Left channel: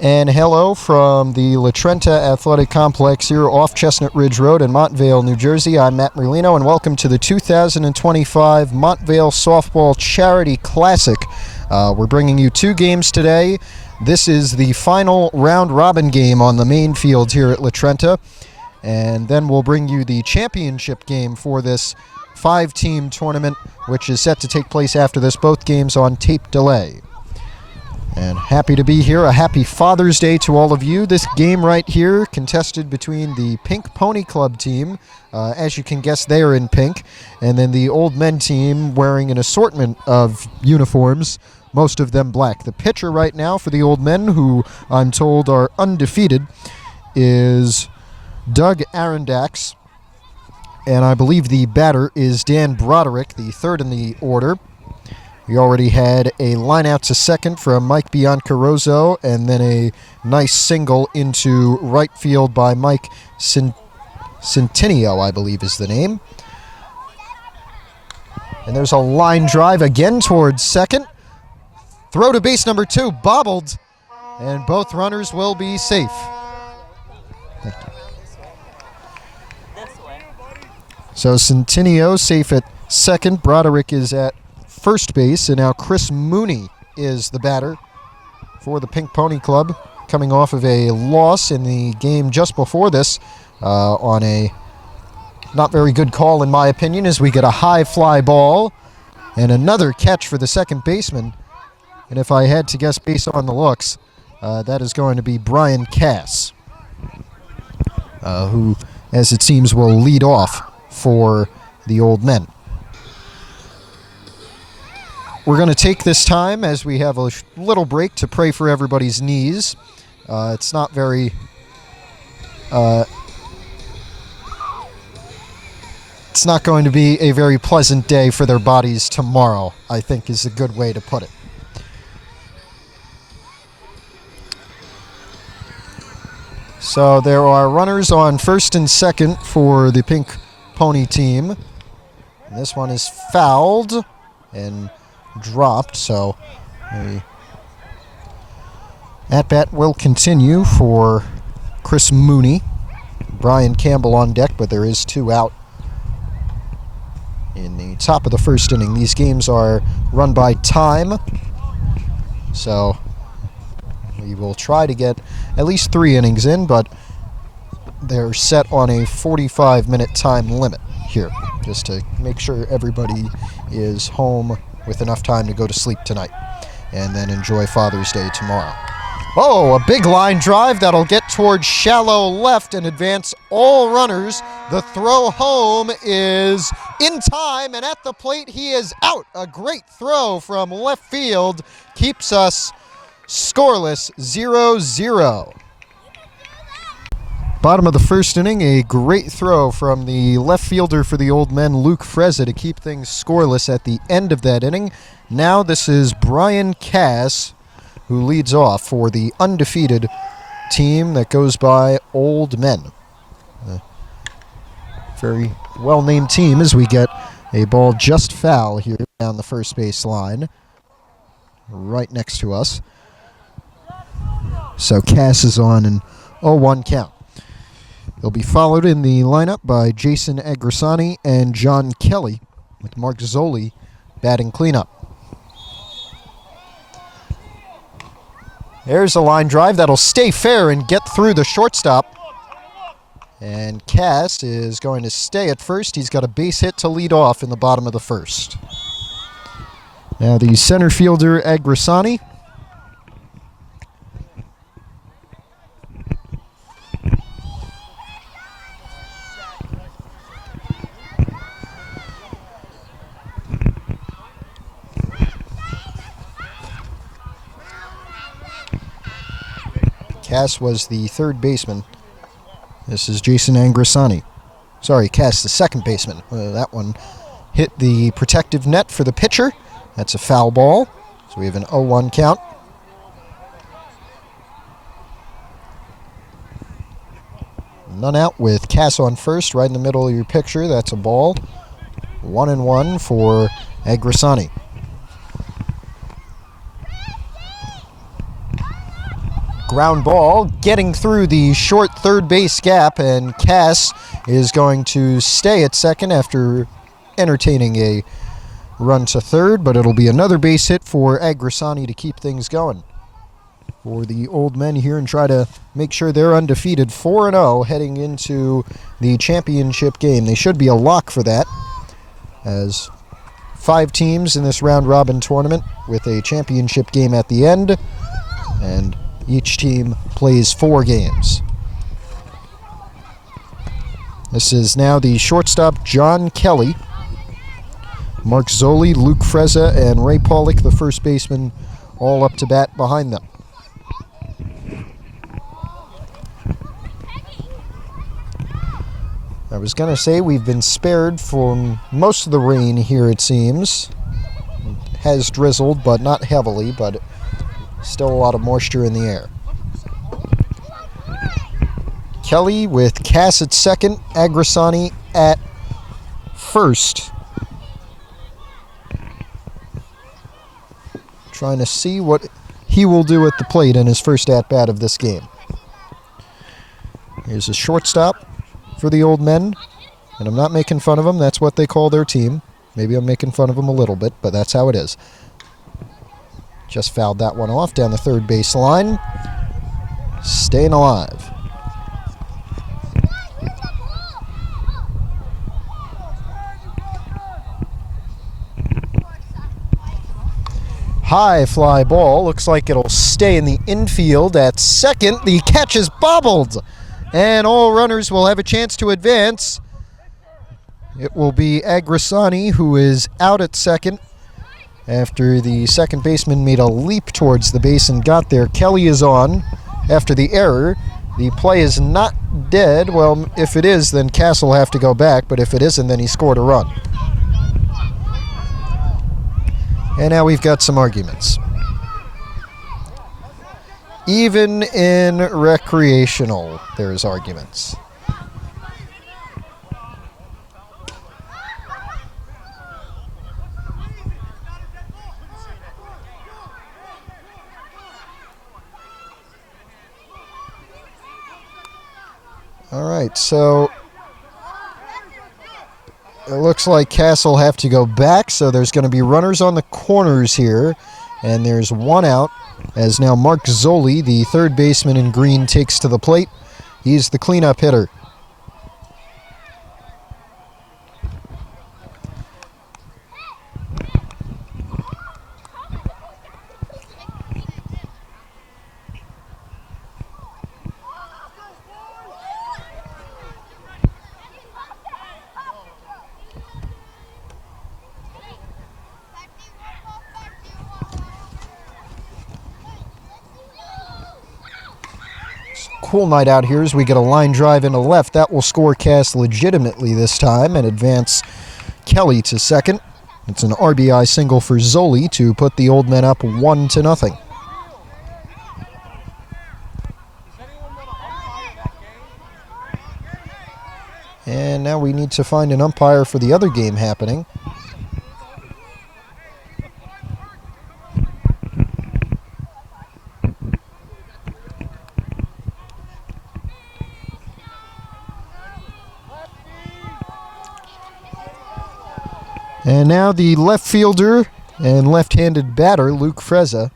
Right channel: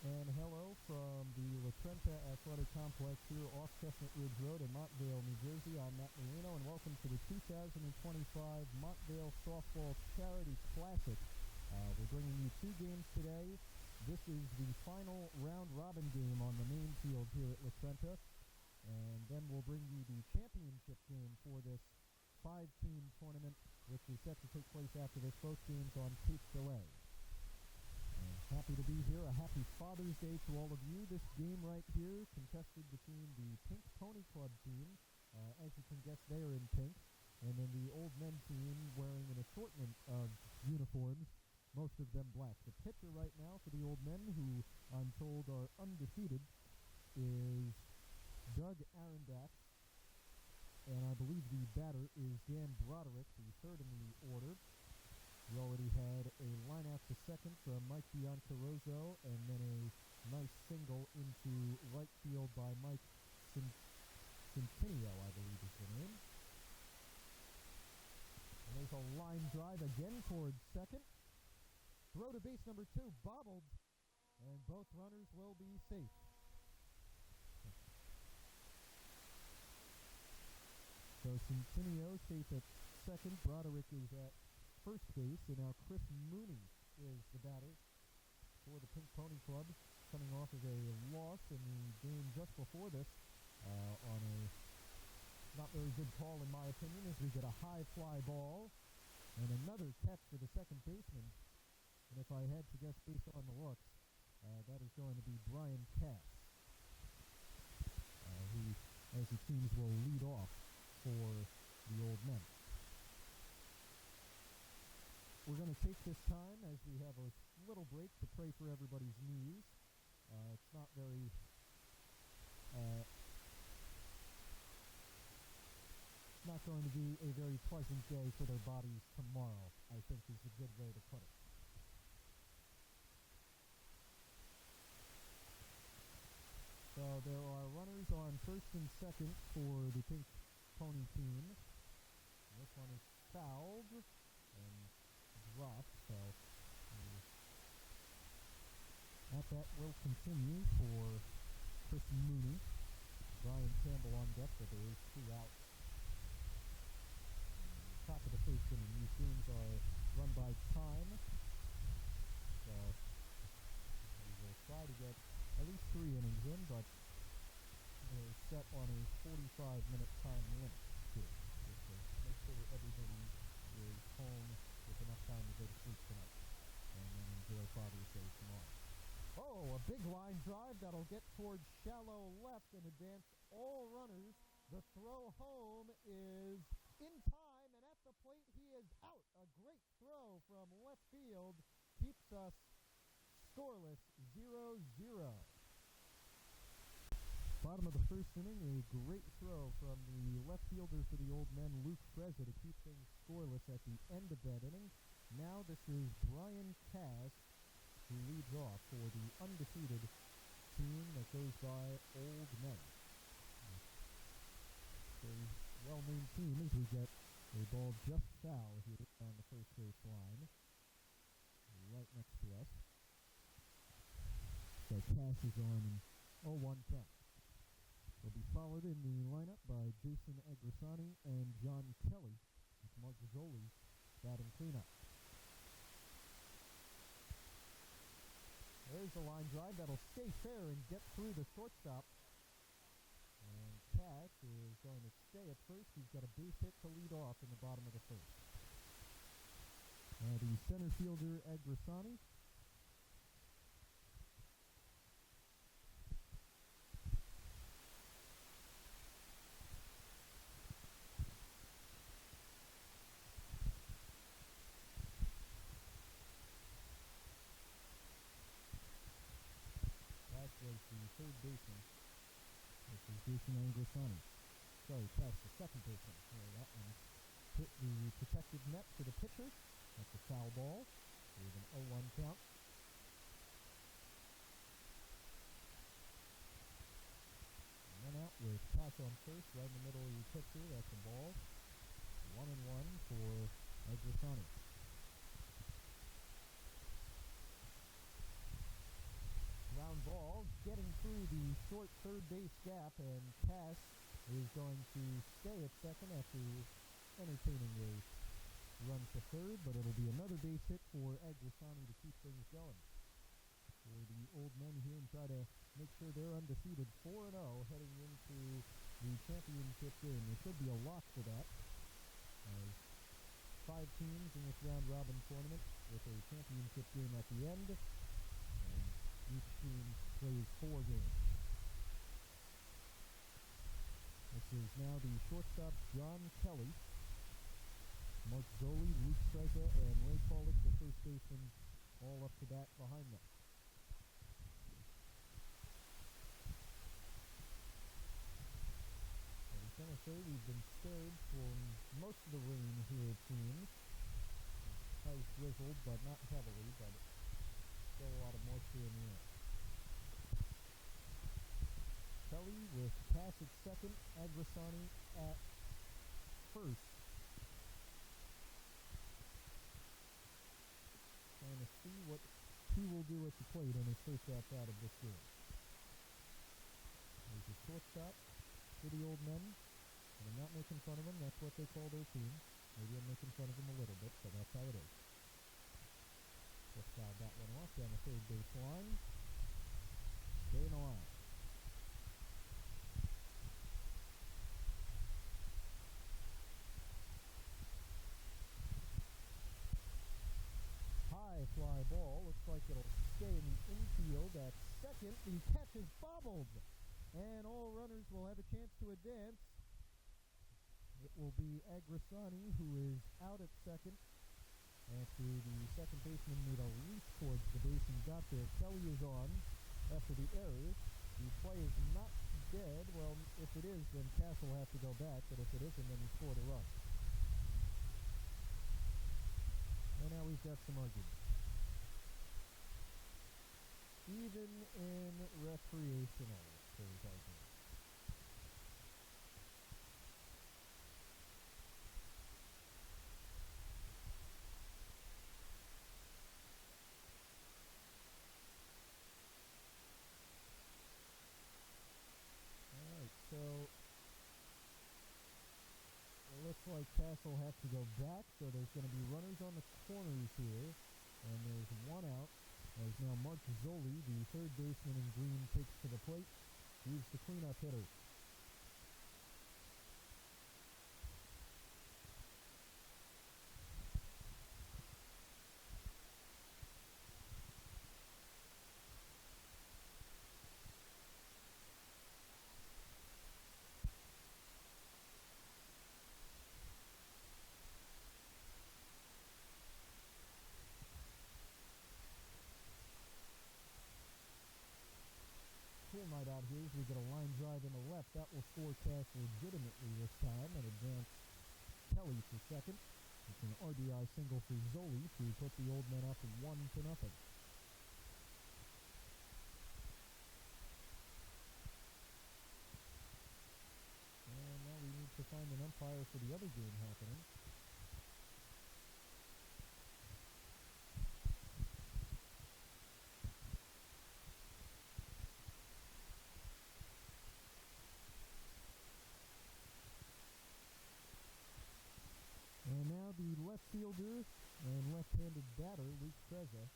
And hello from the La Trenta Athletic Complex here off Chestnut Ridge Road in Montvale, New Jersey. I'm Matt Merlino, and welcome to the 2025 Montvale Softball Charity Classic. We're bringing you two games today. This is the final round-robin game on the main field here at La Trenta. And then we'll bring you the championship game for this five-team tournament, which is set to take place after this, both games on tape delay. And happy to be here. A happy Father's Day to all of you. This game right here contested between the Pink Pony Club team. As you can guess, they are in pink. And then the Old Men team wearing an assortment of uniforms, most of them black. The pitcher right now for the Old Men, who I'm told are undefeated, is Doug Arondax. And I believe the batter is Dan Broderick, the third in the order. We already had a line out to second from Mike Biancaroso, and then a nice single into right field by Mike Centineo, I believe is the name. And there's a line drive again towards second. Throw to base number 2, bobbled, and both runners will be safe. So Centineo safe at second. Broderick is at first base, and now Chris Mooney is the batter for the Pink Pony Club, coming off of a loss in the game just before this on a not very good call, in my opinion, as we get a high fly ball and another catch for the second baseman. And if I had to guess based on the looks, that is going to be Brian Cass, who, as it seems, will lead off for the Old Men. We're going to take this time, as we have a little break, to pray for everybody's knees. It's not very... it's not going to be a very pleasant day for their bodies tomorrow, I think is a good way to put it. So there are runners on first and second for the Pink Pony team. And this one is fouled and dropped, so the at-bat will continue for Chris Mooney. Brian Campbell on deck, but there is 2 out in the top of the first inning. These games are run by time, so we will try to get at least 3 innings in, but they're set on a 45-minute time limit here, just to make sure everybody is home with enough time to go to sleep tonight and then enjoy Father's Day tomorrow. Oh, a big line drive that'll get towards shallow left and advance all runners. The throw home is in time, and at the plate he is out. A great throw from left field keeps us scoreless, 0-0. Bottom of the first inning, a great throw from the left fielder for the Old Men, Luke Frezza, to keep things scoreless at the end of that inning. Now this is Brian Cass, who leads off for the undefeated team that goes by Old Men. A very well-named team, as we get a ball just foul here down the first base line, right next to us. So Cass is on an 0-1 count. He'll be followed in the lineup by Jason Agrisani and John Kelly, with Mark Zoli batting cleanup. There's a line drive that'll stay fair and get through the shortstop. And Cass is going to stay at first. He's got a base hit to lead off in the bottom of the first. Now the center fielder, Agrisani. Cass was the third baseman. This is Jason Agrisani. Sorry, Cass, the second baseman. That one hit the protective net for the pitcher. That's a foul ball. So we have an 0-1 count. None out with Cass on first, right in the middle of your picture. That's a ball. 1-1 for Agrisani. Ground ball getting through the short third base gap, and Cass is going to stay at second after entertaining a run to third, but it'll be another base hit for Agrisani to keep things going for the Old Men here and try to make sure they're undefeated 4-0 heading into the championship game. They should be a lock for that, as 5 teams in this round-robin tournament with a championship game at the end, and each team plays 4 games. This is now the shortstop, John Kelly. Mark Zoli, Luke Frezza, and Ray Pollock, the first baseman, all up to bat behind them. I was going to say we've been spared from most of the rain here, it seems. It has drizzled, but not heavily, but still a lot of moisture in the air. Kelly with Cass at second, Agrisani at first. Trying to see what he will do at the plate in his first at-bat of this game. Here's a shortstop for the Old Men, and I'm not making fun of them. That's what they call their team. Maybe I'm making fun of them a little bit, but that's how it is. Just fouled that one off down the third base line. Staying alive. High fly ball. Looks like it'll stay in the infield at second. The catch is bobbled, and all runners will have a chance to advance. It will be Agrisani who is out at second after the second baseman made a leap towards the base and got there. Kelly is on after the error. The play is not dead. Well, if it is, then Cass will have to go back, but if it isn't, then he scored a run. And now we've got some arguments. Even in recreational, there's arguments. All right, so it looks like Cass will have to go back, so there's going to be runners on the corners here, and there's one out, as now Mark Zoli, the third baseman in green, takes to the plate. He's the cleanup hitter. Cool night out here as we get a line drive into left. That will score Cass legitimately this time and advance Kelly to second. It's an RBI single for Zoli to put the Old Men up 1-0. And now we need to find an umpire for the other game happening. And now the left fielder and left-handed batter, Luke Frezza,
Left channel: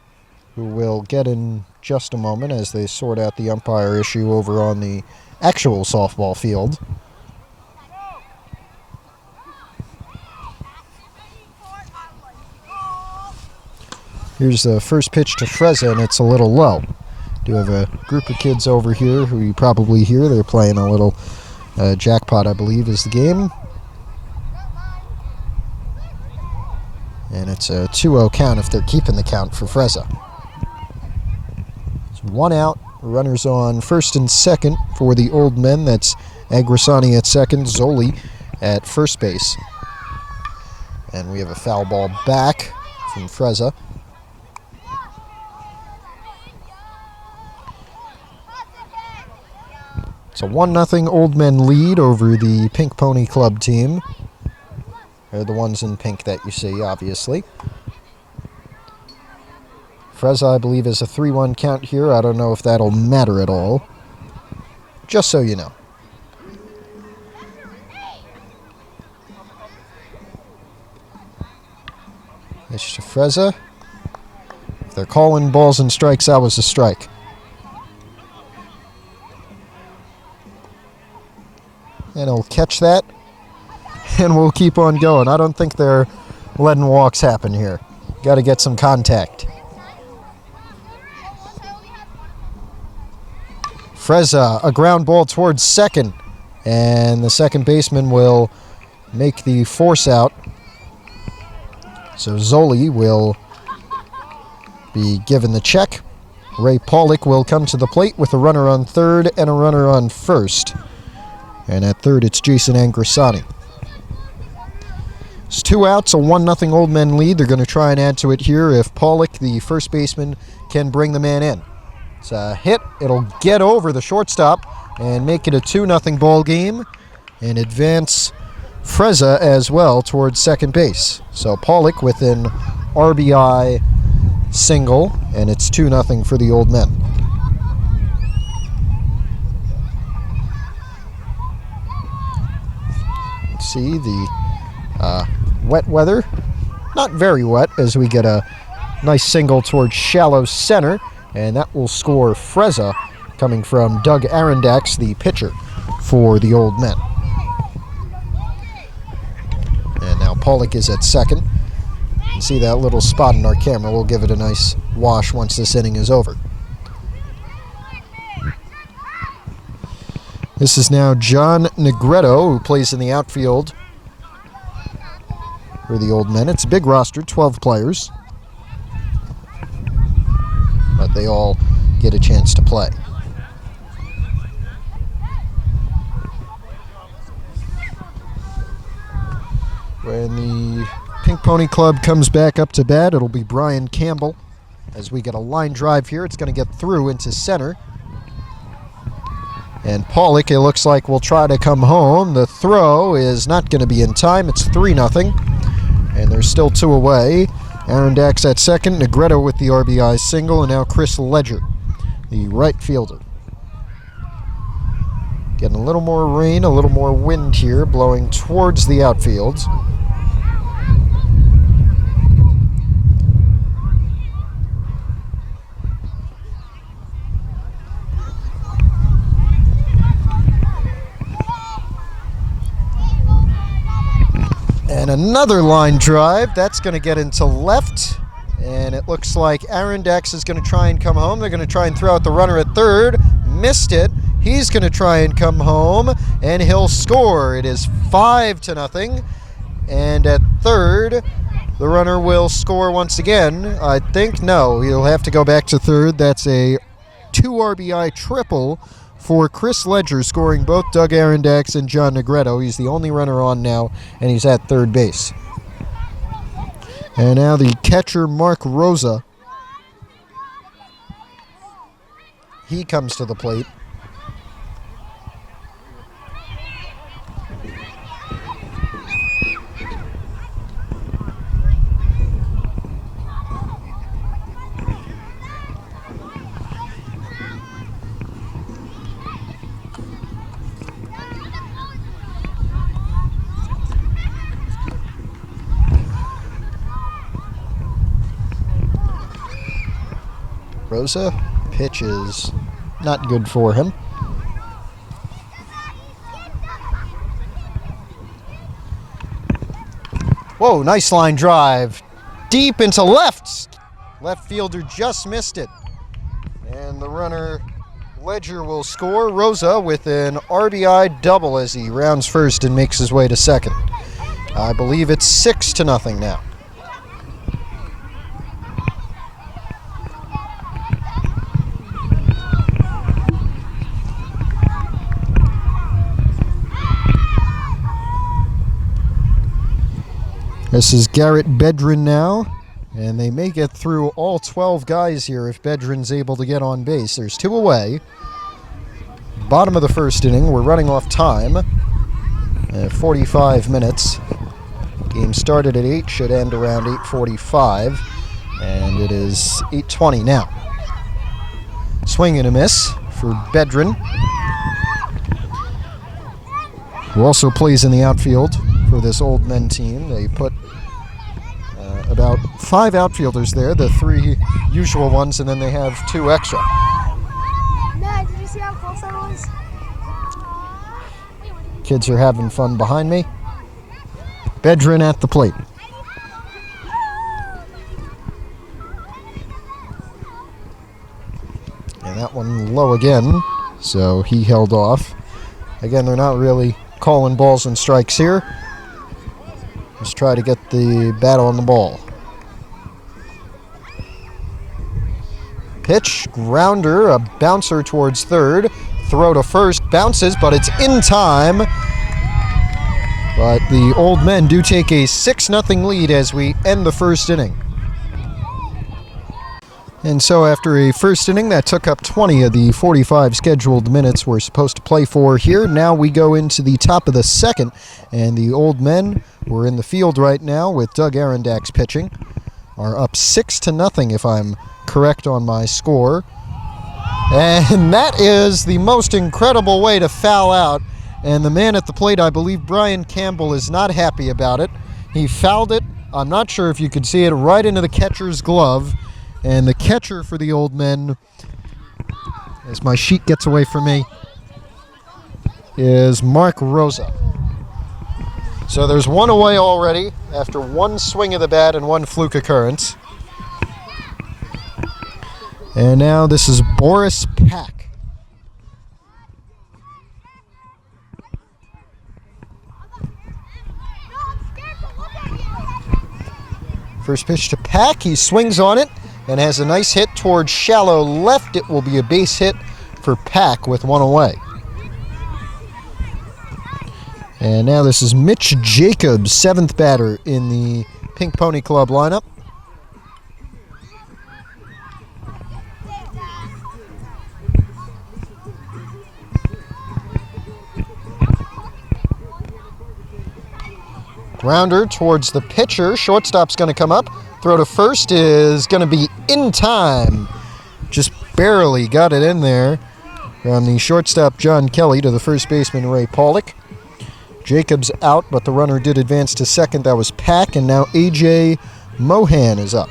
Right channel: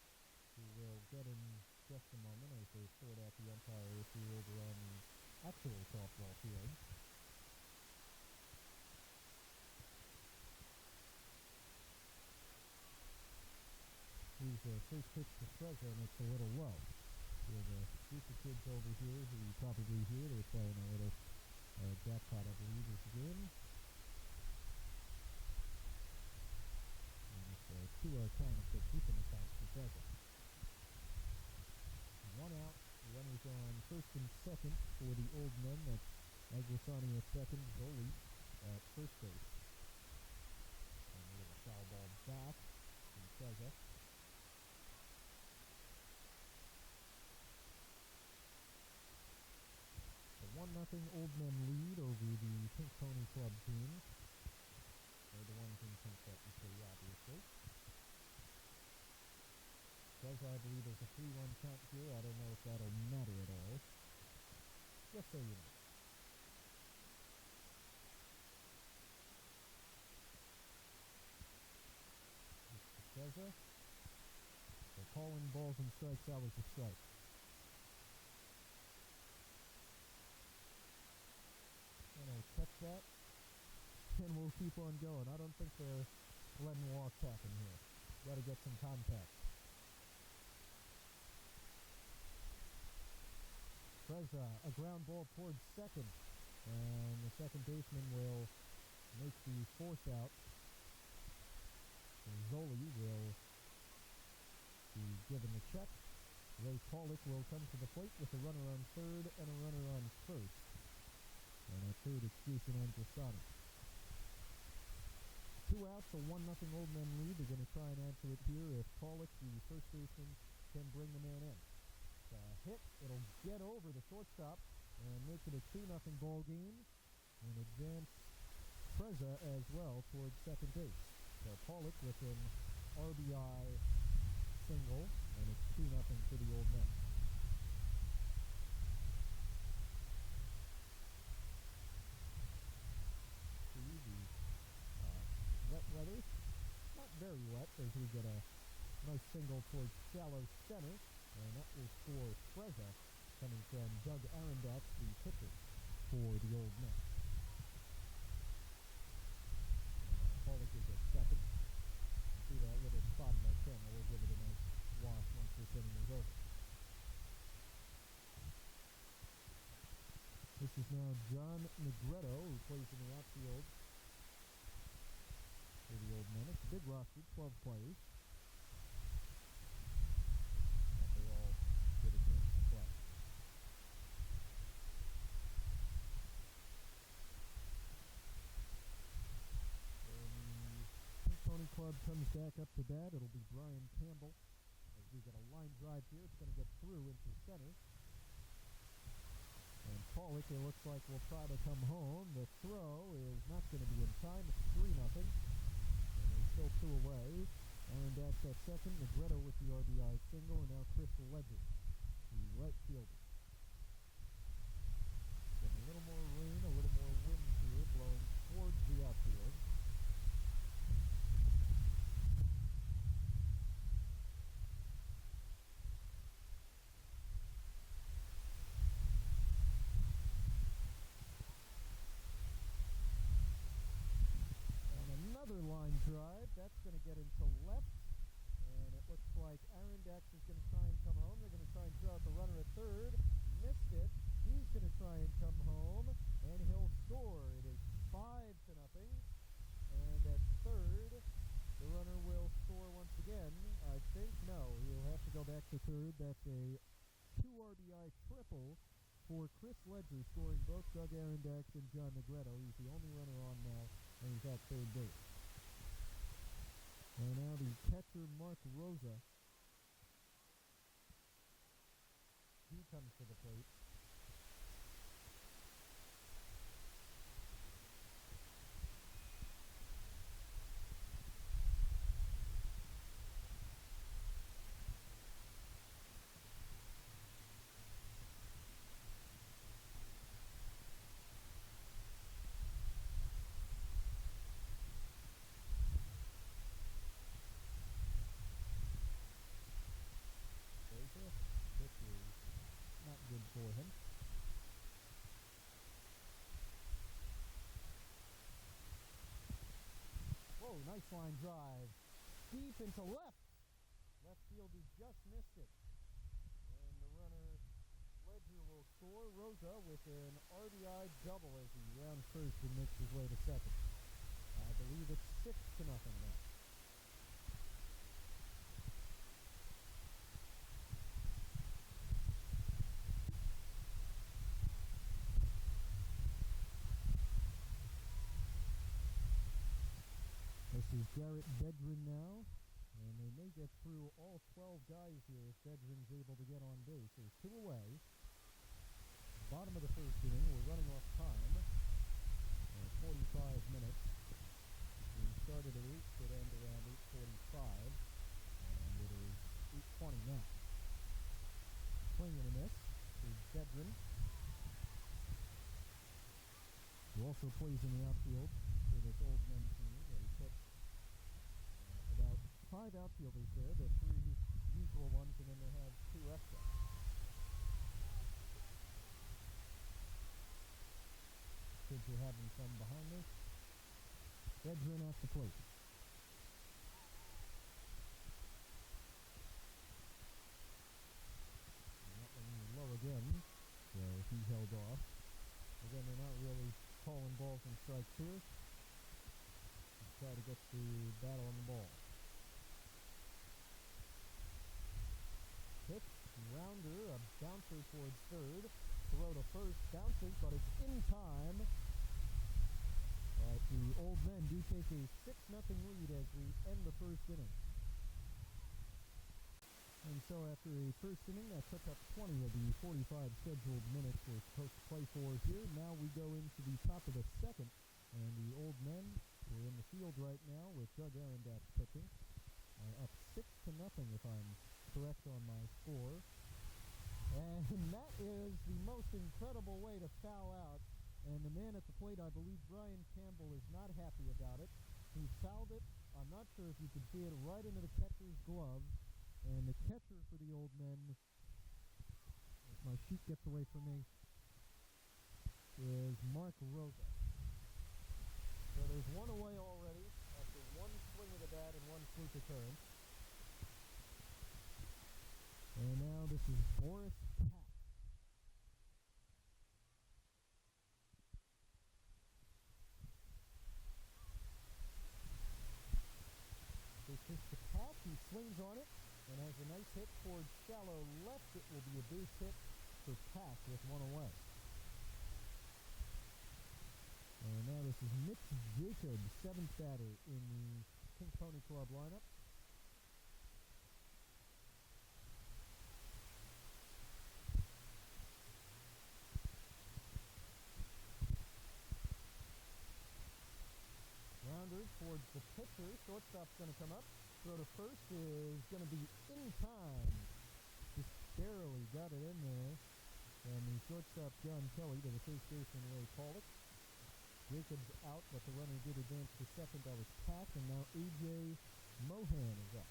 who we'll get in just a moment as they sort out the umpire issue over on the actual softball field. Here's the first pitch to Frezza, and it's a little low. Do have a group of kids over here who you probably hear. They're playing a little jackpot, I believe, is the game. And it's a 2-0 count if they're keeping the count for Frezza. It's one out, runners on first and second for the Old Men. That's Agrisani at second, Zoli at first base. And we have a foul ball back from Frezza. It's a 1-0 Old Men lead over the Pink Pony Club team. They're the ones in pink that you see, obviously. Frezza, I believe, is a 3-1 count here. I don't know if that'll matter at all. Just so you know. Pitch to Frezza. If they're calling balls and strikes, that was a strike. And he'll catch that. And we'll keep on going. I don't think they're letting walks happen here. Got to get some contact. Frezza, a ground ball towards second. And the second baseman will make the force out. So Zoli will be given the check. Ray Pollock will come to the plate with a runner on third and a runner on first. And at third, it's Jason Angrisani. It's 2 outs, a 1-0 Old Men lead. They're going to try and add to it here if Pollock, the first baseman, can bring the man in. It's a hit. It'll get over the shortstop and make it a 2-0 ball game and advance Frezza as well towards second base. So Pollock with an RBI single, and it's 2-0 for the Old Men. Let's see the wet weather. Not very wet as we get a nice single towards shallow center, and that will score Frezza coming from Doug Arondax, the pitcher for the Old Men. And now Pollock is at second. You can see that little spot in our camera. We'll give it a nice wash once this inning is over. This is now John Negretto, who plays in the outfield for the Old Men. It's a big roster, 12 players. But they all get a chance to play. When the Pink Pony Club comes back up to bat, it'll be Brian Campbell. As we get a line drive here, it's going to get through into center. And Pollock, it looks like, will try to come home. The throw is not going to be in time. It's 3-0. And there's still 2 away. Arondax at second, Negretto with the RBI single, and now Chris Ledger, the right fielder. Getting a little more rain, a little more wind here, blowing towards the outfield. And another line drive. That's going to get into left. And it looks like Arondax is going to try and come home. They're going to try and throw out the runner at third. Missed it. He's going to try and come home. And he'll score. It is 5-0. And at third, the runner will score once again. I think, no, he'll have to go back to third. That's a 2 RBI triple for Chris Ledger, scoring both Doug Arondax and John Negretto. He's the only runner on now, and he's at third base. And now the catcher, Mark Rosa. He comes to the plate. Rosa, pitch is not good for him. Whoa, nice line drive. Deep into left. Left fielder just missed it. And the runner, Ledger, will score. Rosa with an RBI double as he rounds first and makes his way to second. I believe it's 6-0 now. This is Garrett Bedrin now, and they may get through all 12 guys here if Bedrin's able to get on base. There's 2 away. Bottom of the first inning. We're running off time. 45 minutes. Game started at 8, should end around 8:45. And it is 8:20 now. Swing and a miss for Bedrin, who also plays in the outfield for this Old Men team. They put about 5 outfielders there, the 3 usual ones, and then they have 2 extra. Dad, did you see how close that was? Kids are having fun behind me. Bedrin at the plate. And that one low again, so he held off. Again, they're not really calling balls and strikes here. Just try to get the bat on the ball. Pitch, grounder, a bouncer towards third. Throw to first, bounces, but it's in time. But the Old Men do take a 6-0 lead as we end the first inning. And so after a first inning that took up 20 of the 45 scheduled minutes we're supposed to play for here, now we go into the top of the second, and the Old Men, who are in the field right now with Doug Arondax pitching, are up 6-0 if I'm correct on my score. And that is the most incredible way to foul out. And the man at the plate, I believe Brian Campbell, is not happy about it. He fouled it, I'm not sure if you could see it, right into the catcher's glove. And the catcher for the Old Men, as my sheet gets away from me, is Mark Rosa. So there's 1 away already after 1 swing of the bat and 1 fluke occurrence. And now this is Boris Pack. First pitch to Pack, he swings on it and has a nice hit towards shallow left. It will be a base hit for Pack with 1 away. And now this is Mitch Jacobs, 7th batter in the Pink Pony Club lineup. Grounder towards the pitcher. Shortstop's going to come up. Throw to first is going to be in time. Just barely got it in there from the shortstop John Kelly to the first baseman Ray Pollock. Jacobs out, but the runner did advance to second. That was Pack, and now A.J. Mohan is up.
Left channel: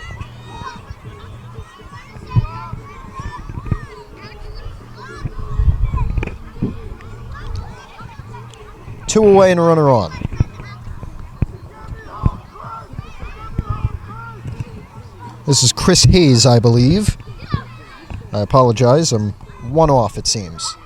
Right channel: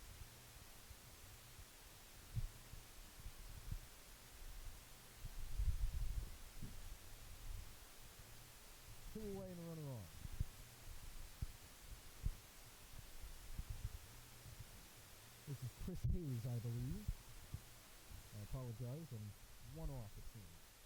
Two away and a runner on. This is Chris Hayes, I believe. I apologize, I'm 1 off, it seems.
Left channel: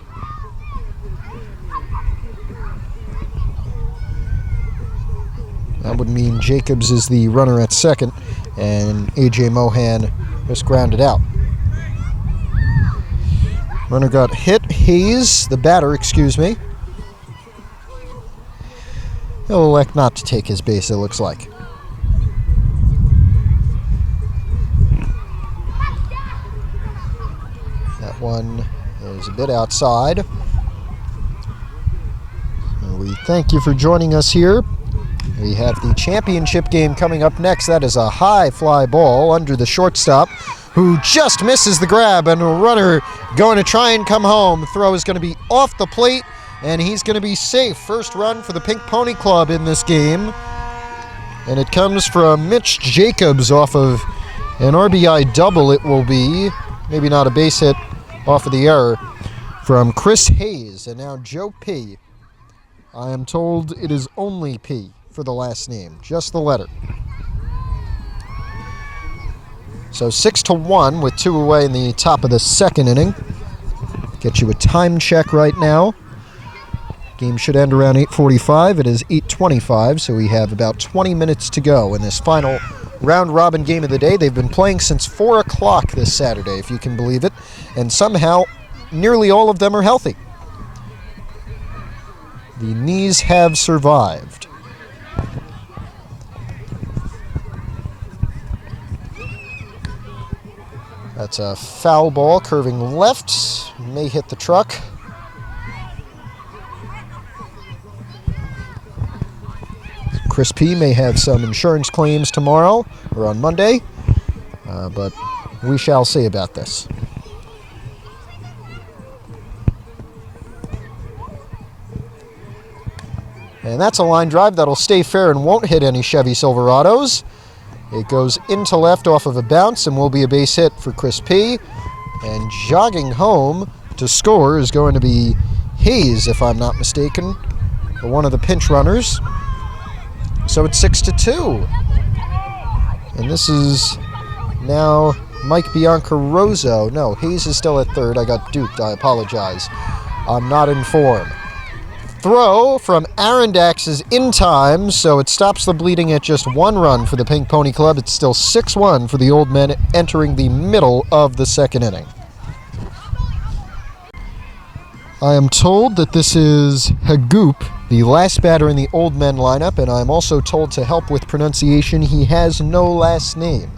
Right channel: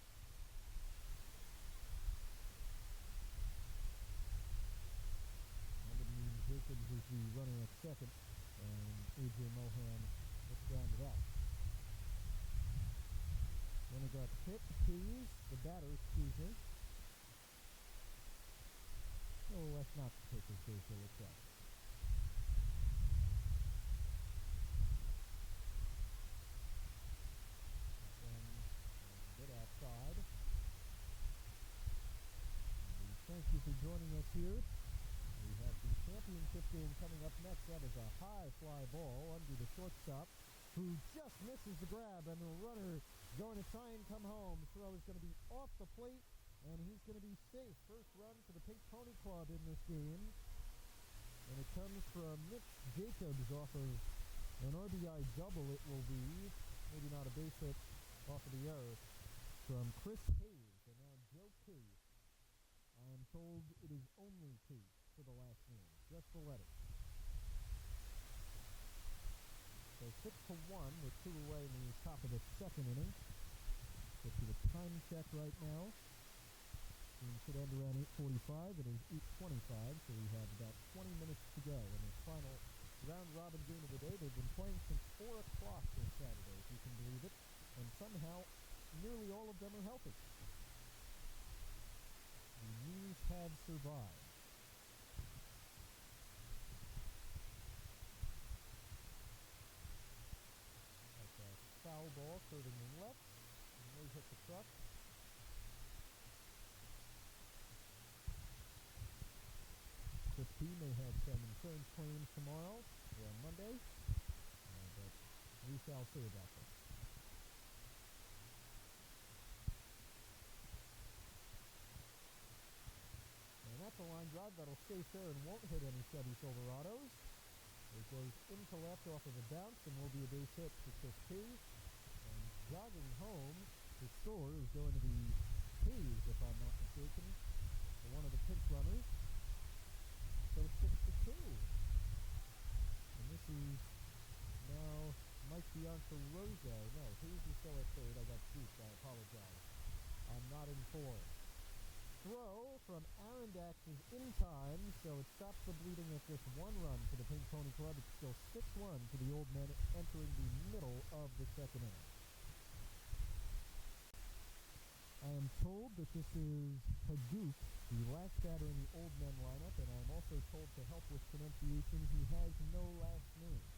That would mean Jacobs is the runner at second, and A.J. Mohan just grounded out. Runner got hit. Hayes, the batter, excuse me. He'll elect not to take his base, it looks like. That one is a bit outside. And we thank you for joining us here. We have the championship game coming up next. That is a high fly ball under the shortstop, who just misses the grab, and a runner going to try and come home. Throw is going to be off the plate, and he's going to be safe. First run for the Pink Pony Club in this game. And it comes from Mitch Jacobs off of an RBI double. It will be, maybe not a base hit off of the error, from Chris Hayes. And now Joe P. I am told it is only P for the last name, just the letter. So 6-1 with 2 away in the top of the second inning. Get you a time check right now. Game should end around 8:45. It is 8:25, so we have about 20 minutes to go in this final round-robin game of the day. They've been playing since 4 o'clock this Saturday, if you can believe it, and somehow nearly all of them are healthy. The knees have survived. That's a foul ball curving left, may hit the truck. Chris P. may have some insurance claims tomorrow or on Monday. but we shall see about this. And that's a line drive that'll stay fair and won't hit any Chevy Silverados. It goes into left off of a bounce and will be a base hit for Chris P. And jogging home to score is going to be Hayes, if I'm not mistaken, one of the pinch runners. So it's 6-2. And this is now Mike Biancaroso. No, Hayes is still at third. I got duped. I apologize. I'm not in form. Throw from Arondax is in time, so it stops the bleeding at just 1 run for the Pink Pony Club. It's still 6-1 for the Old Men entering the middle of the second inning. I am told that this is Hagoop, the last batter in the Old Men lineup, and I'm also told to help with pronunciation, he has no last name.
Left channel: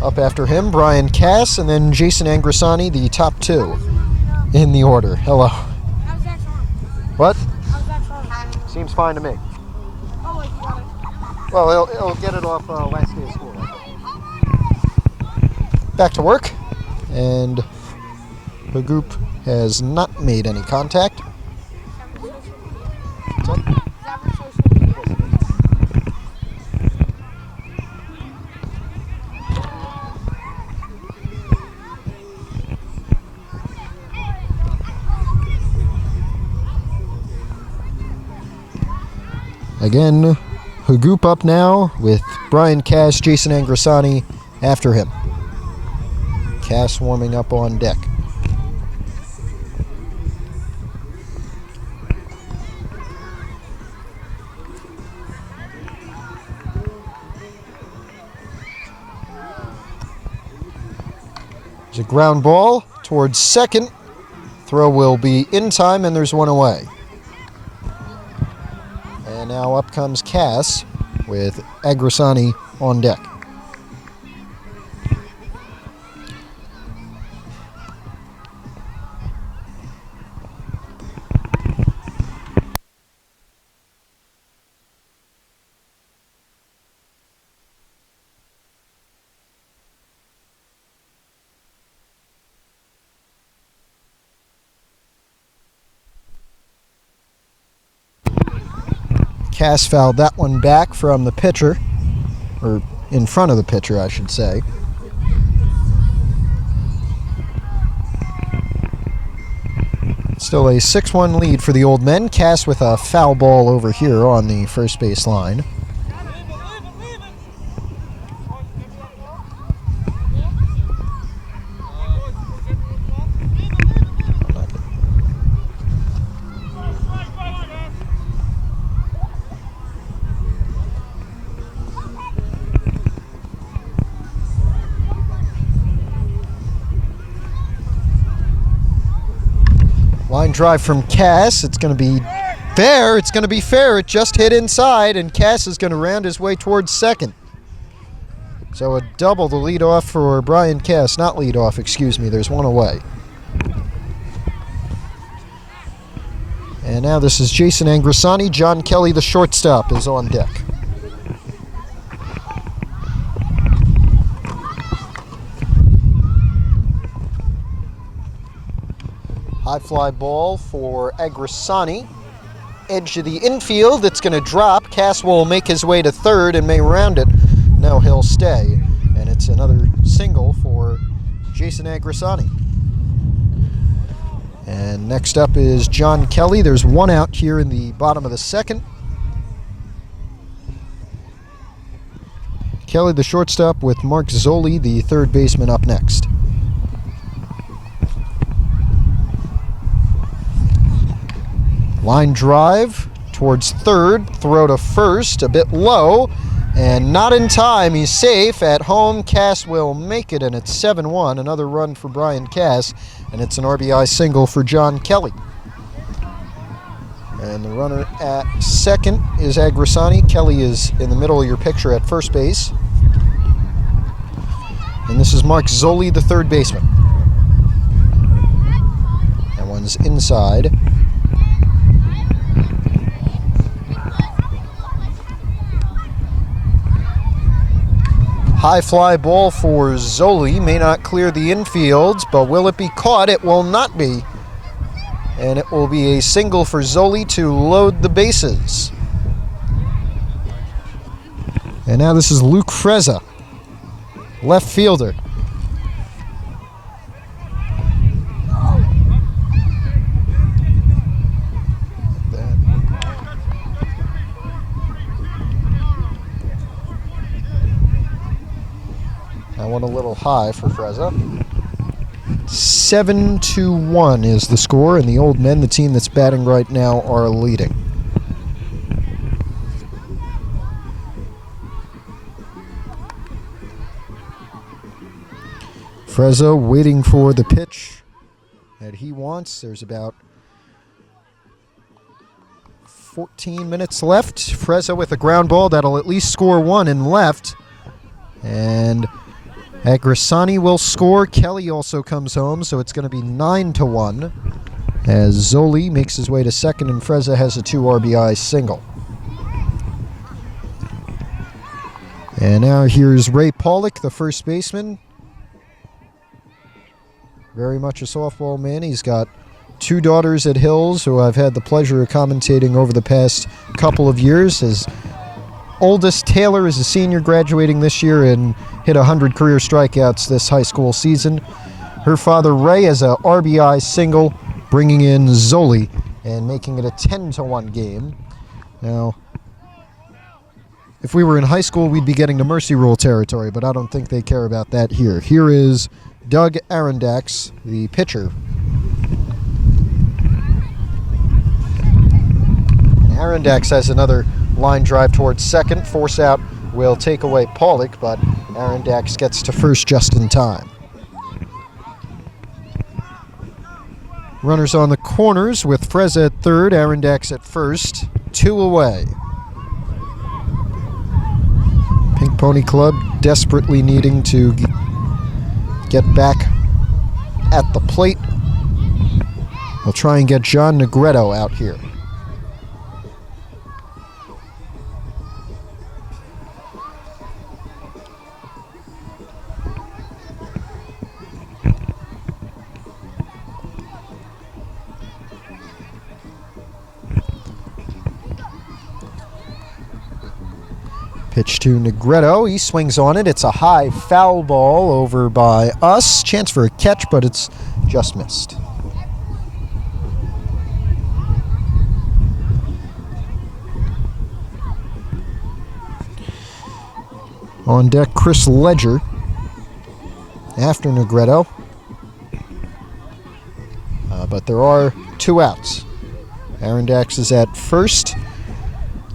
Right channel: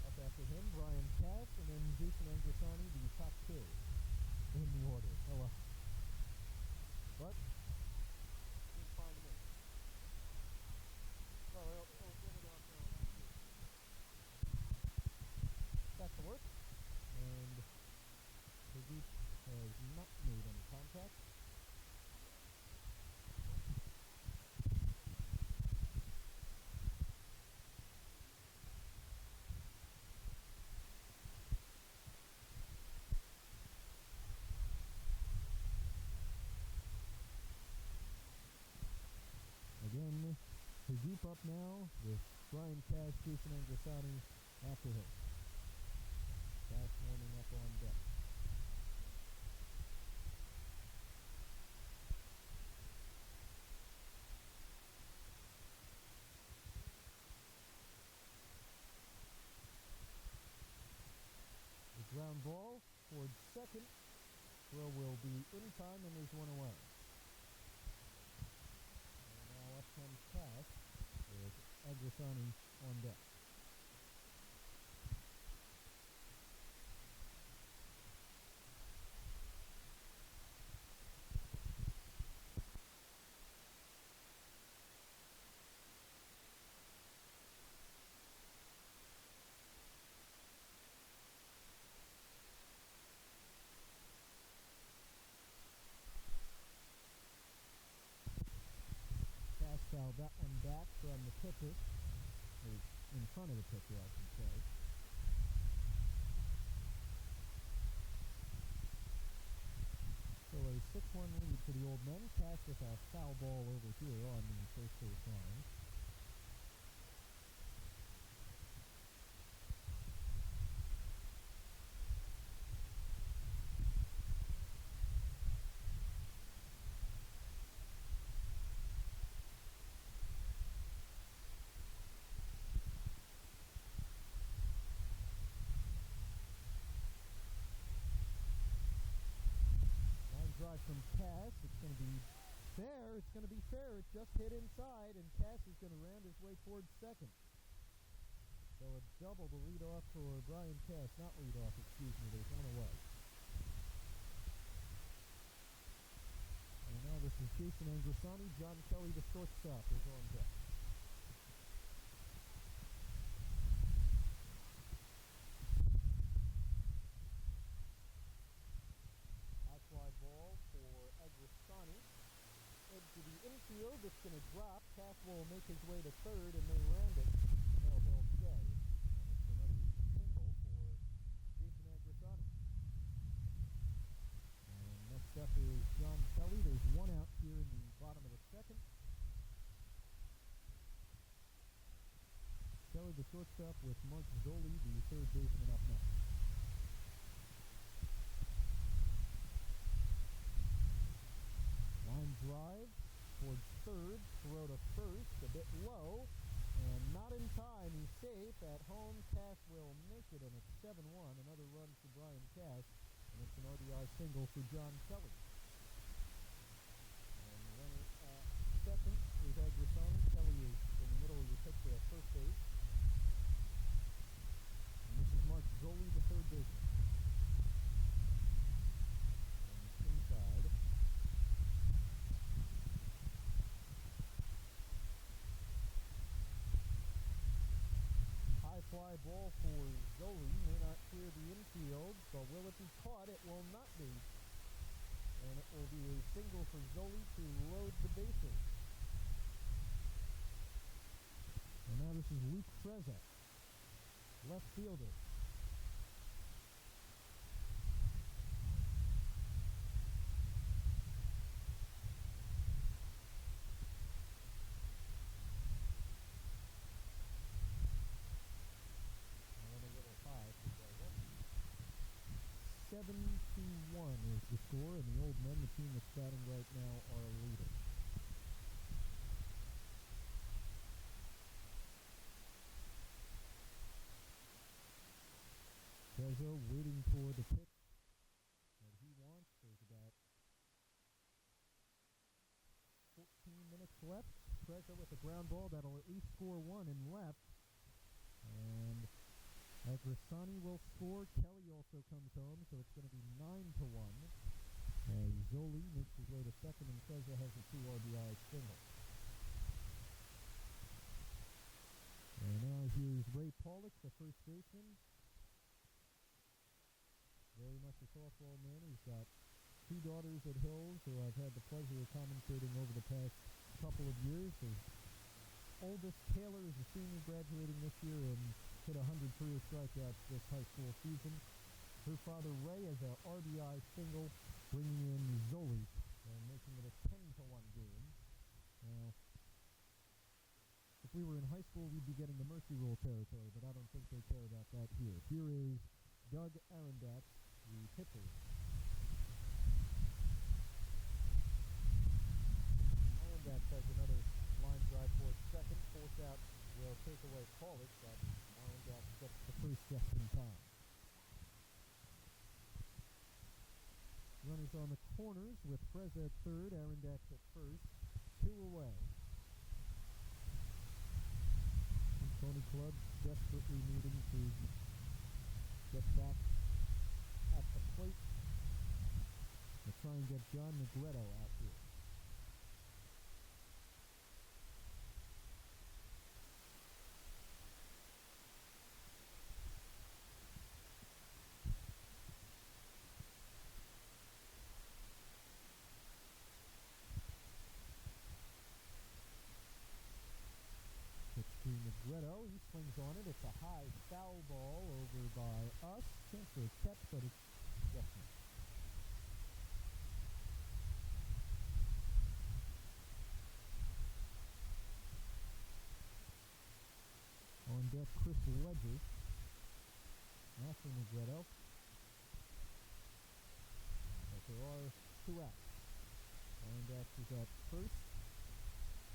Up after him, Brian Cass, and then Jason Angrisani, the top 2 in the order. Hello. How's that song? What? How's that song? Seems fine to me. Oh, wait, you got it. Well, it'll get it off last day of school. Back to work, and the group has not made any contact. What's up? Is that for social media? Again, Hagoop up now with Brian Cass, Jason Angrisani after him. Cass warming up on deck. There's a ground ball towards second. Throw will be in time, and there's 1 away. And now up comes Cass with Agrisani on deck. Cass fouled that one back from the pitcher, or in front of the pitcher, I should say. Still a 6-1 lead for the Old Men. Cass with a foul ball over here on the first base line. Line drive from Cass. It's going to be fair. It's going to be fair. It just hit inside, and Cass is going to round his way towards second. So a double to lead off for Brian Cass. Not lead off, excuse me. There's 1 away. And now this is Jason Angrisani. John Kelly, the shortstop, is on deck. High fly ball for Agrisani. Edge of the infield. It's going to drop. Cass will make his way to third and may round it. No, he'll stay. And it's another single for Jason Agrisani. And next up is John Kelly. There's 1 out here in the bottom of the second. Kelly, the shortstop, with Mark Zoli, the third baseman, up next. Line drive towards third, throw to first, a bit low, and not in time. He's safe. At home, Cass will make it, and it's 7-1. Another run for Brian Cass, and it's an RBI single for John Kelly. And the runner at second is Agrisani. Kelly is in the middle of your picture at first base. And this is Mark Zoli, the third baseman. That one's inside. High fly ball for Zoli. May not clear the infield, but will it be caught? It will not be. And it will be a single for Zoli to load the bases. And now this is Luke Frezza, left fielder. That one a little high for Frezza. 7-1 is the score, and the Old Men, the team that's batting right now, are leading. Frezza waiting for the pitch that he wants. There's about 14 minutes left. Frezza with a ground ball that'll at least score one in left. And Agrisani will score. Kelly also comes home, so it's going to be 9-1 as Zoli makes his way to second and Frezza has a 2 RBI single. And now here's Ray Pollock, the first baseman. Very much a softball man. He's got 2 daughters at Hills who I've had the pleasure of commentating over the past couple of years. His oldest, Taylor, is a senior graduating this year and hit 100 career strikeouts this high school season. Her father, Ray, has a RBI single, bringing in Zoli and making it a 10-1 game. Now, if we were in high school, we'd be getting to mercy rule territory, but I don't think they care about that here. Here is Doug Arondax, the pitcher. And Arondax has another line drive towards second. Force out will take away Pollock, but Arondax gets to first just in time. Runners on the corners with Frezza at third, Arondax at first. 2 away. Pink Pony Club desperately needing to get back at the plate. They'll try and get John Negretto out here. Pitch to Negretto. He swings on it. It's a high foul ball over by us. Chance for a catch, but it's just missed. On deck, Chris Ledger after Negretto. But there are 2 outs. Arondax is at first.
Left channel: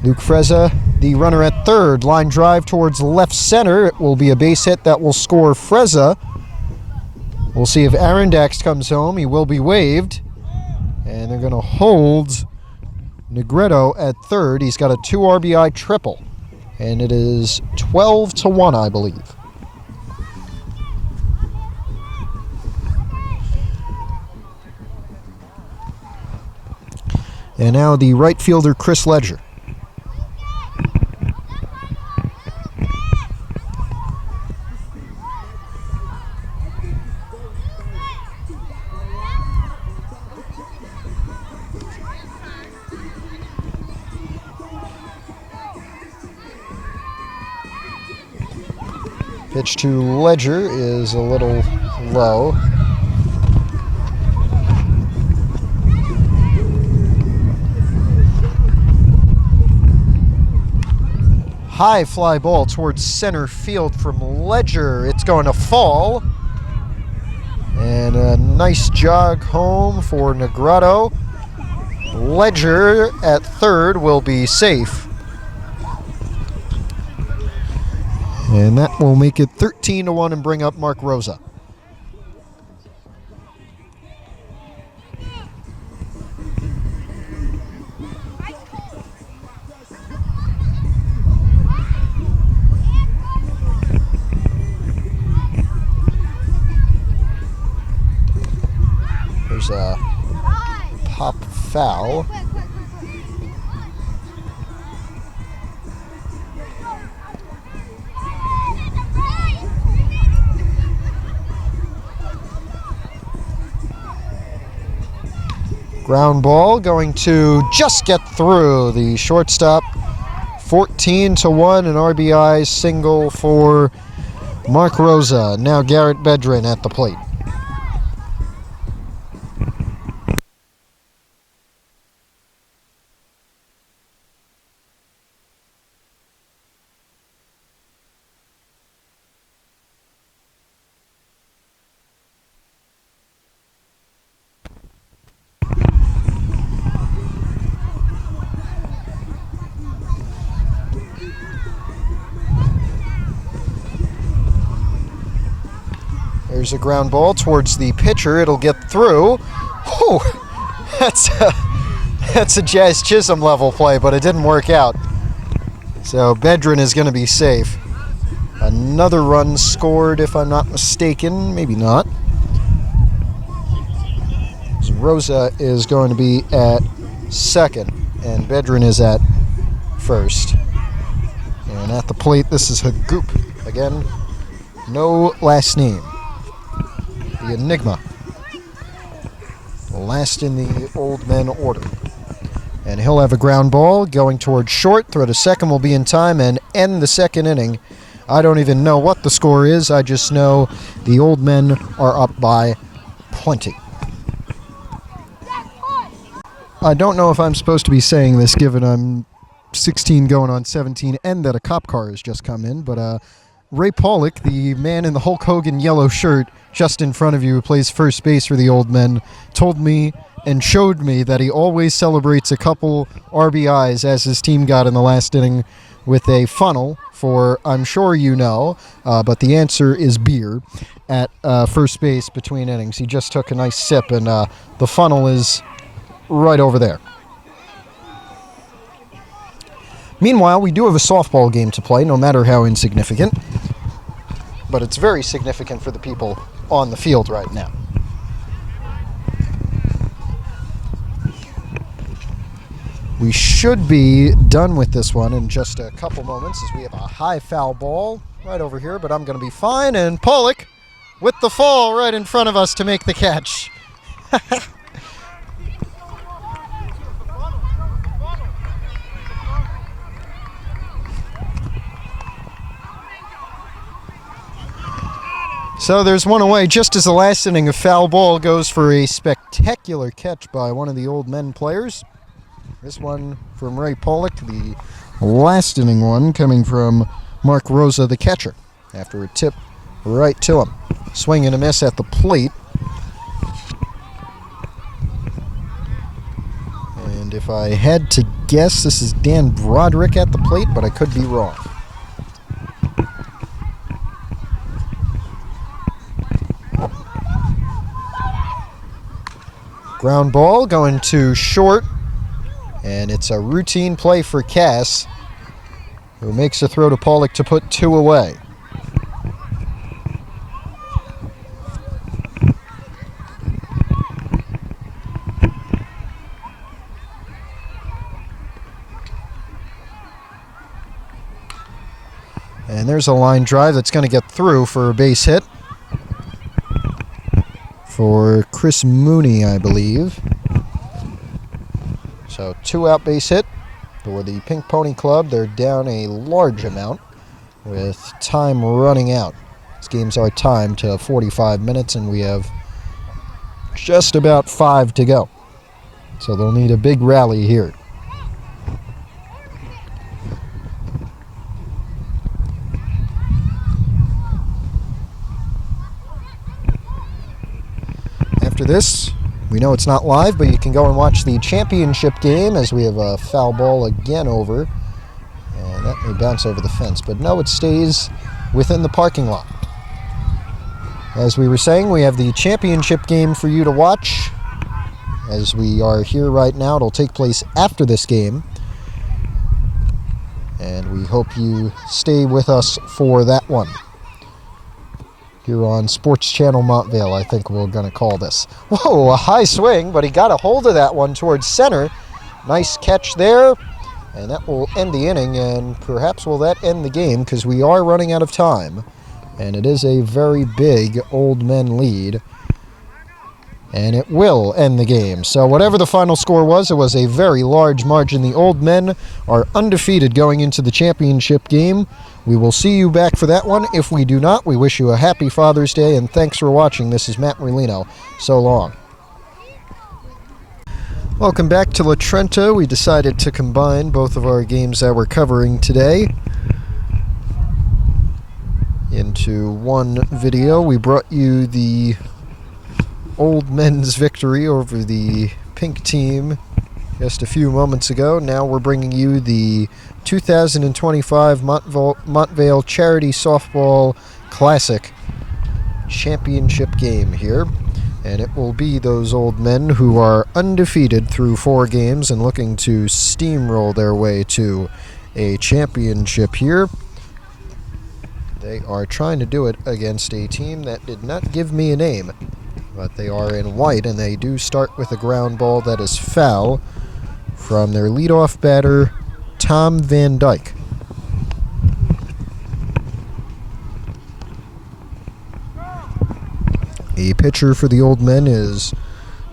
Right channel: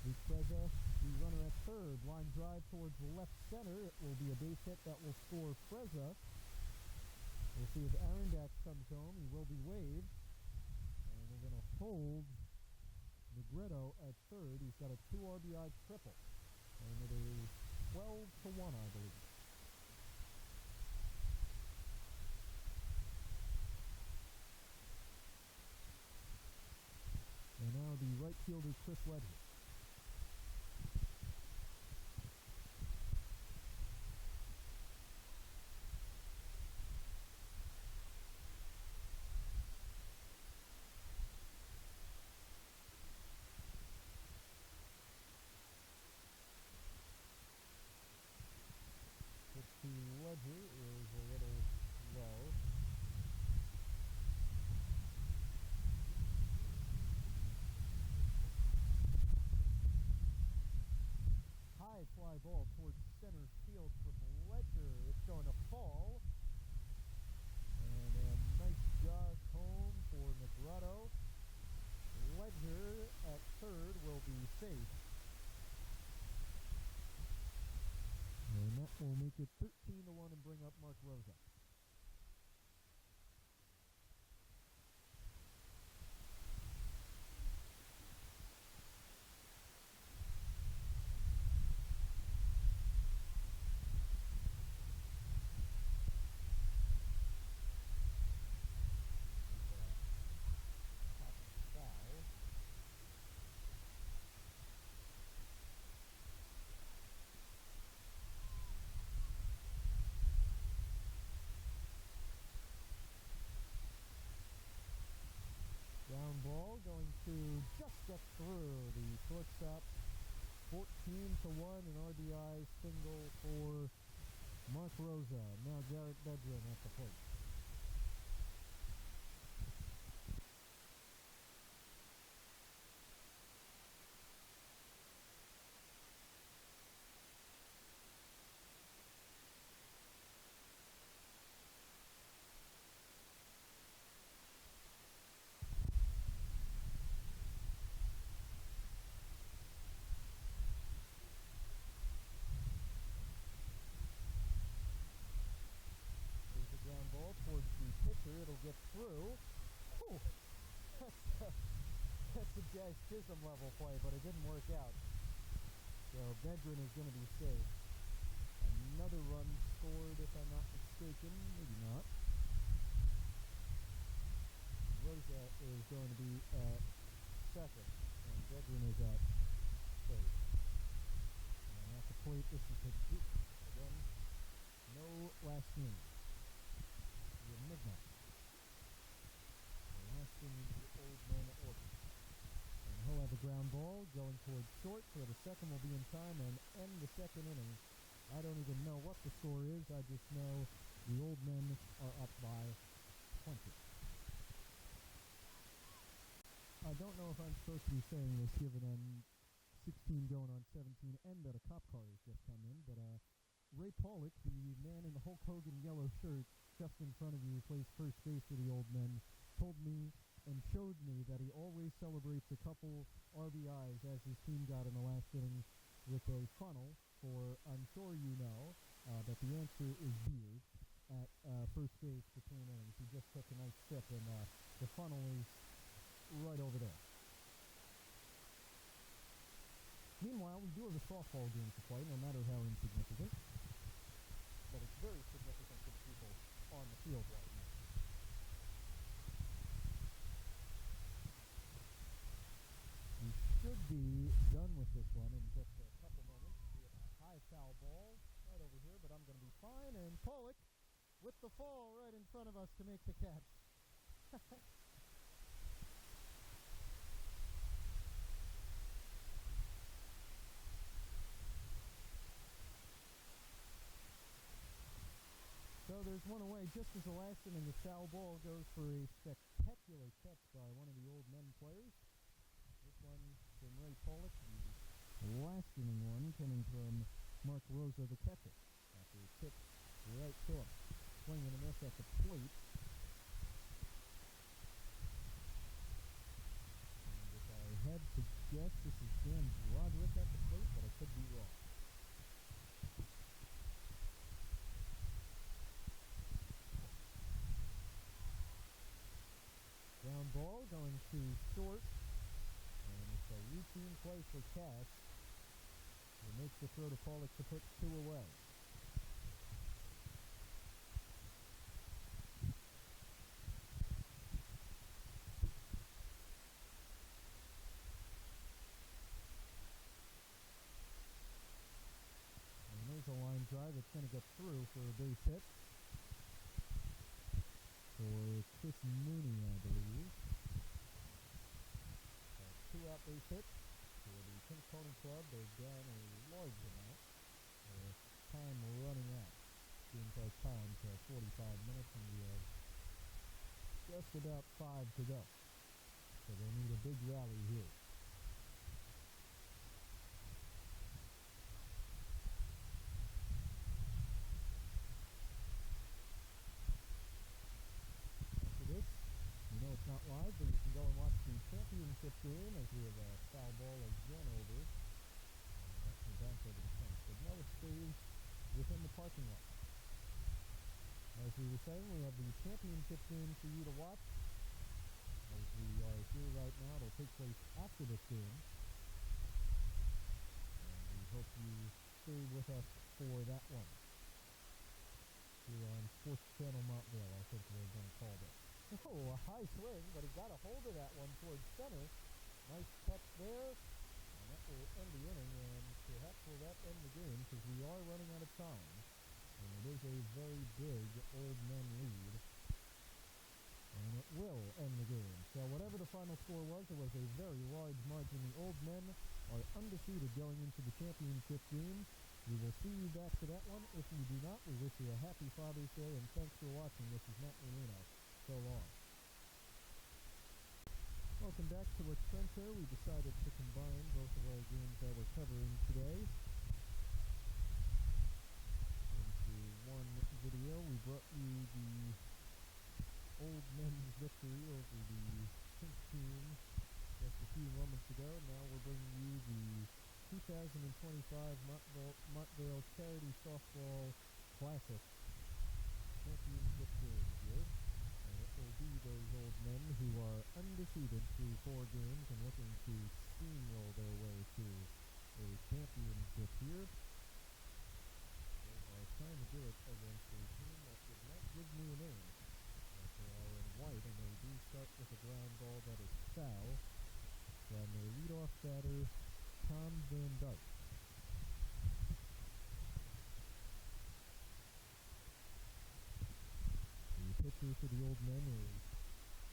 Luke Frezza, the runner at third. Line drive towards left center. It will be a base hit that will score Frezza. We'll see if Arondax comes home. He will be waived. And they're going to hold Negretto at third. He's got a 2 RBI triple. And it is 12-1, I believe. And now the right fielder, Chris Ledger. Pitch to Ledger is a little low. High fly ball towards center field from Ledger. It's going to fall. And a nice jog home for Negretto. Ledger at third will be safe. And that will make it 13-1 and bring up Mark Rosa. There's a pop foul. Ground ball going to just get through the shortstop. 14-1, an RBI single for Mark Rosa. Now Garrett Bedrin at the plate. There's a ground ball towards the pitcher. It'll get through. Oh, that's a Jazz Chisholm level play, but it didn't work out. So Bedrin is going to be safe. Another run scored, if I'm not mistaken. Maybe not. Rosa is going to be at second, and Bedrin is at first. And at the plate, this is Hagoop. Again, no last name. The Enigma. Last in the old men order. And he'll have a ground ball going towards short. Throw to second will be in time and end the second inning. I don't even know what the score is. I just know the old men are up by plenty. I don't know if I'm supposed to be saying this given I'm 16 going on 17 and that a cop car has just come in, but Ray Pollock, the man in the Hulk Hogan yellow shirt just in front of you who plays first base for the old men, told me and showed me that he always celebrates a couple RBIs as his team got in the last inning with a funnel for, I'm sure you know, but the answer is beer at first base between innings. He just took a nice sip, and the funnel is right over there. Meanwhile, we do have a softball game to play, no matter how insignificant, but it's very significant for the people on the field right now. We should be done with this one in just a couple moments as we have a high foul ball right over here, but I'm going to be fine, and Pollock with the fall right in front of us to make the catch. So there's one away just as the last inning. A foul ball goes for a spectacular catch by one of the old men players. This one from Ray Pollock, the last inning one coming from Mark Rosa, the catcher, after a tip right to him. Swing and a miss at the plate. And if I had to guess, this is Dan Broderick at the plate, but I could be wrong. Ground ball going to short, and it's a routine play for Cass, who makes a throw to Pollock to put two away. And there's a line drive that's going to get through for a base hit for Chris Mooney, I believe. So 2-out base hit for the Pink Pony Club. They're down a large amount with time running out. These games are timed to 45 minutes, and we have just about 5 to go. So they'll need a big rally here. After this, we know it's not live, but you can go and watch the championship game as we have a foul ball again over. And that may bounce over the fence, but no, it stays within the parking lot. As we were saying, we have the championship game for you to watch. As we are here right now, it'll take place after this game. And we hope you stay with us for that one. Here on Sports Channel Montvale, I think we're going to call this. Whoa, a high swing, but he got a hold of that one towards center. Nice catch there, and that will end the inning, and perhaps will that end the game, because we are running out of time, and it is a very big old men lead and it will end the game. So whatever the final score was, it was a very large margin. The Old Men are undefeated going into the championship game. We will see you back for that one. If we do not, we wish you a happy Father's Day, and thanks for watching. This is Matt Merlino. So long. Welcome back to La Trenta. We decided to combine both of our games that we're covering today into one video. We brought you the Old Men's victory over the pink team just a few moments ago. Now we're bringing you the 2025 Montvale Charity Softball Classic Championship game here. And it will be those Old Men who are undefeated through 4 games and looking to steamroll their way to a championship here. They are trying to do it against a team that did not give me a name, but they are in white, and they do start with a ground ball that is foul from their leadoff batter, Tom Van Dyke. A pitcher for the Old Men is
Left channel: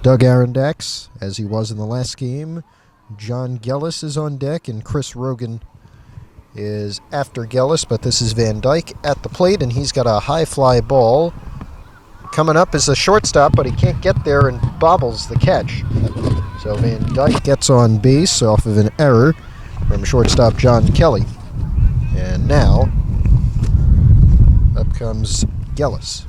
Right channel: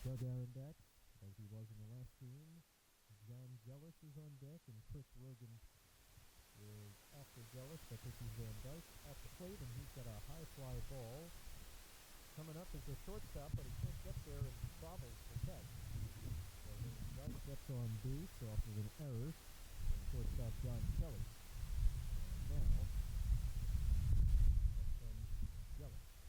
Doug Arondax, as he was in the last game. John Gellis is on deck, and Chris Rogan is after Gellis, but this is Van Dyke at the plate, and he's got a high fly ball. Coming up is a shortstop, but he can't get there and bobbles the catch. So Van Dyke gets on base off of an error from shortstop John Kelly. And now, up comes Gellis.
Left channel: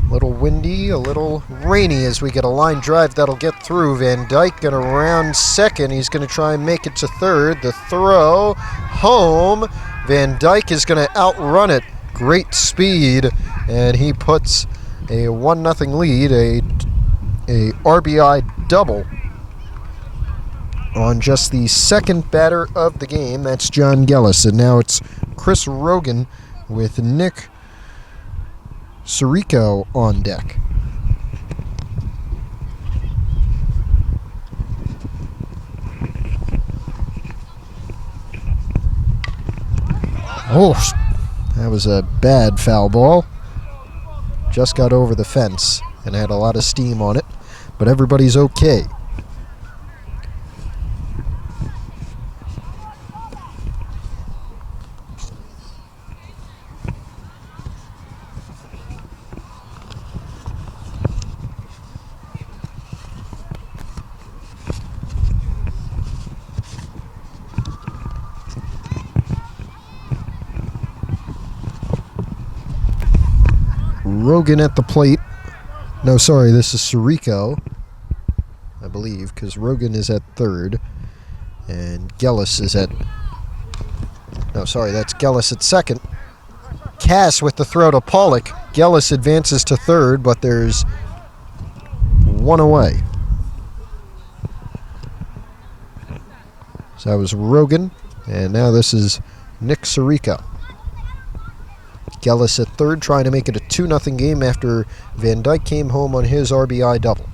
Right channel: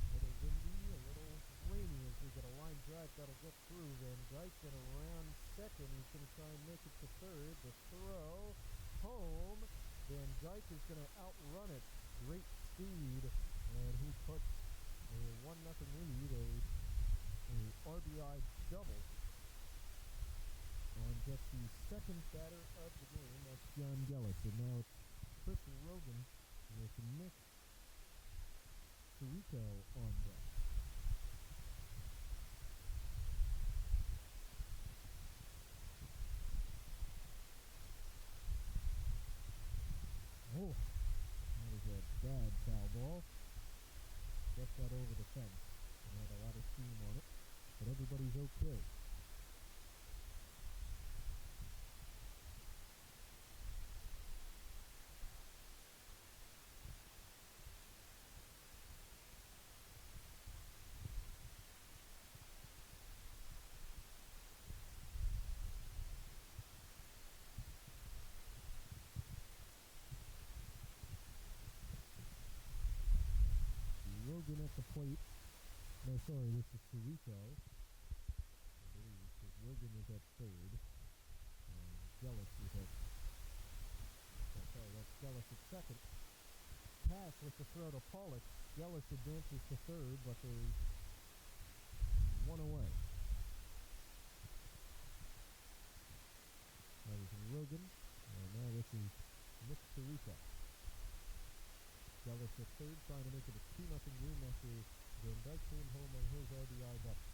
A little windy, a little rainy as we get a line drive that'll get through. Van Dyke going to round second. He's going to try and make it to third. The throw, home. Van Dyke is going to outrun it. Great speed, and he puts a 1-0 lead, a RBI double on just the second batter of the game. That's John Gellis, and now it's Chris Rogan with Nick Sirico on deck. Oh, that was a bad foul ball. Just got over the fence and had a lot of steam on it, but everybody's okay. Rogan at the plate. No, sorry, this is Sirico, I believe, because Rogan is at third, and Gellis is at... No, sorry, that's Gellis at second. Cass with the throw to Pollock. Gellis advances to third, but there's one away. So that was Rogan, and now this is Nick Sirico. Gellis at third, trying to make it a 2-0 game after Van Dyke came home on his RBI double.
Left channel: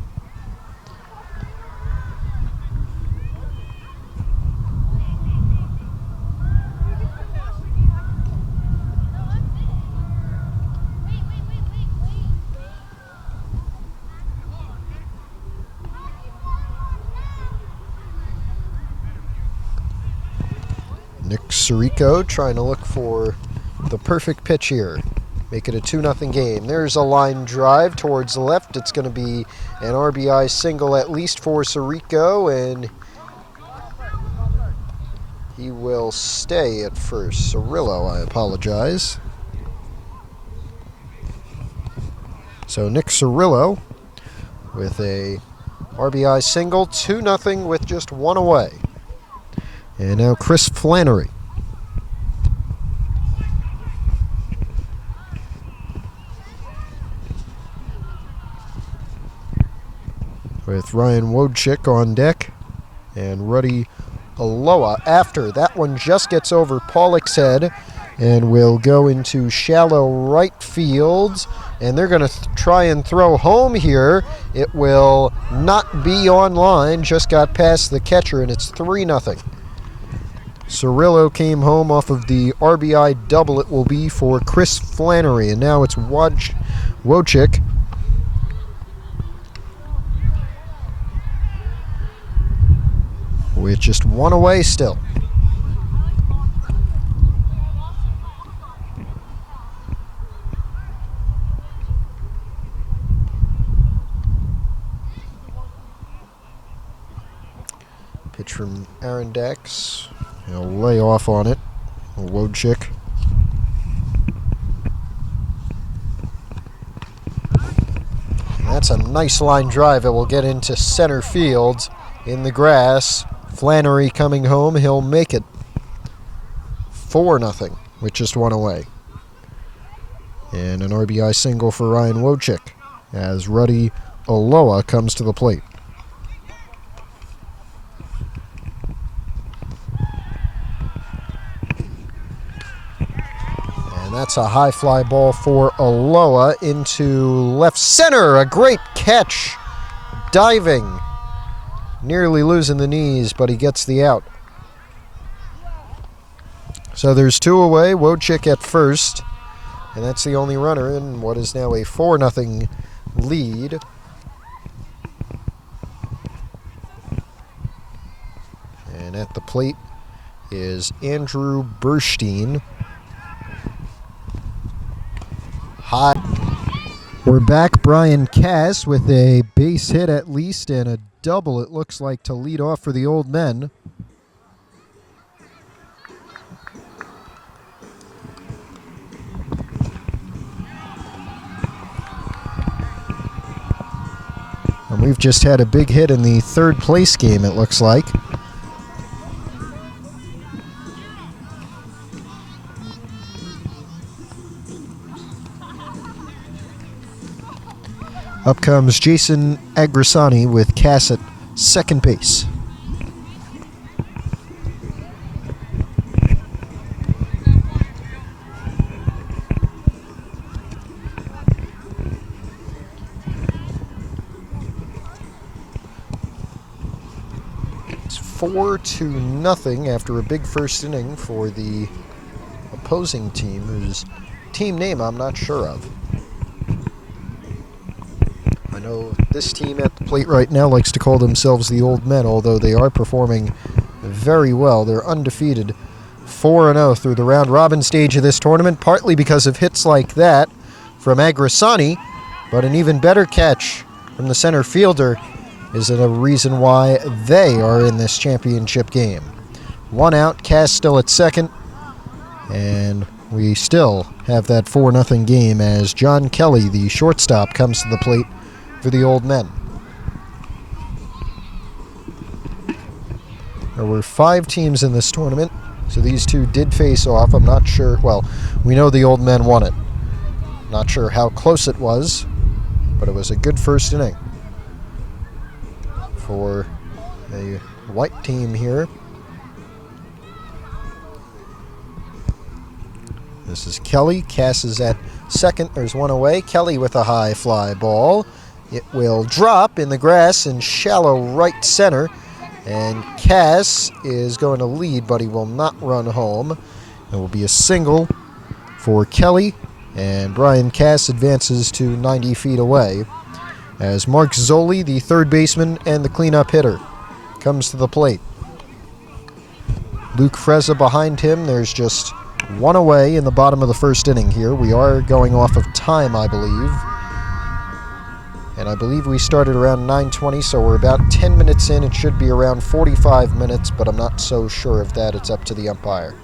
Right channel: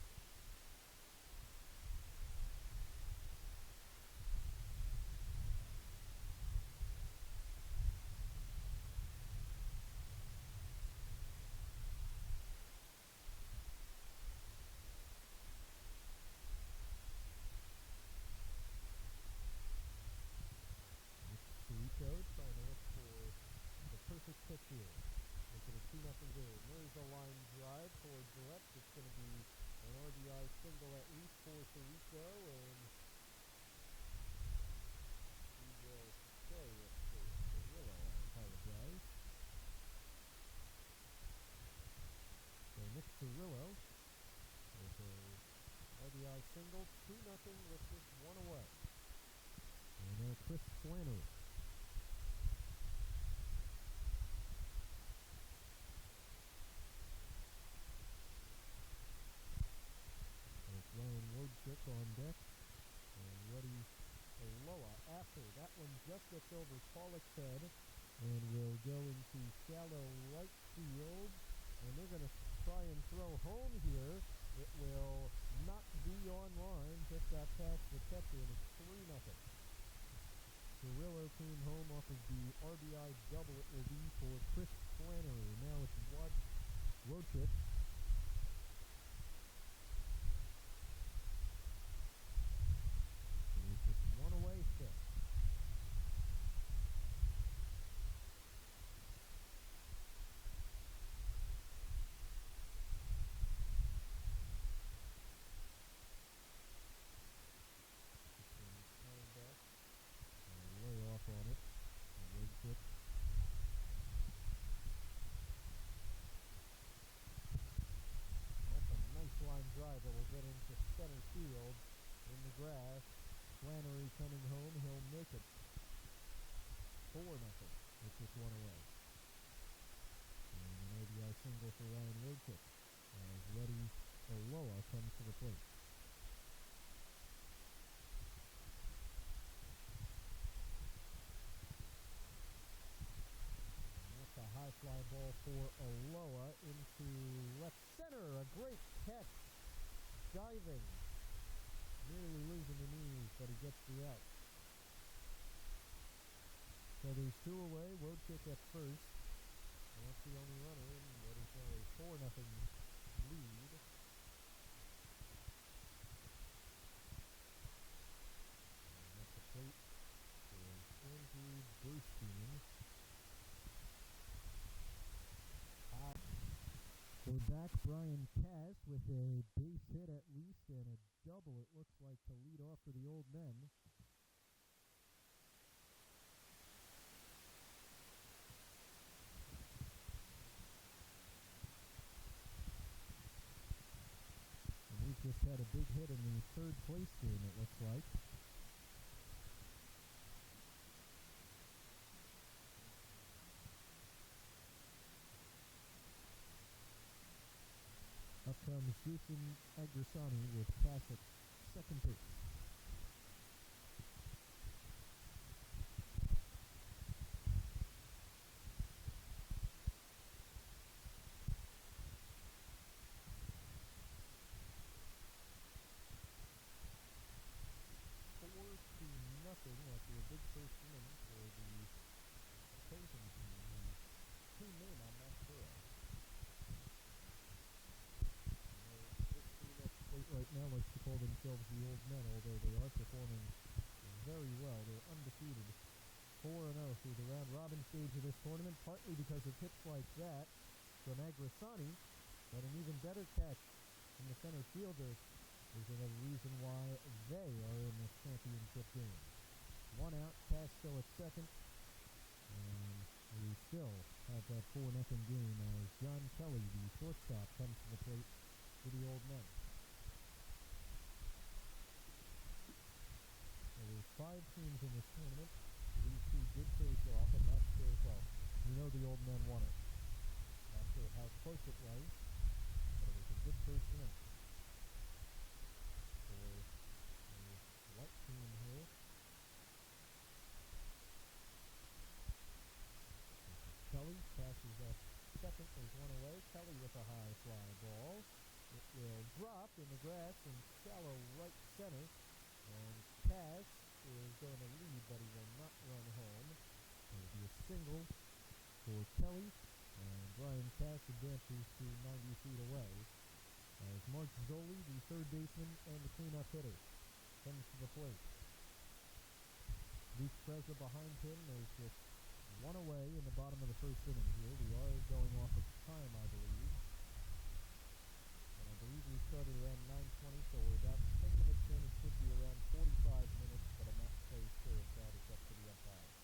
Nick Sirico trying to look for the perfect pitch here. Make it a 2-0 game. There's a line drive towards the left. It's going to be an RBI single at least for Sirico, and he will stay at first. Cirillo, I apologize. So Nick Cirillo with a RBI single, 2-0 with just one away. And now Chris Flannery. With Ryan Wojcik on deck and Ruddy Aloha after. That one just gets over Pollock's head and will go into shallow right field. And they're going to try and throw home here. It will not be on line. Just got past the catcher, and it's 3-0. Cirillo came home off of the RBI double. It will be for Chris Flannery. And now it's Wojcik. With just one away still. Pitch from Arondax. He'll lay off on it. Wojcik. That's a nice line drive. It will get into center field in the grass. Flannery coming home. He'll make it 4-0 with just one away. And an RBI single for Ryan Wojcik as Ruddy Aloa comes to the plate. That's a high fly ball for Aloa into left center. A great catch. Diving. Nearly losing the knees, but he gets the out. So there's 2 away. Wojcik at first. And that's the only runner in what is now a 4-0 lead. And at the plate is Andrew Burstein. High. We're back. Brian Cass with a base hit at least and a double, it looks like, to lead off for the Old Men. And we've just had a big hit in the third place game, it looks like. Up comes Jason Agrisani with Cass at second base. It's 4-0 after a big first inning for the opposing team, whose team name I'm not sure of. I know this team at the plate right now likes to call themselves the Old Men, although they are performing very well. They're undefeated, 4-0 through the round-robin stage of this tournament, partly because of hits like that from Agrisani, but an even better catch from the center fielder is a reason why they are in this championship game. 1 out, Cass still at second, and we still have that 4-0 game as John Kelly, the shortstop, comes to the plate for the Old Men. There were 5 teams in this tournament, so these two did face off. I'm not sure. Well, we know the Old Men won it. Not sure how close it was, but it was a good first inning for a white team here. This is Kelly. Cass is at second. There's 1 away. Kelly with a high fly ball. It will drop in the grass in shallow right center. And Cass is going to lead, but he will not run home. It will be a single for Kelly. And Brian Cass advances to 90 feet away as Mark Zoli, the third baseman and the cleanup hitter, comes to the plate. Luke Frezza behind him. There's just 1 away in the bottom of the first inning here. We are going off of time, I believe. And I believe we started around 9:20, so we're about 10 minutes in. It should be around 45 minutes, but I'm not so sure of that. It's up to the umpire.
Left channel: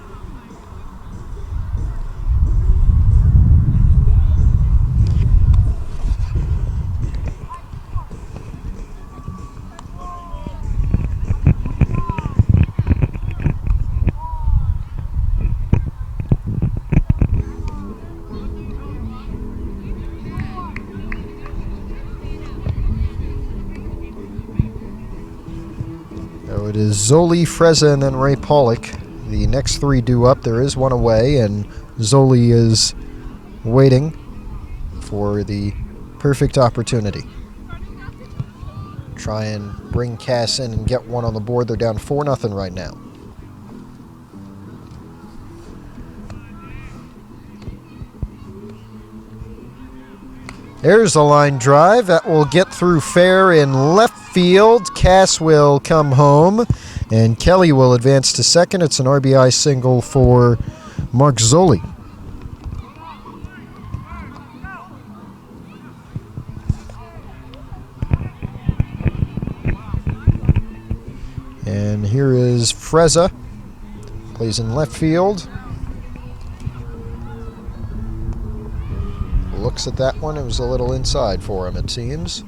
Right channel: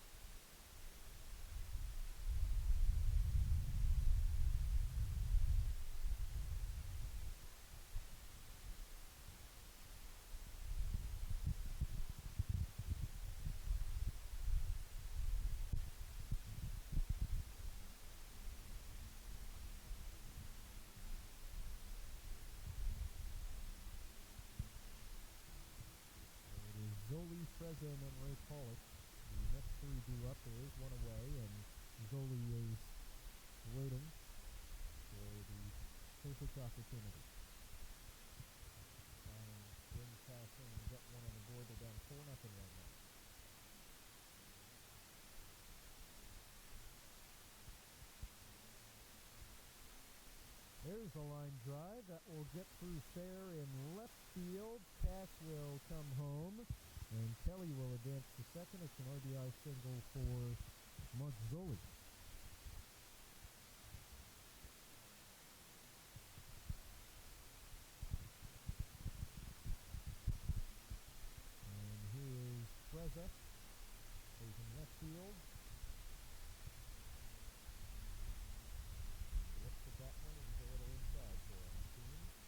It is Zoli, Frezza, and then Ray Pollock. The next 3 due up. There is 1 away, and Zoli is waiting for the perfect opportunity. Try and bring Cass in and get 1 on the board. They're down 4-0 right now. There's a line drive that will get through fair in left field. Cass will come home, and Kelly will advance to second. It's an RBI single for Mark Zoli. And here is Frezza. Plays in left field. Looks at that one. It was a little inside for him, it seems.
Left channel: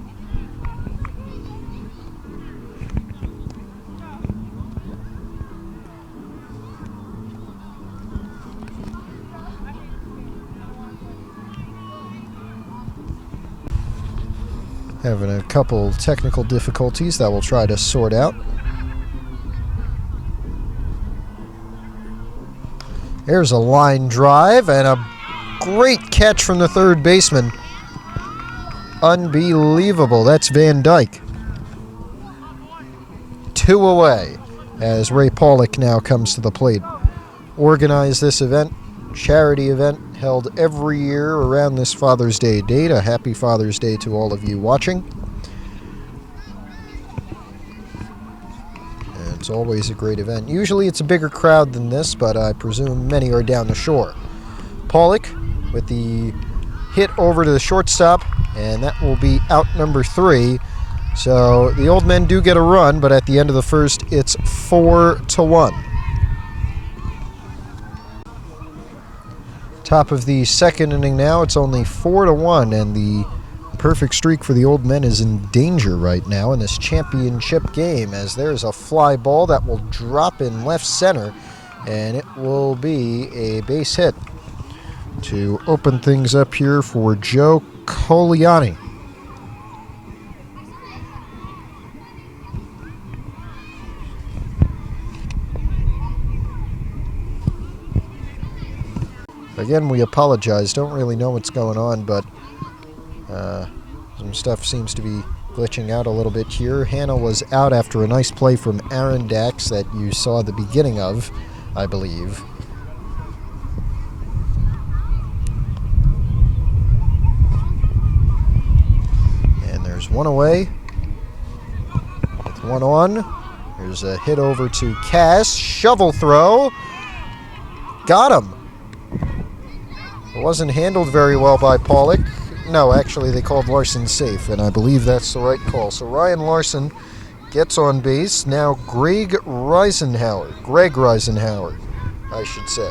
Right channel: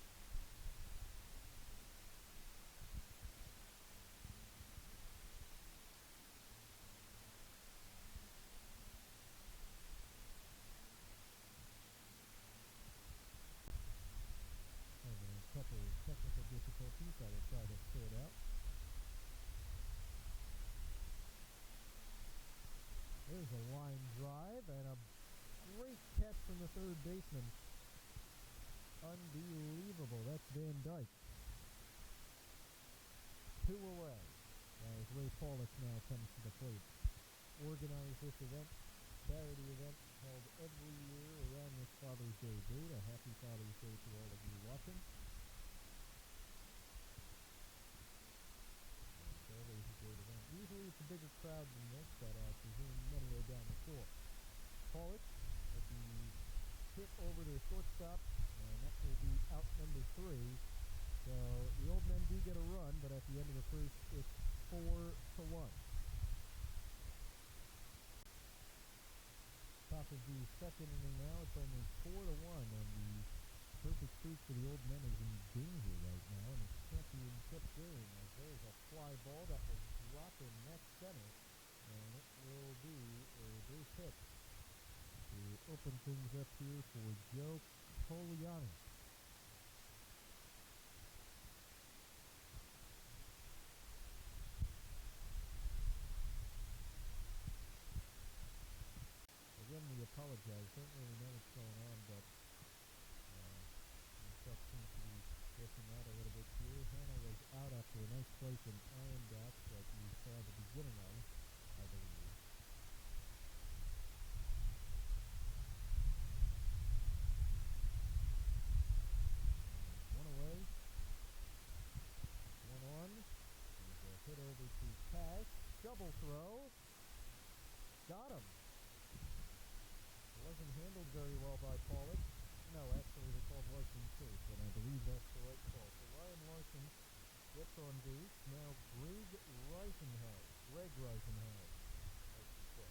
Having a couple technical difficulties that we'll try to sort out. There's a line drive and a great catch from the third baseman. Unbelievable. That's Van Dyke. 2 away as Ray Pollock now comes to the plate. Organized this event, charity event, held every year around this Father's Day date. A happy Father's Day to all of you watching. And it's always a great event. Usually it's a bigger crowd than this, but I presume many are down the shore. Pollock with the hit over to the shortstop, and that will be out number 3. So the Old Men do get a run, but at the end of the first, it's 4-1. Top of the second inning now, it's only 4-1, and the perfect streak for the Old Men is in danger right now in this championship game, as there's a fly ball that will drop in left center, and it will be a base hit to open things up here for Joe Coliani. Again, we apologize. Don't really know what's going on, but some stuff seems to be glitching out a little bit here. Hannah was out after a nice play from Aaron Dax that you saw the beginning of, I believe. There's one away with one on. There's a hit over to Cass. Shovel throw. Got him. It wasn't handled very well by Pollock. No, actually they called Larson safe, and I believe that's the right call. So Ryan Larson gets on base. Now Greg Reisenhauer, I should say.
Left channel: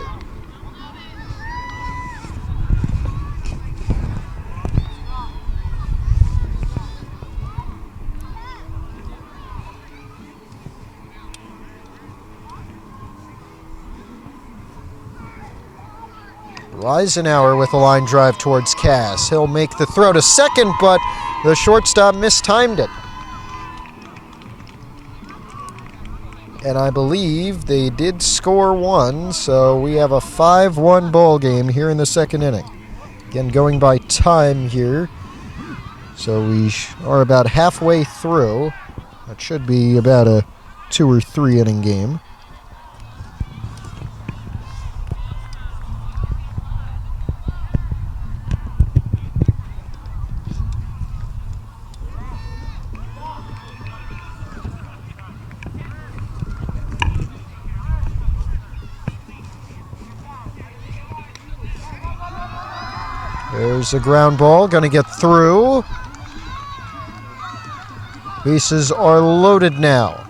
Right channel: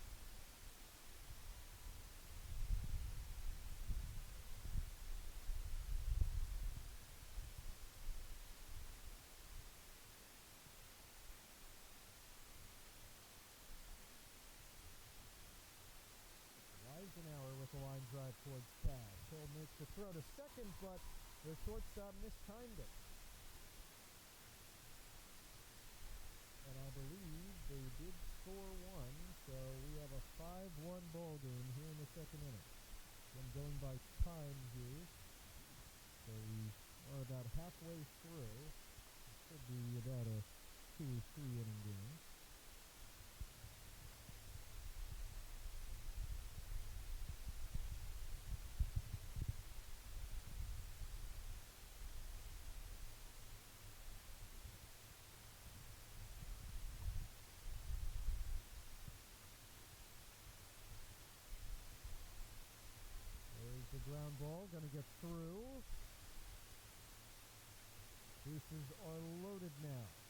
Reisenhauer with a line drive towards Cass. He'll make the throw to second, but the shortstop mistimed it. And I believe they did score one, so we have a 5-1 ball game here in the second inning. Again, going by time here. So we are about halfway through. That should be about a 2 or 3 inning game. There's a ground ball, going to get through. Bases are loaded now.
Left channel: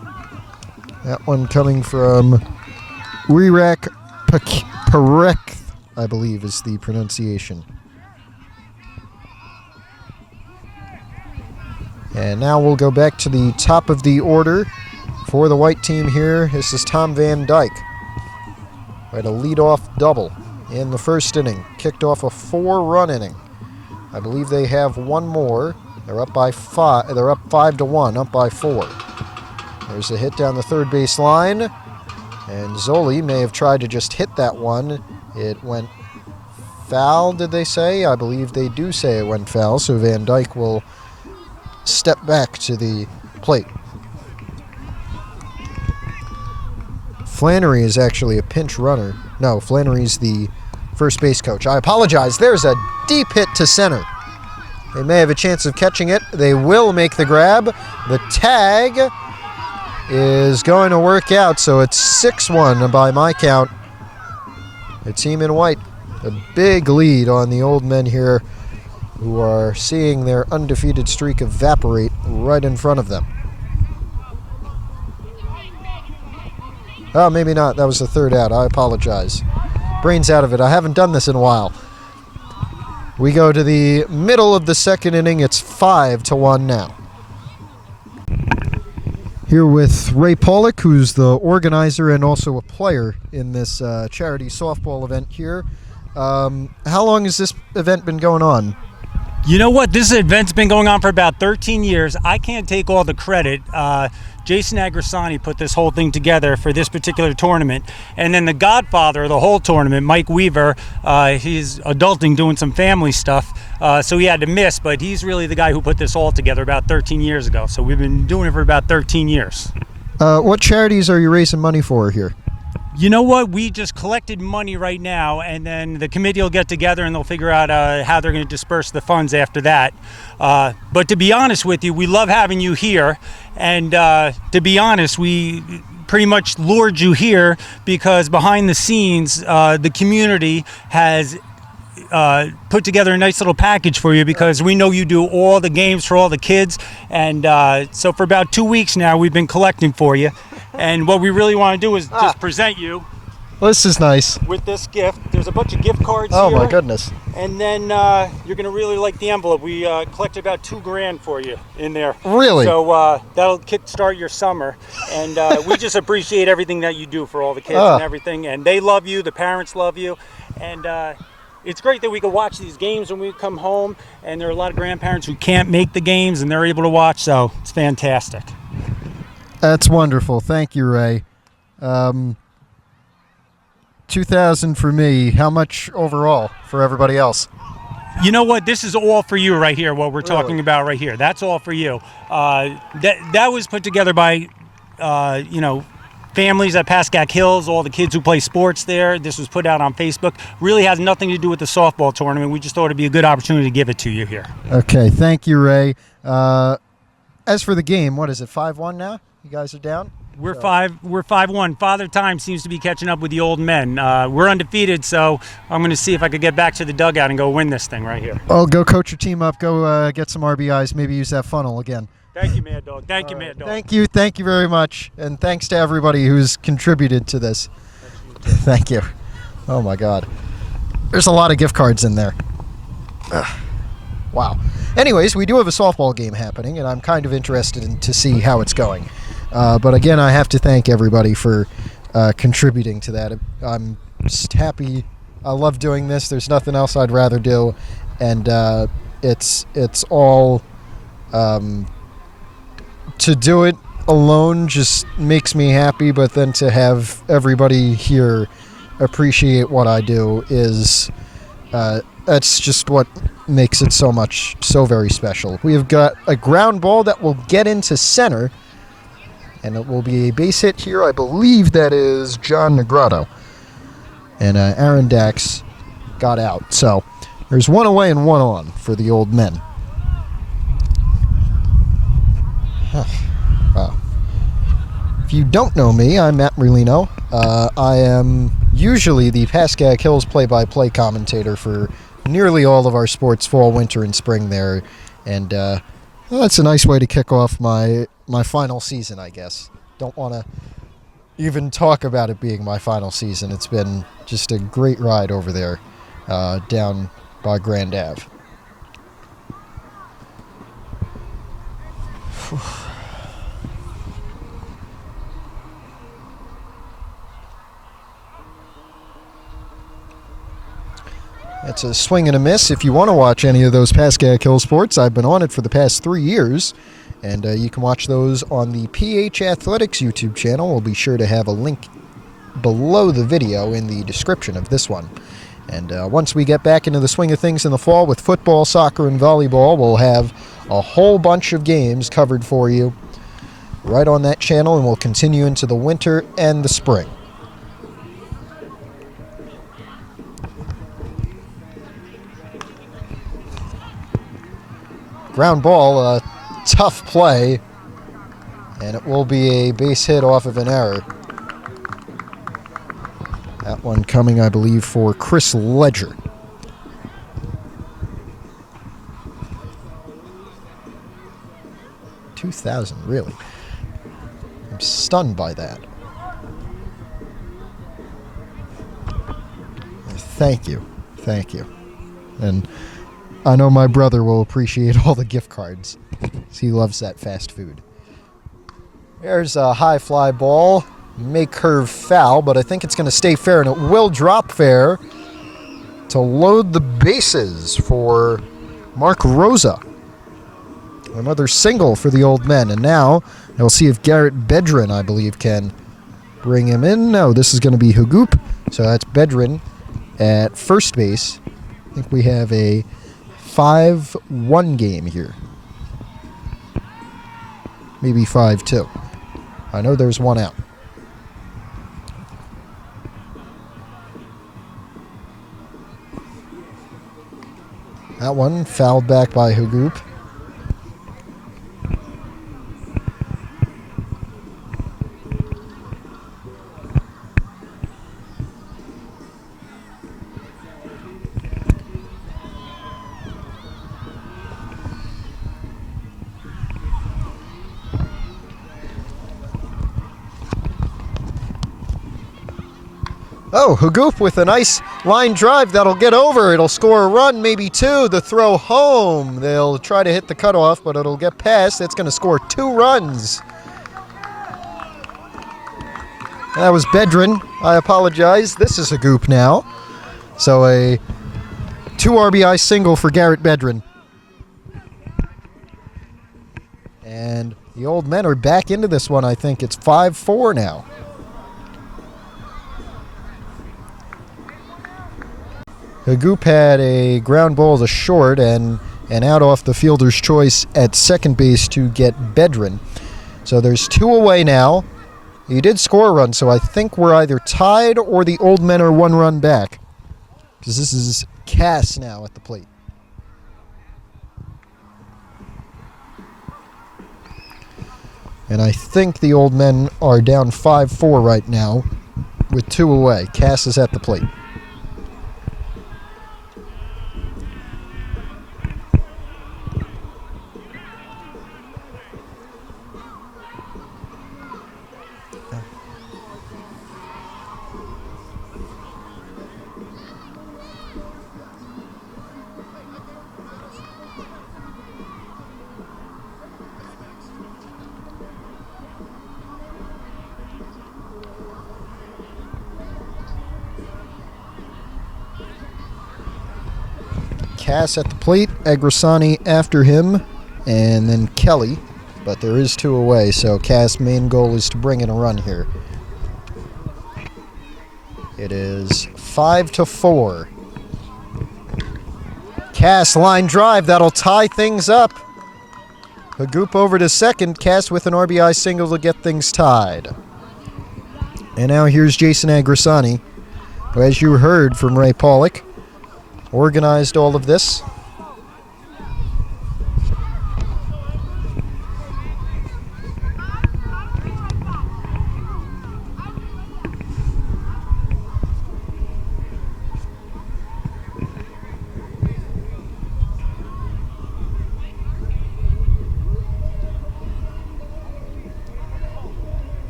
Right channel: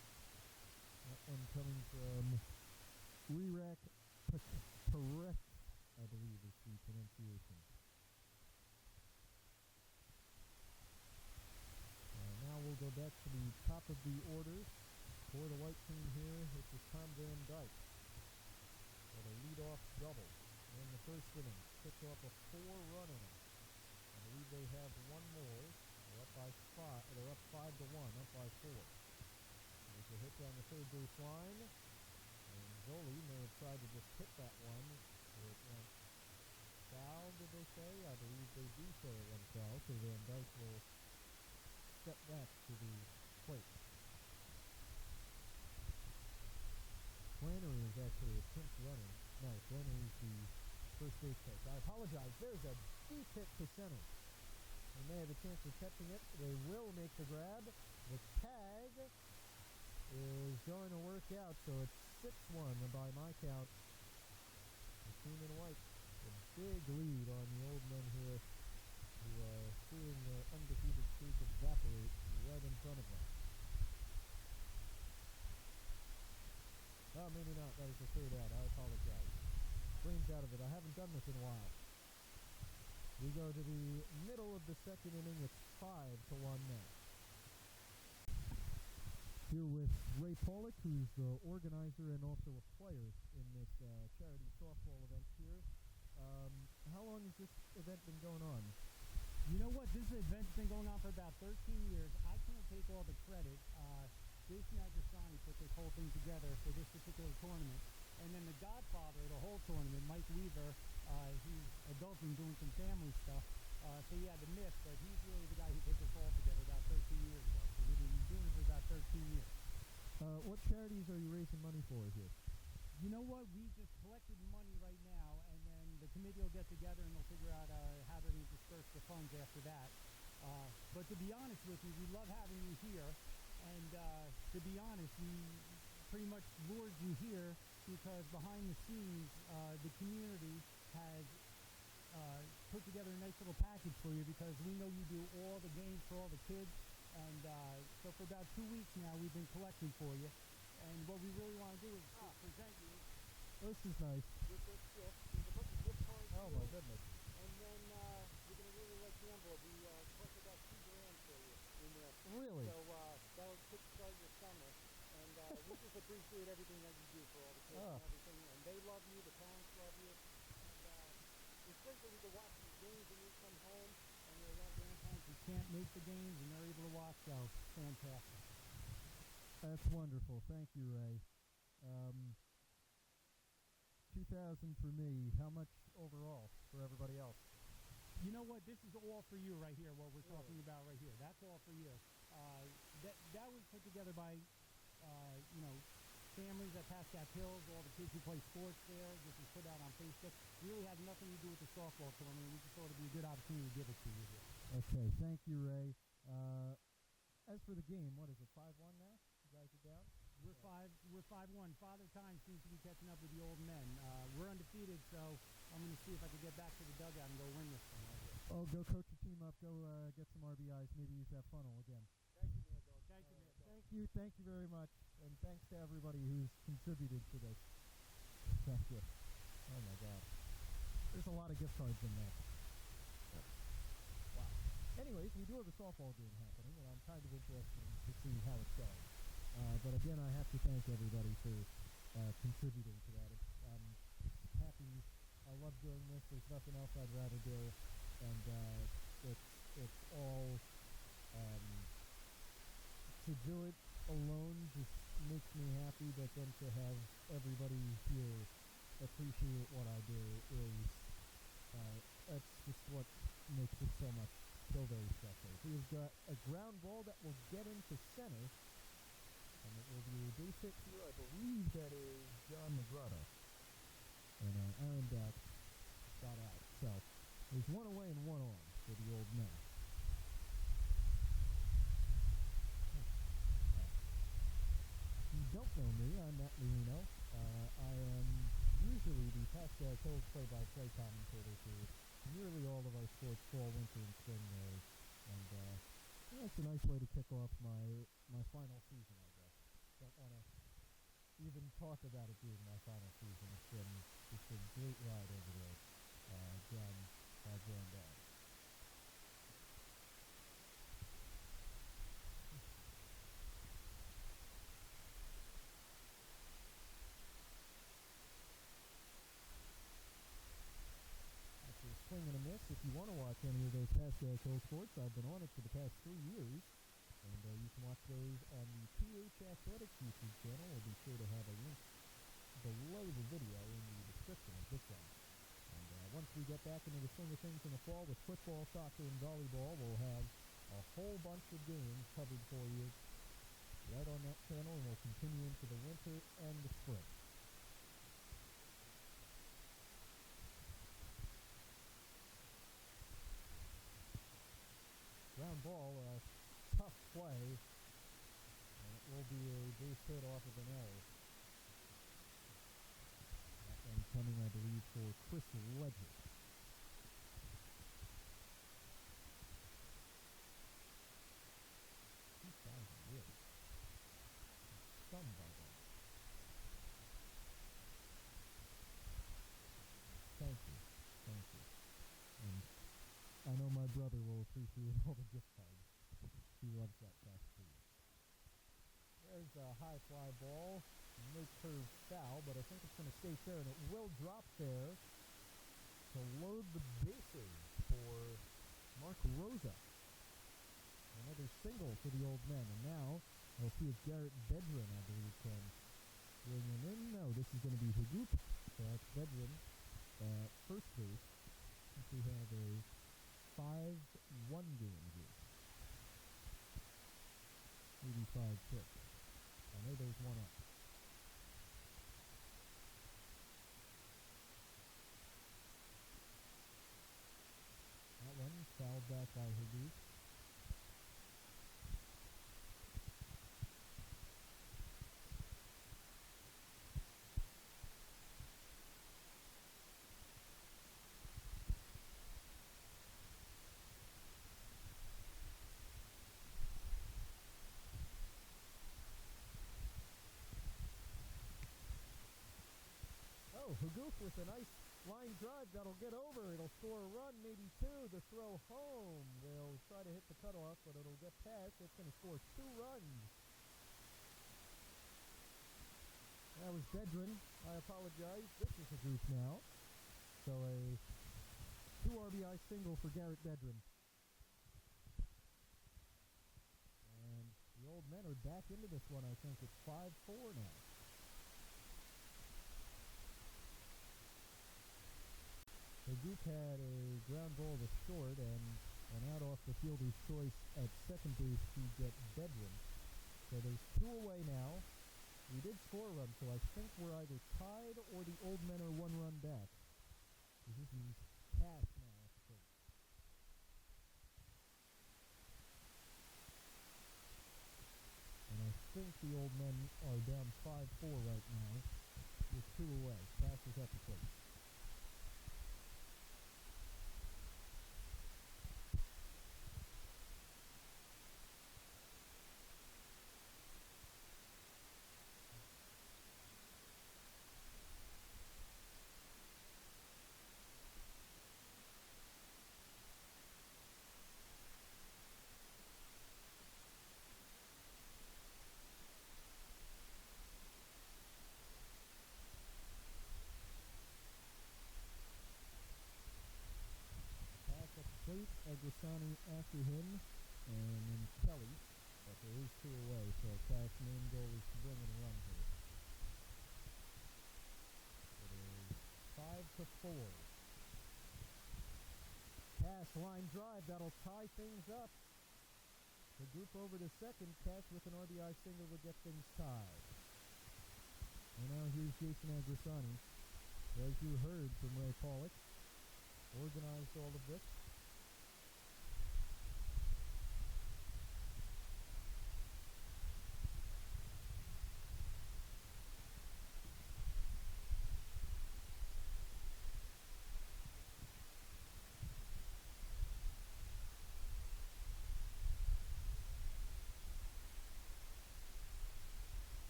That one coming from Wirak Parek, I believe is the pronunciation. And now we'll go back to the top of the order for the white team here. This is Tom Van Dyke. Right, a leadoff double in the first inning. Kicked off a 4-run inning. I believe they have one more. They're up by 5. They're up 5-1, up by 4. There's a hit down the third base line, and Zoli may have tried to just hit that one. It went foul, did they say? I believe they do say it went foul, so Van Dyke will step back to the plate. Flannery is actually a pinch runner. No, Flannery's the first base coach. I apologize. There's a deep hit to center. They may have a chance of catching it. They will make the grab. The tag is going to work out, so it's 6-1 by my count. The team in white, a big lead on the old men here, who are seeing their undefeated streak evaporate right in front of them. Oh, maybe not. That was the third out. I apologize. Brains out of it. I haven't done this in a while. We go to the middle of the second inning. It's 5-1 now. Here with Ray Pollock, who's the organizer and also a player in this charity softball event here. How long has this event been going on? You know what? This event's been going on for about 13 years. I can't take all the credit. Jason Agrasani put this whole thing together for this particular tournament. And then the godfather of the whole tournament, Mike Weaver, he's adulting, doing some family stuff, so he had to miss, but he's really the guy who put this all together about 13 years ago. So we've been doing it for about 13 years. What charities are you raising money for here? You know what? We just collected money right now, and then the committee will get together and they'll figure out how they're going to disperse the funds after that. But to be honest with you, we love having you here. And to be honest, we pretty much lured you here because behind the scenes, the community has put together a nice little package for you because we know you do all the games for all the kids. And so for about 2 weeks now, we've been collecting for you. And what we really want to do is just present you. Well, this is nice. With this gift. There's a bunch of gift cards here. here. Oh my goodness. And then you're going to really like the envelope. We collected about $2,000 for you in there. Really? So that'll kickstart your summer. And we just appreciate everything that you do for all the kids and everything. And they love you. The parents love you. And it's great that we can watch these games when we come home. And there are a lot of grandparents who can't make the games and they're able to watch. So it's fantastic. That's wonderful. Thank you, Ray. 2,000 for me. How much overall for everybody else? You know what? This is all for you right here, what we're talking about right here. That's all for you. That was put together by, families at Pascack Hills, all the kids who play sports there. This was put out on Facebook. Really has nothing to do with the softball tournament. We just thought it'd be a good opportunity to give it to you here. Okay. Thank you, Ray. As for the game, what is it, 5-1 now? You guys are down? We're 5-1. Father Time seems to be catching up with the old men. We're undefeated, so I'm going to see if I could get back to the dugout and go win this thing right here. Oh, go coach your team up. Go get some RBIs. Maybe use that funnel again. Thank you, Mad Dog. Thank you, Mad Dog. Thank you very much. And thanks to everybody who's contributed to this. Thank you. Oh, my God. There's a lot of gift cards in there. Wow. Anyways, we do have a softball game happening, and I'm kind of interested to see how it's going. But again, I have to thank everybody for contributing to that. I'm just happy. I love doing this. There's nothing else I'd rather do, and it's all to do it alone just makes me happy. But then to have everybody here appreciate what I do is that's just what makes it so very special. We have got a ground ball that will get into center. And it will be a base hit here. I believe that is John Negrado. And Aaron Dax got out. So there's one away and one on for the old men. Wow. If you don't know me, I'm Matt Merlino. I am usually the Pascack Hills play-by-play commentator for nearly all of our sports, fall, winter, and spring there. And that's a nice way to kick off my final season, I guess. Don't want to even talk about it being my final season. It's been just a great ride over there down by Grand Ave. It's a swing and a miss. If you want to watch any of those Pascack Hill sports, I've been on it for the past 3 years. And you can watch those on the PH Athletics YouTube channel. We'll be sure to have a link below the video in the description of this one. And once we get back into the swing of things in the fall with football, soccer, and volleyball, we'll have a whole bunch of games covered for you right on that channel, and we'll continue into the winter and the spring. Ground ball, a tough play, and it will be a base hit off of an error. That one coming, I believe, for Chris Ledger. $2,000, really? I'm stunned by that. Thank you. Thank you. And I know my brother will appreciate all the gift cards. He loves that fast food. There's a high fly ball. May curve foul, but I think it's going to stay fair, and it will drop fair to load the bases for Mark Rosa. Another single for the Old Men, and now we'll see if Garrett Bedrin, I believe, can bring him in. No, this is going to be Hagoop, so that's Bedrin at first base. I think we have a 5-1 game here. Maybe 5-2. I know there's one out. That one fouled back by Hagoop. Oh, Hagoop with a nice line drive that'll get over. It'll score a run, maybe two. The throw home. They'll try to hit the cutoff, but it'll get past. It's going to score 2 runs. That was Bedrin. I apologize. This is Hagoop now. So a 2 RBI single for Garrett Bedrin. And the Old Men are back into this one. I think it's 5-4 now. Hagoop had a ground ball to short and out off the fielder's choice at second base to get Bedrin. So there's 2 away now. He did score a run, so I think we're either tied or the Old Men are 1 run back. Because this is Cass now at the plate. And I think the Old Men are down 5-4 right now with 2 away. Cass is at the plate. Cass at the plate, Agrasani after him, and then Kelly. But there is 2 away, so Cass' main goal is to bring in a run here. It is 5-4. Cass line drive, that'll tie things up. Hagoop over to second, Cass with an RBI single to get things tied. And now here's Jason Agrasani, who, as you heard from Ray Pollock, organized all of this.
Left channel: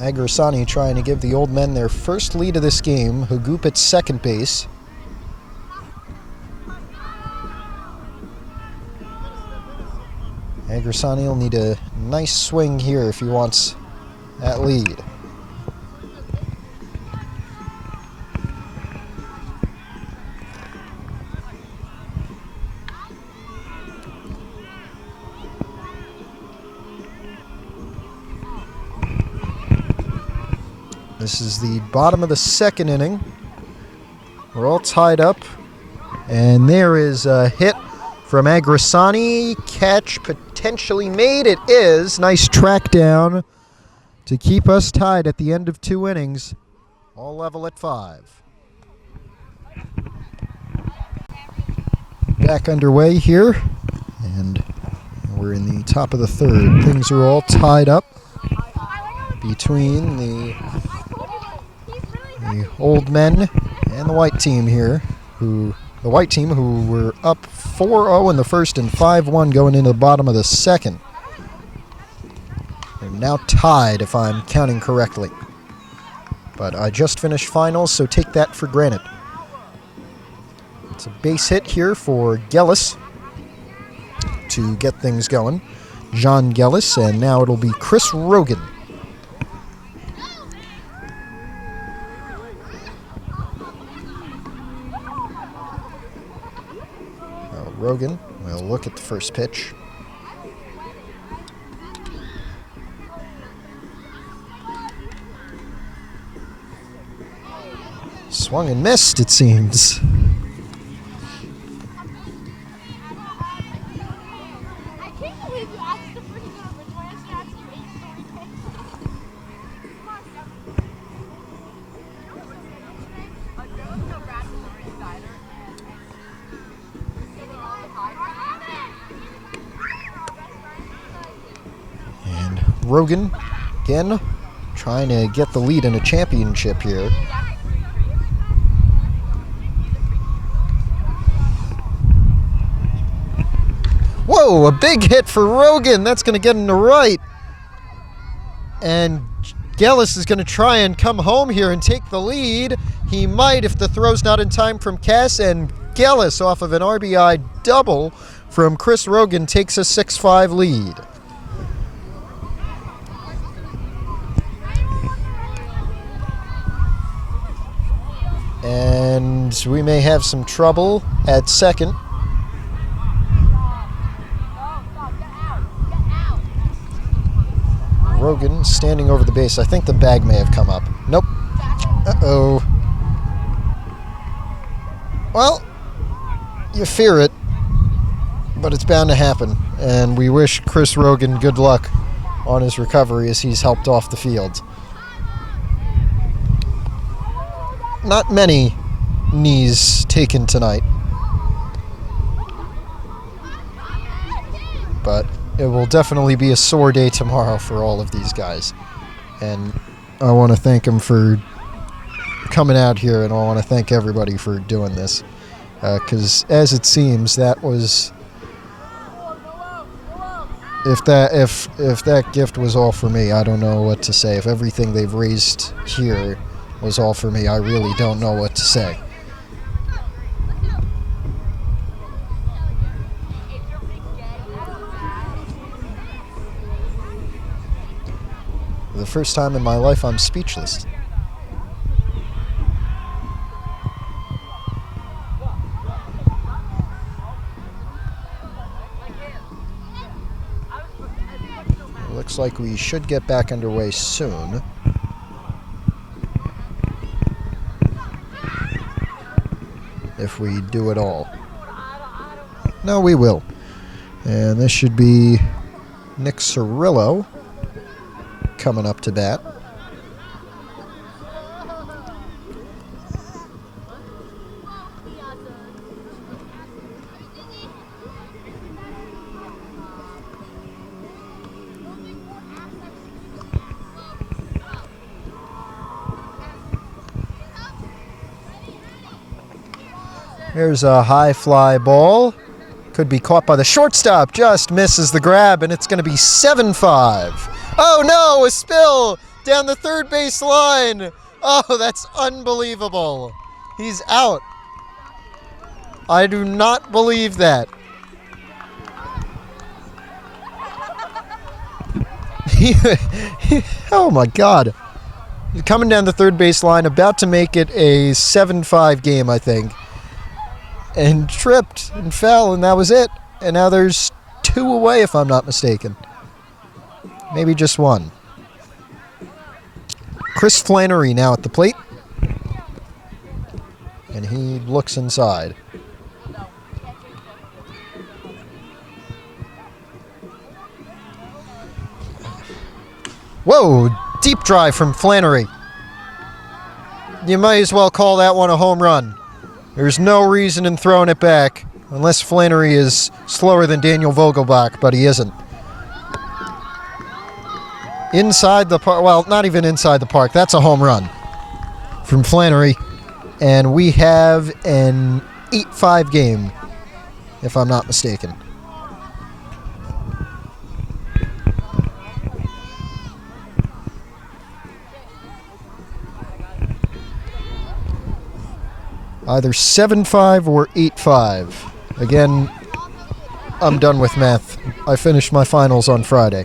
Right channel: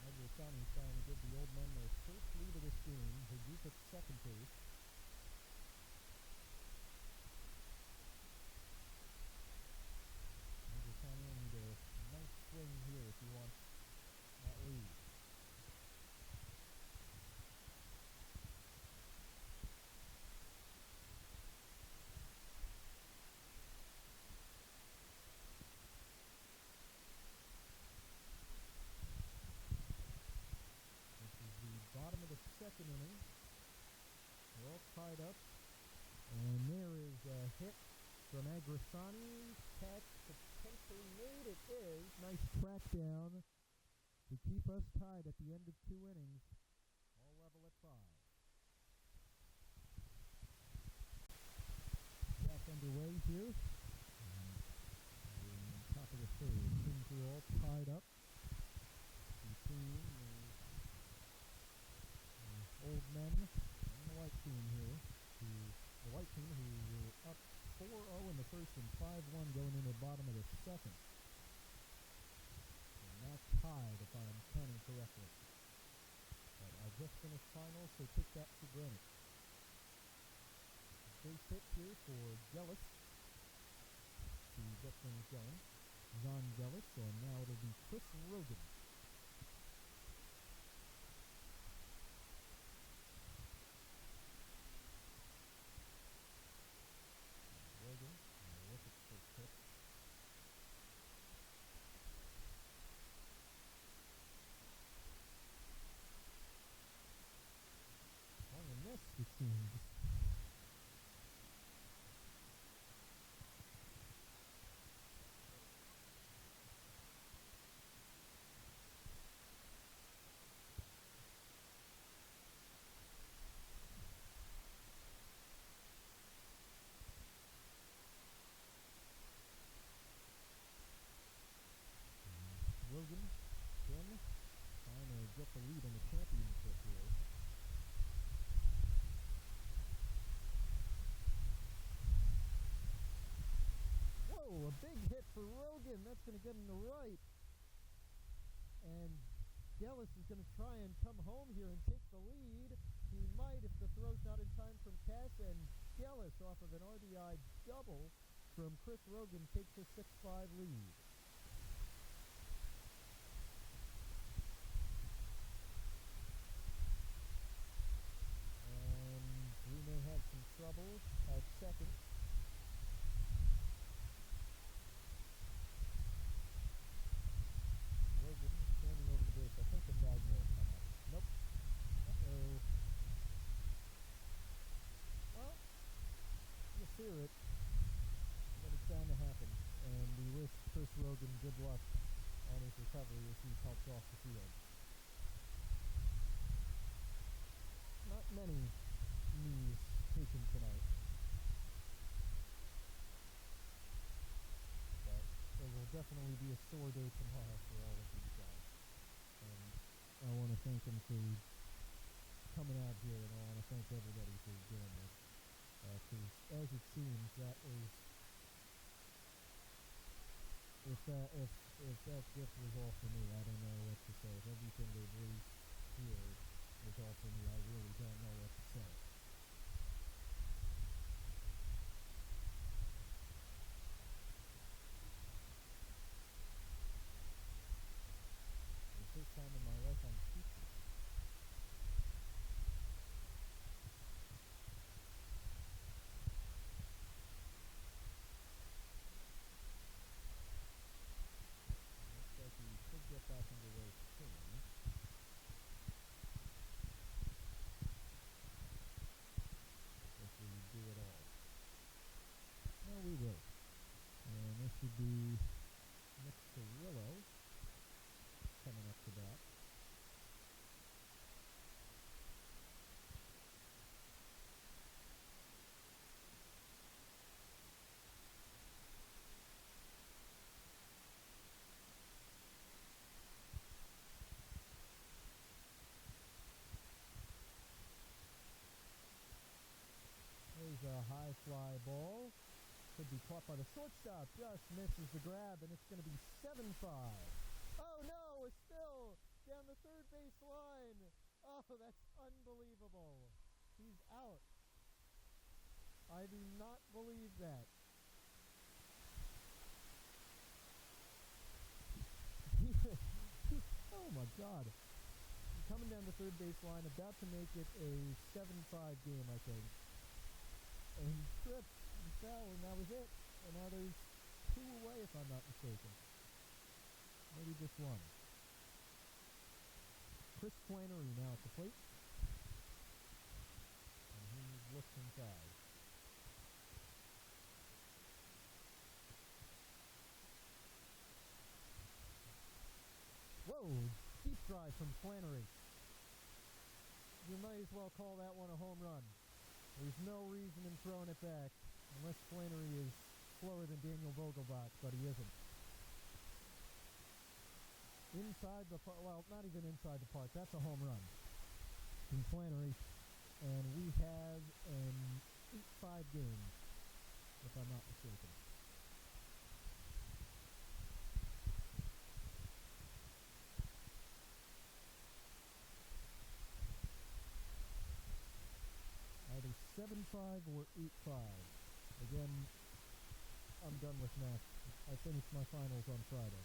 Agrasani trying to give the Old Men their first lead of this game. Hagoop at second base. Agrasani will need a nice swing here if he wants that lead. This is the bottom of the second inning. We're all tied up. And there is a hit from Agrasani. Catch potentially made. It is. Nice track down to keep us tied at the end of 2 innings. All level at 5. Back underway here. And we're in the top of the 3rd. Things are all tied up between the old men and the white team here, the white team who were up 4-0 in the 1st and 5-1 going into the bottom of the 2nd. They're now tied, if I'm counting correctly. But I just finished finals, so take that for granted. It's a base hit here for Gellis to get things going. John Gellis, and now it'll be Chris Rogan. Rogan will look at the first pitch. Swung and missed, it seems. I can't believe you asked the freaking numbers. Why did you ask you 8 And Rogan, again, trying to get the lead in a championship here. Whoa, a big hit for Rogan. That's going to get him to right. And Gellis is going to try and come home here and take the lead. He might if the throw's not in time from Cass, and Gellis off of an RBI double from Chris Rogan takes a 6-5 lead. And we may have some trouble at second. Rogan standing over the base. I think the bag may have come up. Nope. Uh-oh. Well, you fear it, but it's bound to happen. And we wish Chris Rogan good luck on his recovery as he's helped off the field. Not many knees taken tonight, but it will definitely be a sore day tomorrow for all of these guys. And I want to thank them for coming out here, and I want to thank everybody for doing this. Because as it seems, that was... If that gift was all for me, I don't know what to say. If everything they've raised here was all for me, I really don't know what to say. For the first time in my life, I'm speechless. It looks like we should get back underway soon. If we do it all. No, we will. And this should be Nick Cirillo coming up to bat. There's a high fly ball. Could be caught by the shortstop. Just misses the grab, and it's going to be 7-5. Oh no, a spill down the third base line. Oh, that's unbelievable. He's out. I do not believe that. Oh my God. He's coming down the third base line, about to make it a 7-5 game, I think. And tripped and fell, and that was it. And now there's 2 away, if I'm not mistaken. Maybe just 1. Chris Flannery now at the plate. And he looks inside. Whoa, deep drive from Flannery. You might as well call that one a home run. There's no reason in throwing it back, unless Flannery is slower than Daniel Vogelbach, but he isn't. Inside the park, well, not even inside the park, that's a home run from Flannery. And we have an 8-5 game, if I'm not mistaken. Either 7-5 or 8-5. Again, I'm done with math. I finished my finals on Friday.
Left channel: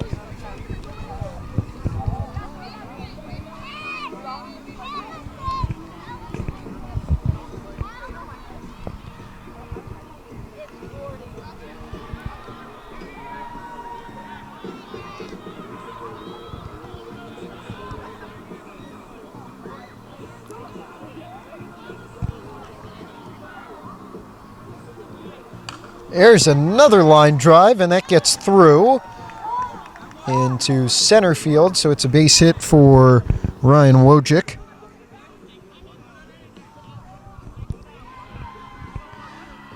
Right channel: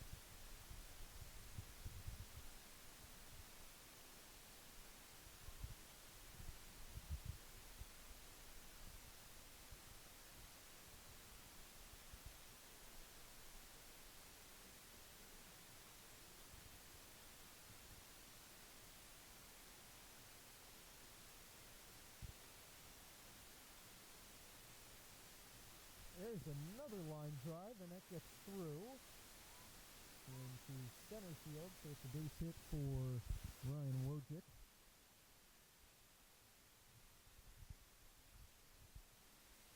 There's another line drive, and that gets through into center field, so it's a base hit for Ryan Wojcik.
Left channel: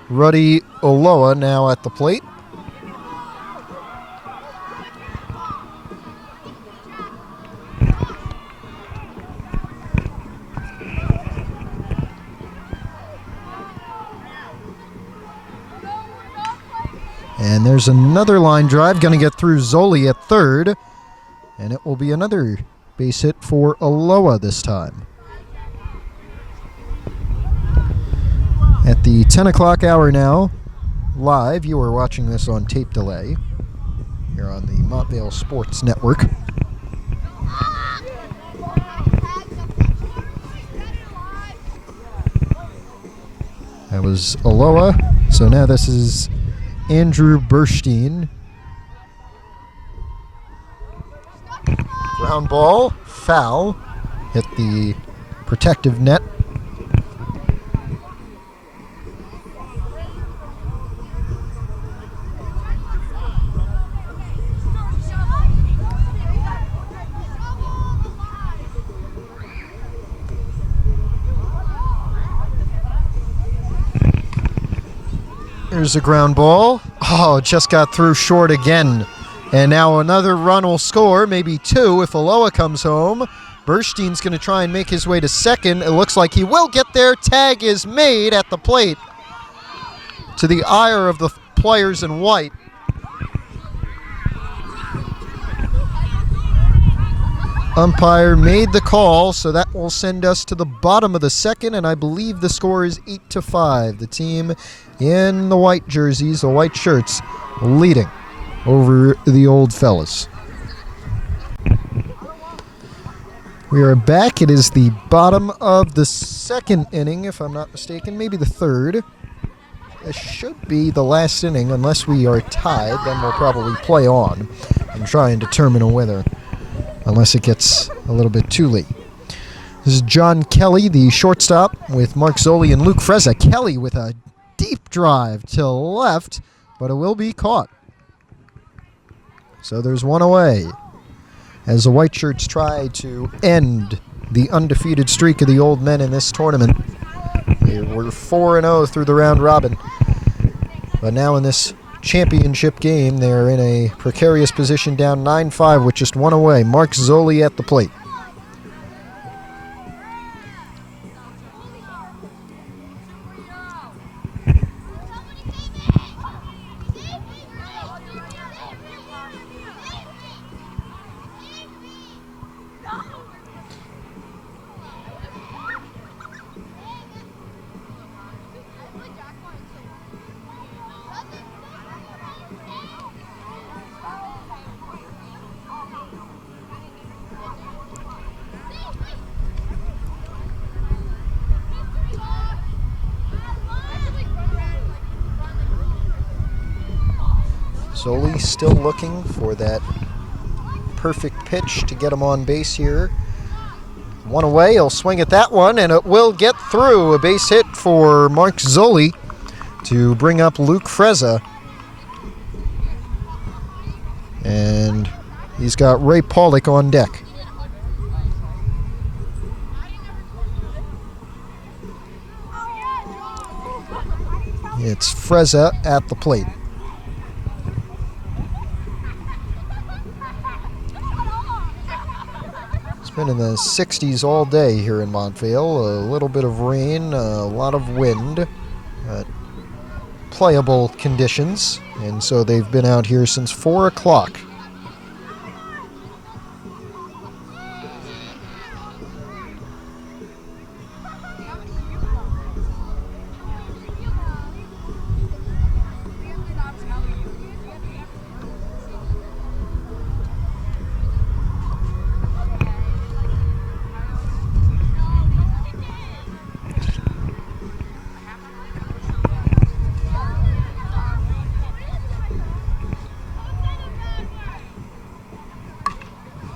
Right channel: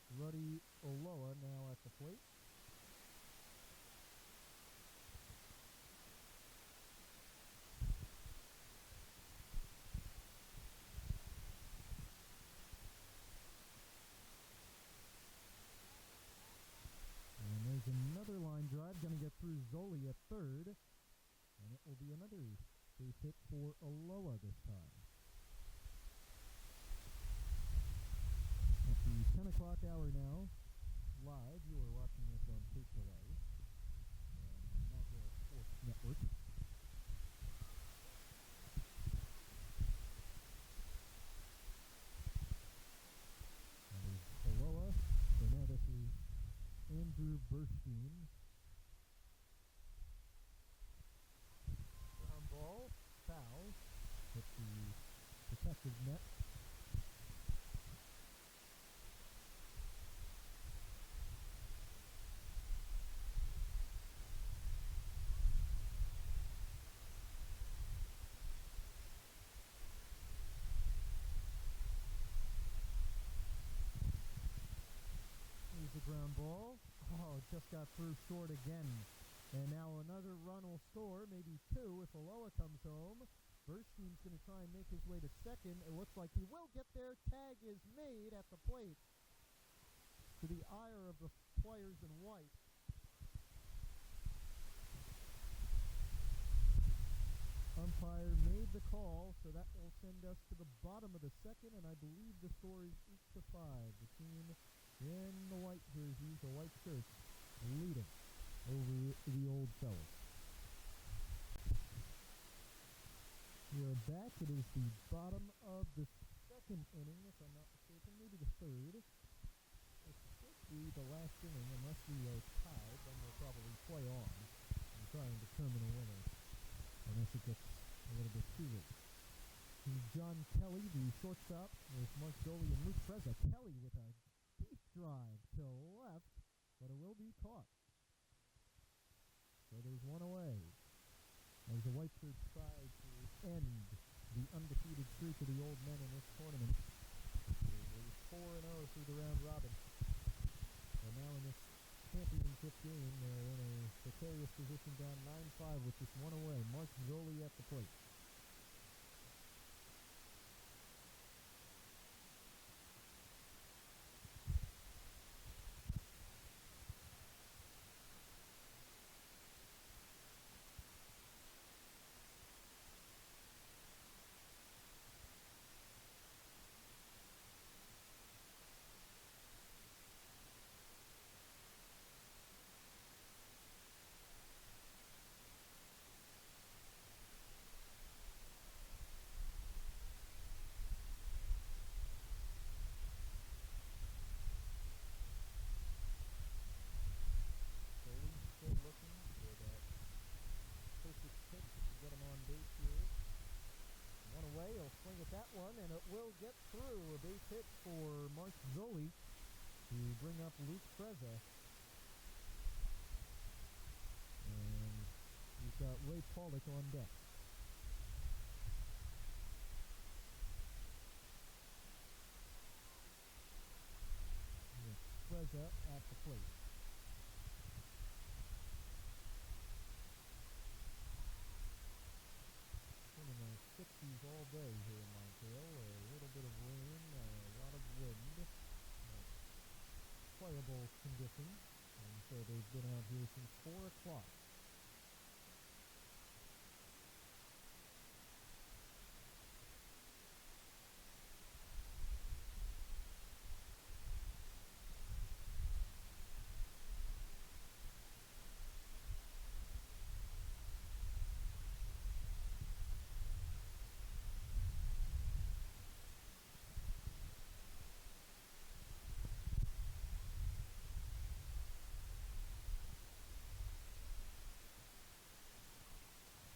Ruddy Oloa now at the plate. And there's another line drive, going to get through Zoli at third. And it will be another base hit for Aloha this time. At the 10 o'clock hour now, live, you are watching this on tape delay here on the Montvale Sports Network. That was Aloha. So now this is Andrew Burstein. Ground ball, foul, hit the protective net. There's a ground ball. Oh, just got through short again. And now another run will score, maybe two if Aloha comes home. Burstein's going to try and make his way to second. It looks like he will get there. Tag is made at the plate, to the ire of the players in white. Umpire made the call, so that will send us to the bottom of the second, and I believe the score is 8-5. The team in the white jerseys, the white shirts, leading over the old fellas. We are back. It is the bottom of the second inning, if I'm not mistaken, maybe the third. It should be the last inning, unless we are tied, then we'll probably play on and try and determine a winner, unless it gets a little bit too late. This is John Kelly, the shortstop, with Mark Zoli and Luke Frezza. Kelly with a deep drive to left, but it will be caught. So there's one away, as the white shirts try to end the undefeated streak of the old men in this tournament. They were 4-0 through the round robin, but now in this championship game, they're in a precarious position, down 9-5 with just one away. Mark Zoli at the plate. Zoli still looking for that perfect pitch to get him on base here. One away, he'll swing at that one, and it will get through. A base hit for Mark Zoli to bring up Luke Frezza. And He's got Ray Pollock on deck. It's Frezza at the plate. It's been in the 60s all day here in Montvale. A little bit of rain, a lot of wind. Playable conditions, and so they've been out here since 4 o'clock.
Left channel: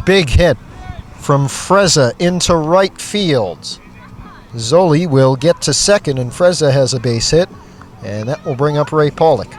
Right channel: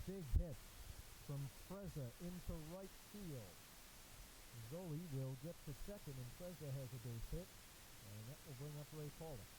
Big hit from Frezza into right field. Zoli will get to second, and Frezza has a base hit, and that will bring up Ray Pollock.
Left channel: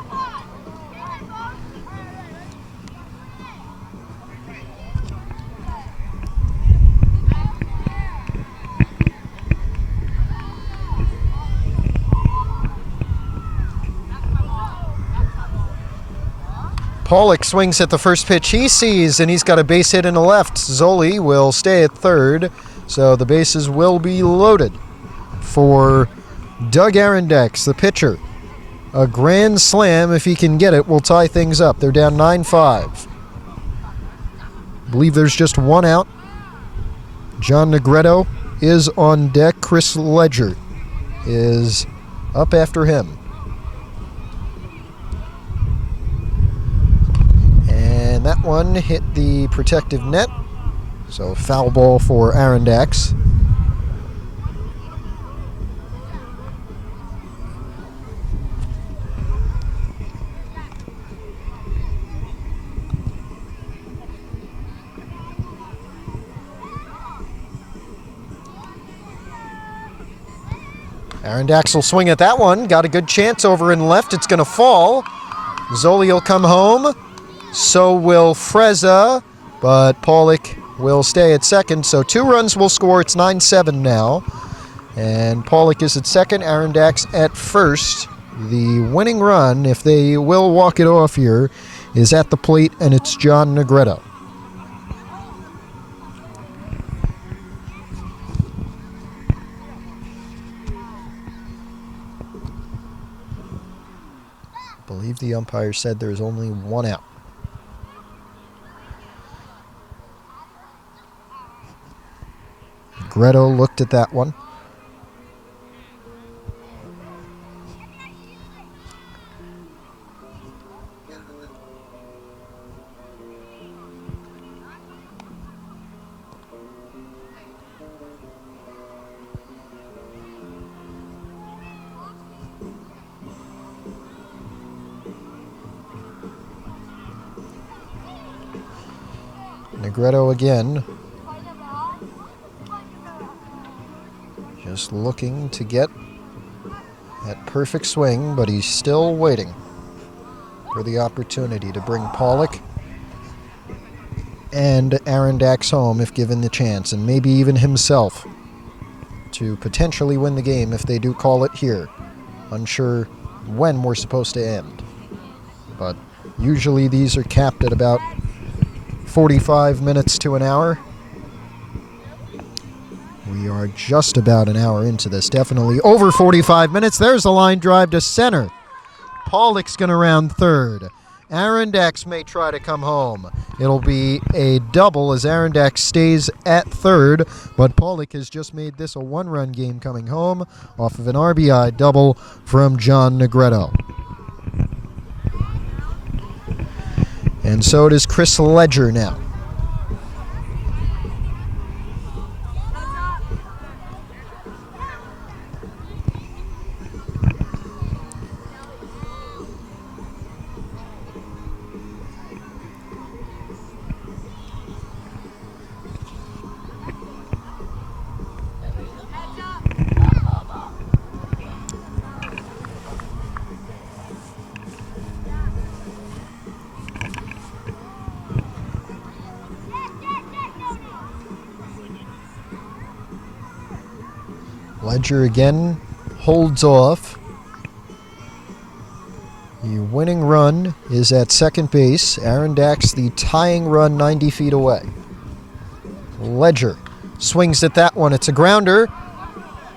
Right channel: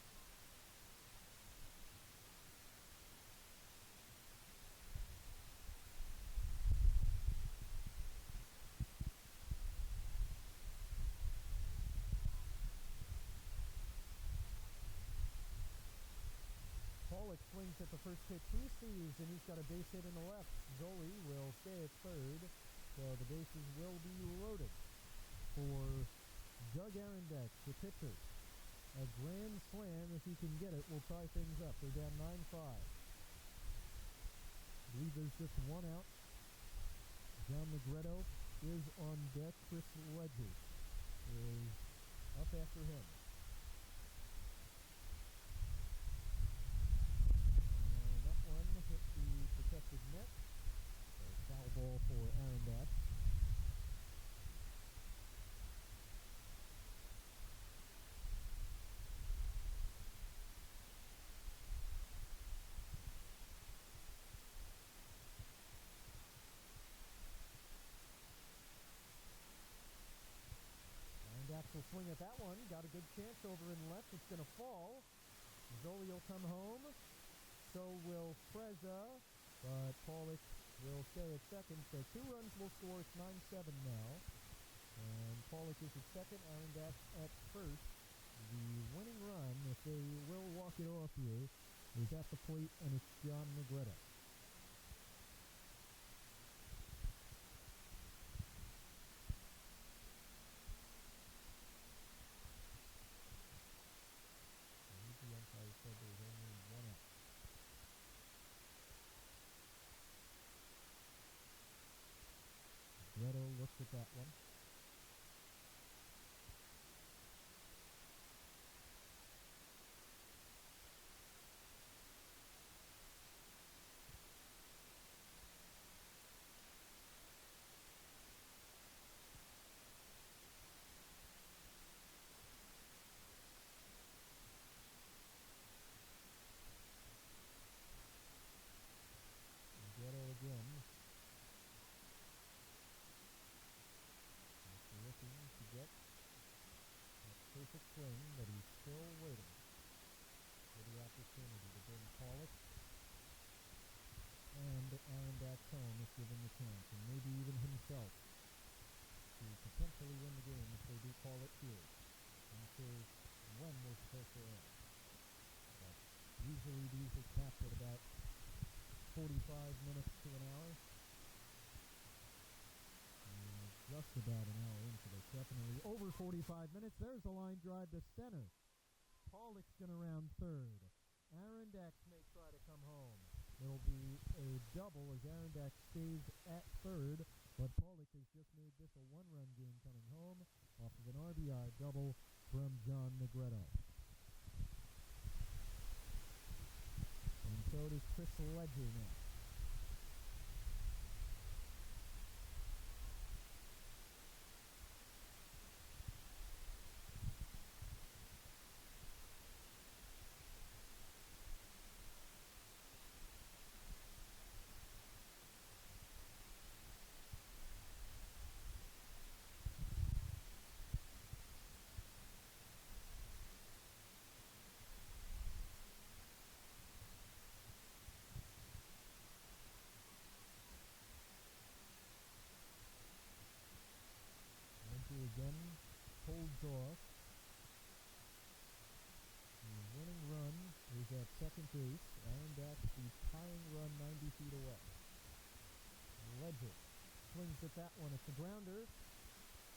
Pollock swings at the first pitch he sees, and he's got a base hit in the left. Zoli will stay at third, so the bases will be loaded for Doug Arondex, the pitcher. A grand slam, if he can get it, will tie things up. They're down 9-5. I believe there's just one out. John Negretto is on deck. Chris Ledger is up after him. And that one hit the protective net, so foul ball for Arondex. Arondex will swing at that one. Got a good chance over in left. It's going to fall. Zoli will come home. So will Frezza, but Pollock will stay at second. So 2 runs will score. It's 9-7 now. And Pollock is at second, Arondex at first. The winning run, if they will walk it off here, is at the plate, and it's John Negretto. I believe the umpire said there's only one out. Negretto looked at that one. Negretto again. Just looking to get that perfect swing, but he's still waiting for the opportunity to bring Pollock and Arondex home if given the chance, and maybe even himself to potentially win the game if they do call it here. Unsure when we're supposed to end, but usually these are capped at about 45 minutes to an hour. We are just about an hour into this, definitely over 45 minutes. There's a line drive to center. Pollock's going to round third. Arondex may try to come home. It'll be a double as Arondex stays at third, but Pollock has just made this a 1-run game coming home off of an RBI double from John Negretto. And so it is Chris Ledger now. Ledger again holds off. The winning run is at second base. Arondax the tying run 90 feet away. Ledger swings at that one. It's a grounder.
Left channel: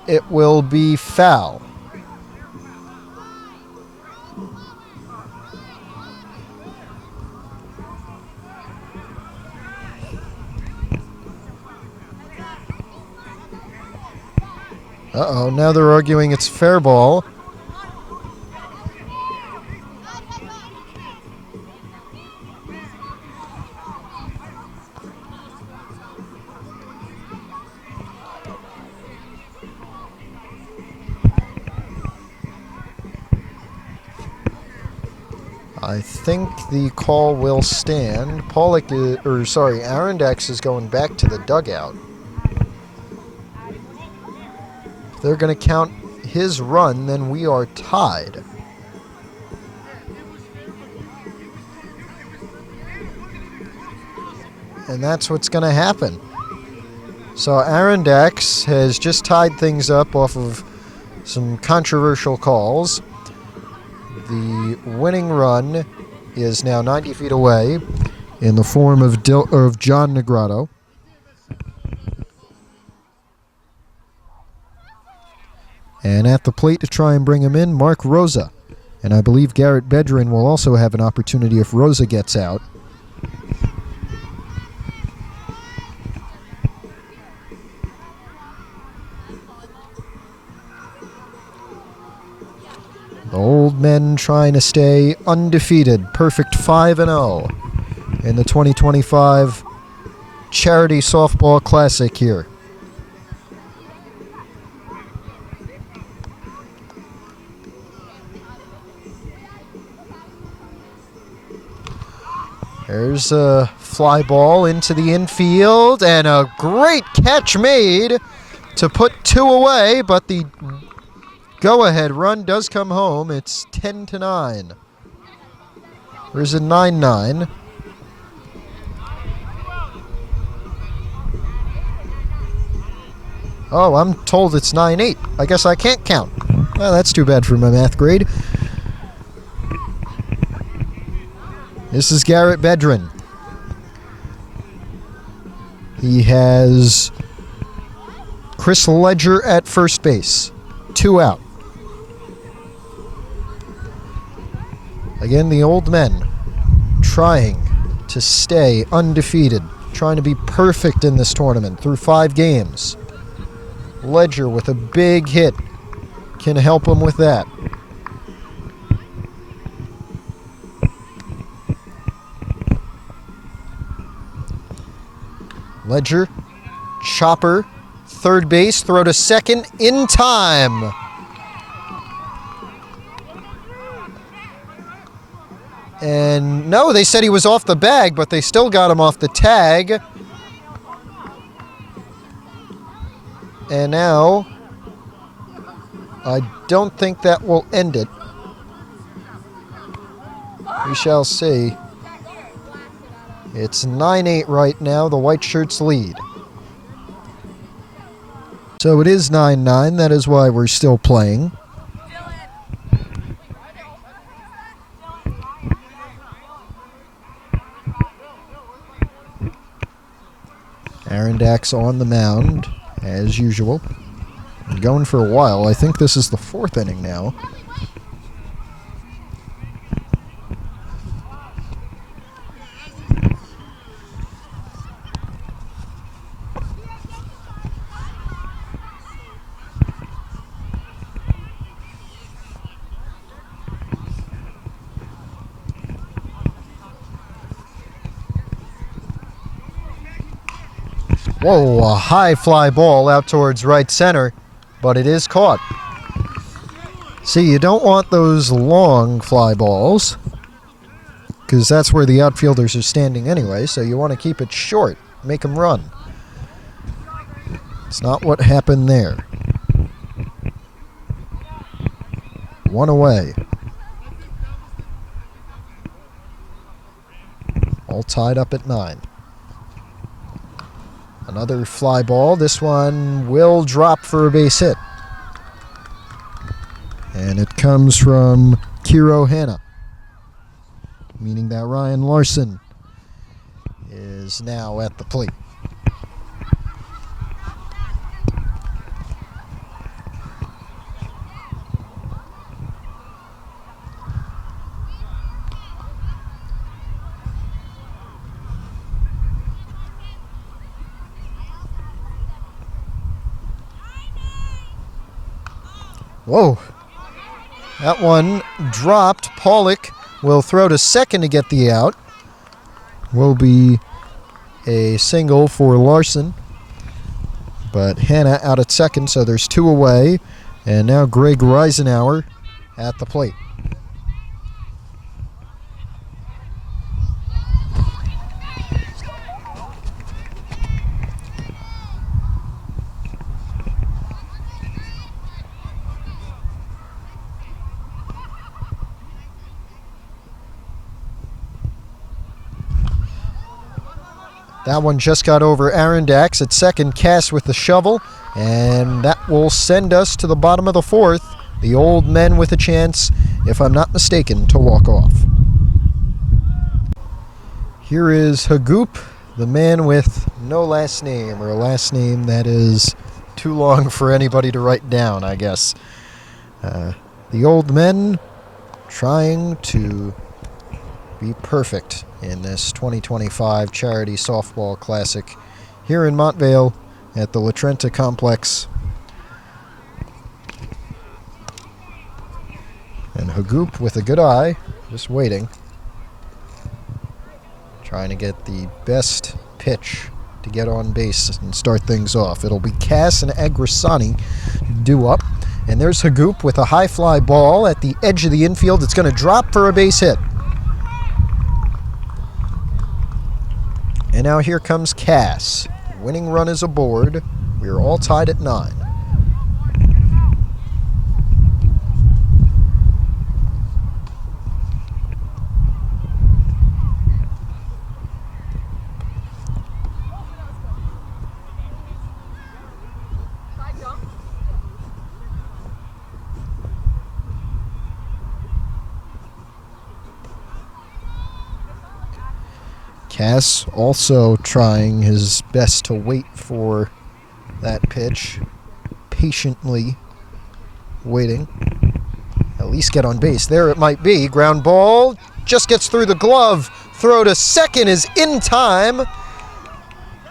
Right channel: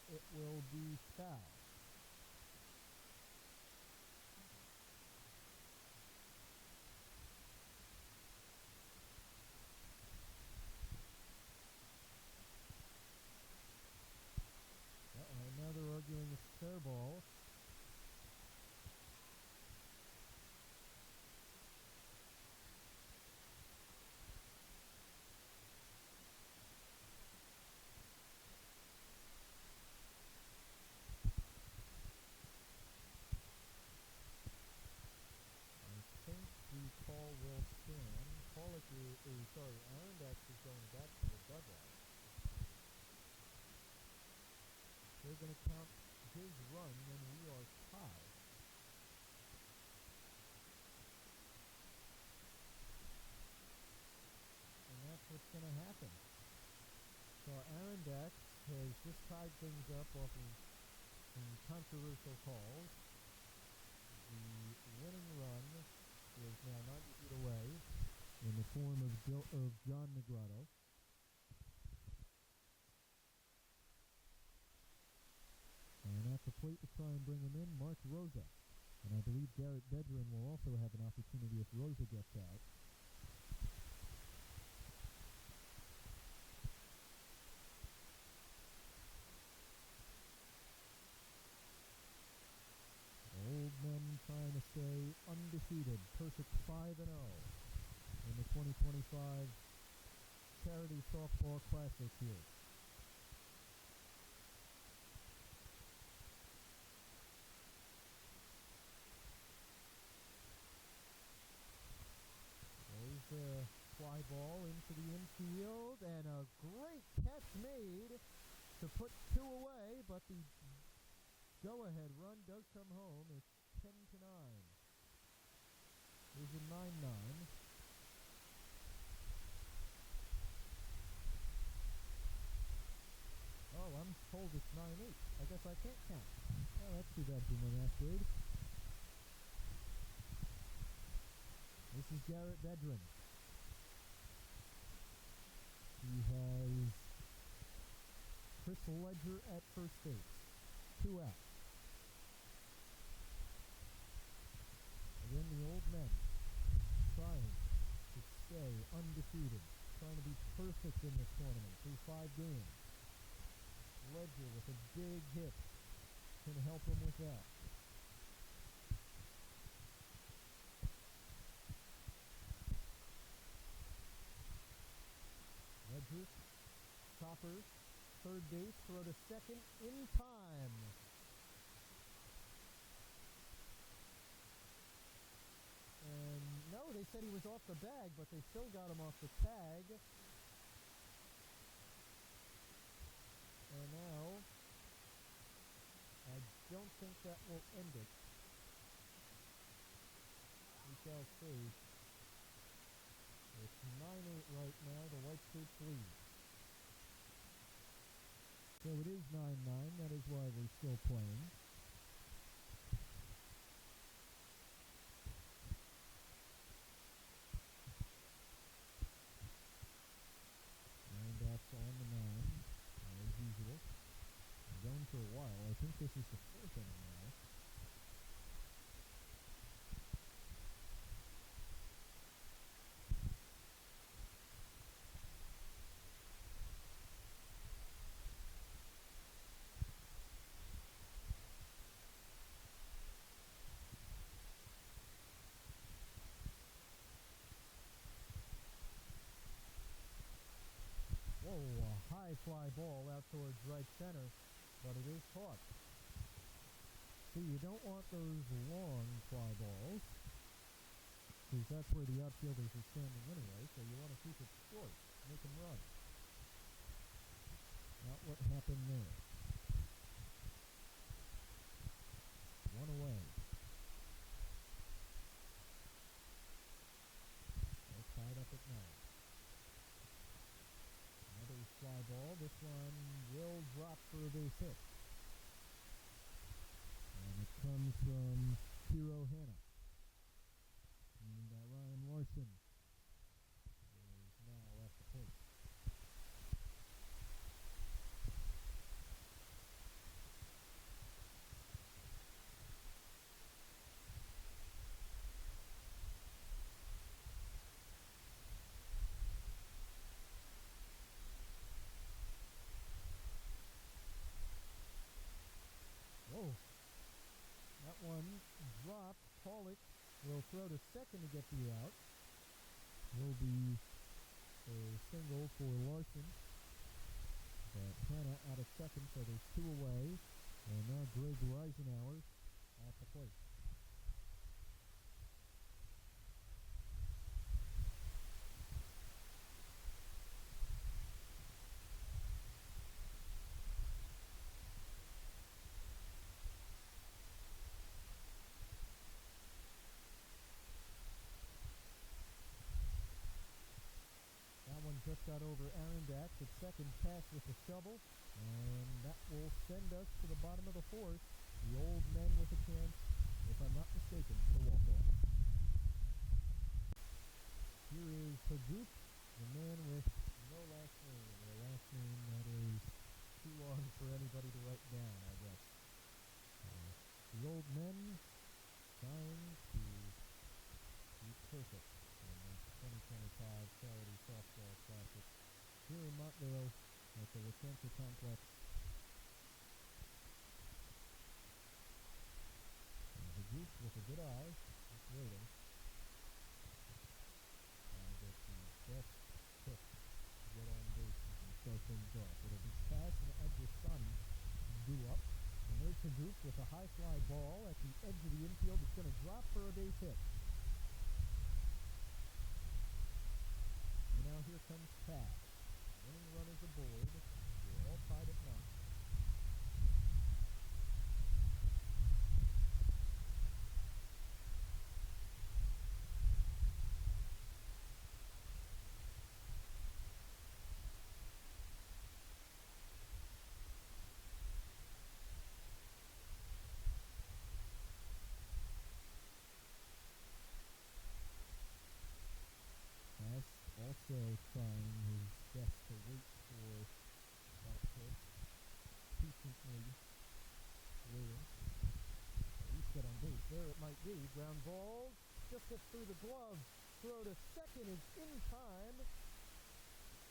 It will be foul. Uh-oh, now they're arguing it's fair ball. I think the call will stand. Arondax is going back to the dugout. If they're going to count his run, then we are tied. And that's what's going to happen. So Arondax has just tied things up off of some controversial calls. The winning run is now 90 feet away in the form of John Negrado. And at the plate to try and bring him in, Mark Rosa. And I believe Garrett Bedrin will also have an opportunity if Rosa gets out. The Old Men trying to stay undefeated. Perfect 5-0 in the 2025 Charity Softball Classic here. There's a fly ball into the infield, and a great catch made to put two away, but the go-ahead run does come home. It's 10-9. There's a 9-9. Oh, I'm told it's 9-8. I guess I can't count. Well, that's too bad for my math grade. This is Garrett Bedrin. He has Chris Ledger at first base. 2 out. Again, the Old Men trying to stay undefeated, trying to be perfect in this tournament through 5 games. Ledger with a big hit can help him with that. Ledger, chopper, third base, throw to second in time. And no, they said he was off the bag, but they still got him off the tag. And now, I don't think that will end it. We shall see. It's 9-8 right now. The White Shirts lead. So it is 9-9. That is why we're still playing. Arondax on the mound, as usual. Going for a while. I think this is the 4th inning now. Whoa, a high fly ball out towards right center, but it is caught. See, you don't want those long fly balls, because that's where the outfielders are standing anyway, so you want to keep it short, make them run. It's not what happened there. 1 away. All tied up at 9. Another fly ball. This one will drop for a base hit. comes from Kiro Hanna, meaning that Ryan Larson is now at the plate. Whoa, that one dropped. Pollock will throw to second to get the out. Will be a single for Larson. But Hanna out at second, so there's two away. And now Greg Reisenauer at the plate. That one just got over Arondax at second. Cass with the shovel, and that will send us to the bottom of the fourth. The old men with a chance, if I'm not mistaken, to walk off. Here is Hagoop, the man with no last name, or a last name that is too long for anybody to write down, I guess. The old men trying to be perfect in this 2025 Charity Softball Classic here in Montvale at the La Trenta Complex. And Hagoop with a good eye, just waiting, trying to get the best pitch to get on base and start things off. It'll be Cass and Agrisani due up. And there's Hagoop with a high fly ball at the edge of the infield. It's going to drop for a base hit. And now here comes Cass. Winning run is aboard. We are all tied at 9. Cass also trying his best to wait for that pitch, patiently waiting. At least get on base. There it might be. Ground ball just gets through the glove. Throw to second is in time.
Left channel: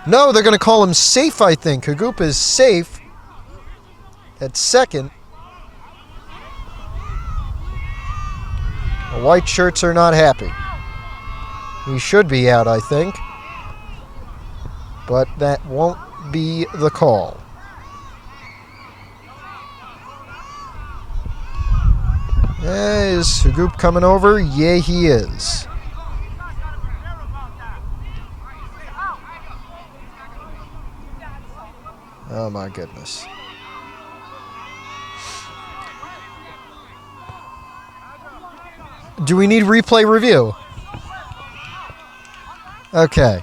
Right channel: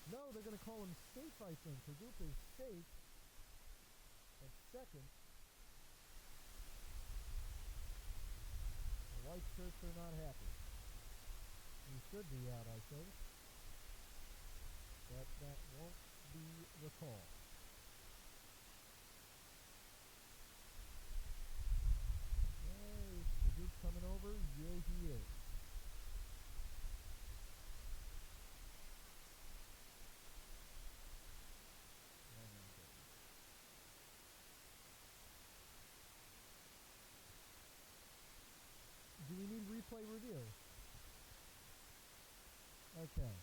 No, they're going to call him safe, I think. Hagoop is safe at second. The white shirts are not happy. He should be out, I think. But that won't be the call. Is Hagoop coming over? Yeah, he is. Oh, my goodness. Do we need replay review? Okay.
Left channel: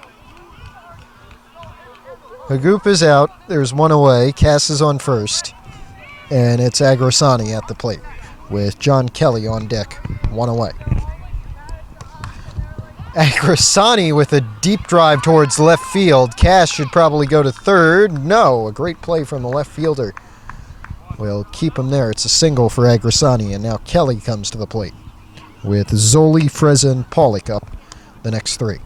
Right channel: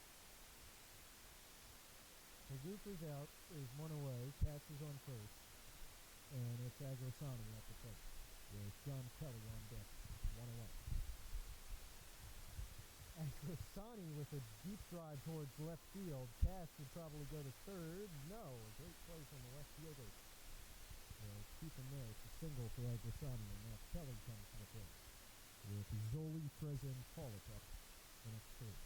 Hagoop is out. There's one away. Cass is on first. And it's Agrisani at the plate with John Kelly on deck. One away. Agrisani with a deep drive towards left field. Cass should probably go to third. No, a great play from the left fielder. We'll keep him there. It's a single for Agrisani. And now Kelly comes to the plate with Zoli, Freza, and Pollock up the next three.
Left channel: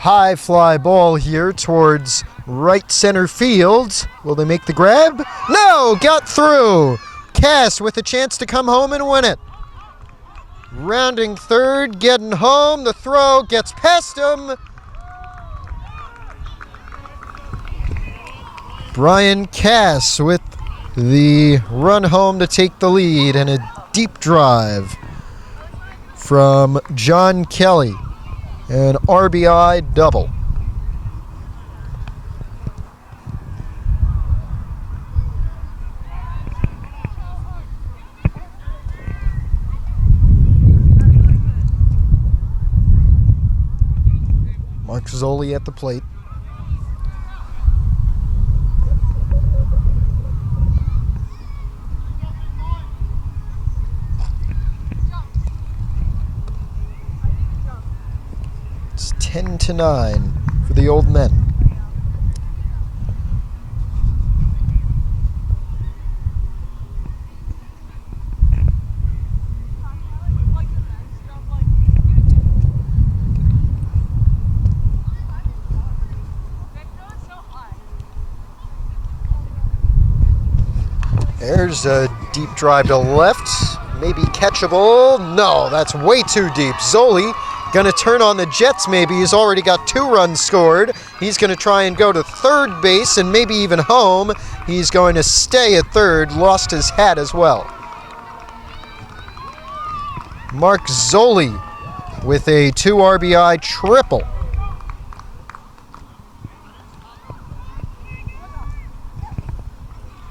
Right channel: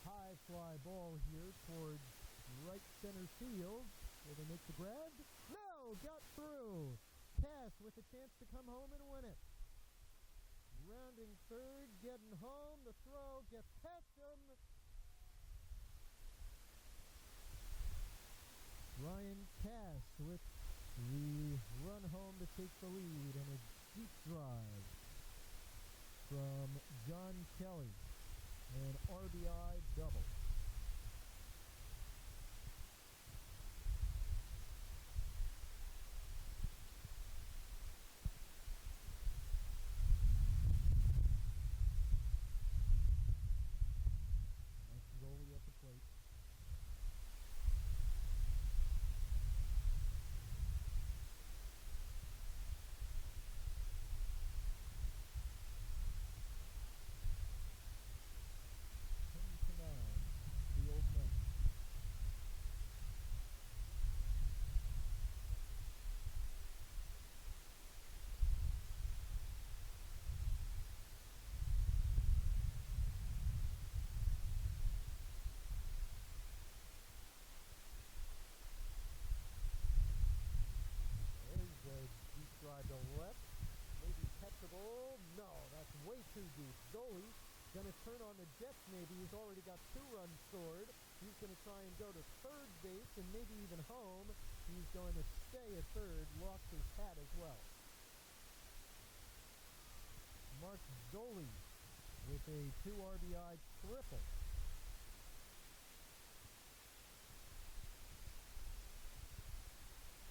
High fly ball here towards right center field. Will they make the grab? No, got through. Cass with a chance to come home and win it. Rounding third, getting home. The throw gets past him. Brian Cass with the run home to take the lead and a deep drive from John Kelly. An RBI double. Mark Zoli at the plate. It's 10-9 for the Old Men. There's a deep drive to left, maybe catchable. No, that's way too deep. Zoli gonna turn on the Jets maybe. He's already got 2 runs scored. He's gonna try and go to third base and maybe even home. He's going to stay at third, lost his hat as well. Mark Zoli with a 2 RBI triple.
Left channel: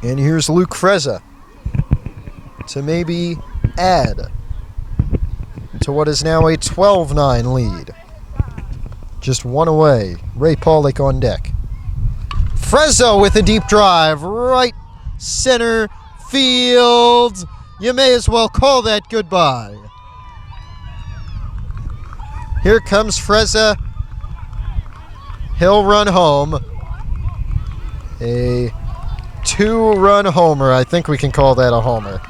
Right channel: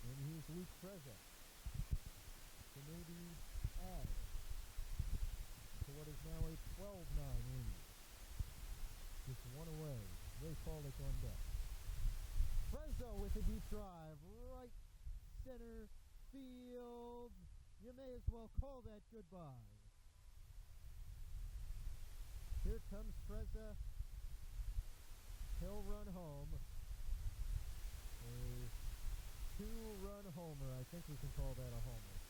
And here's Luke Frezza to maybe add to what is now a 12-9 lead. Just 1 away. Ray Pollock on deck. Frezza with a deep drive, right center field. You may as well call that goodbye. Here comes Frezza. He'll run home. A 2-run homer. I think we can call that a homer.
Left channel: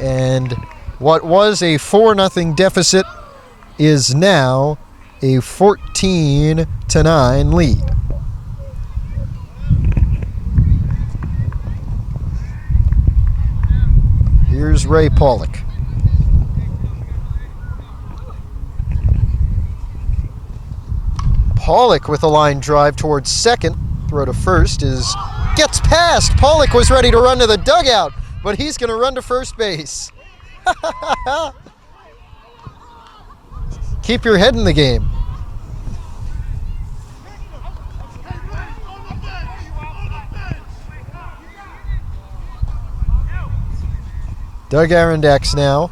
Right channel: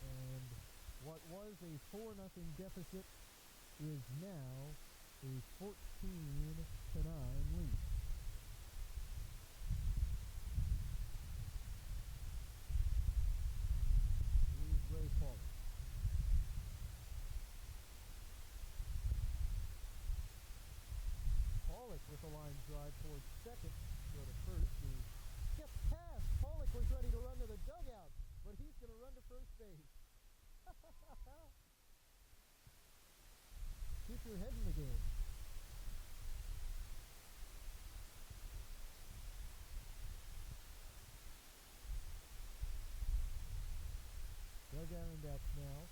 And what was a 4-0 deficit is now a 14-9 lead. Here's Ray Pollock. Pollock with a line drive towards second. Throw to first gets past. Pollock was ready to run to the dugout, but he's going to run to first base. Keep your head in the game. Doug Arondax now.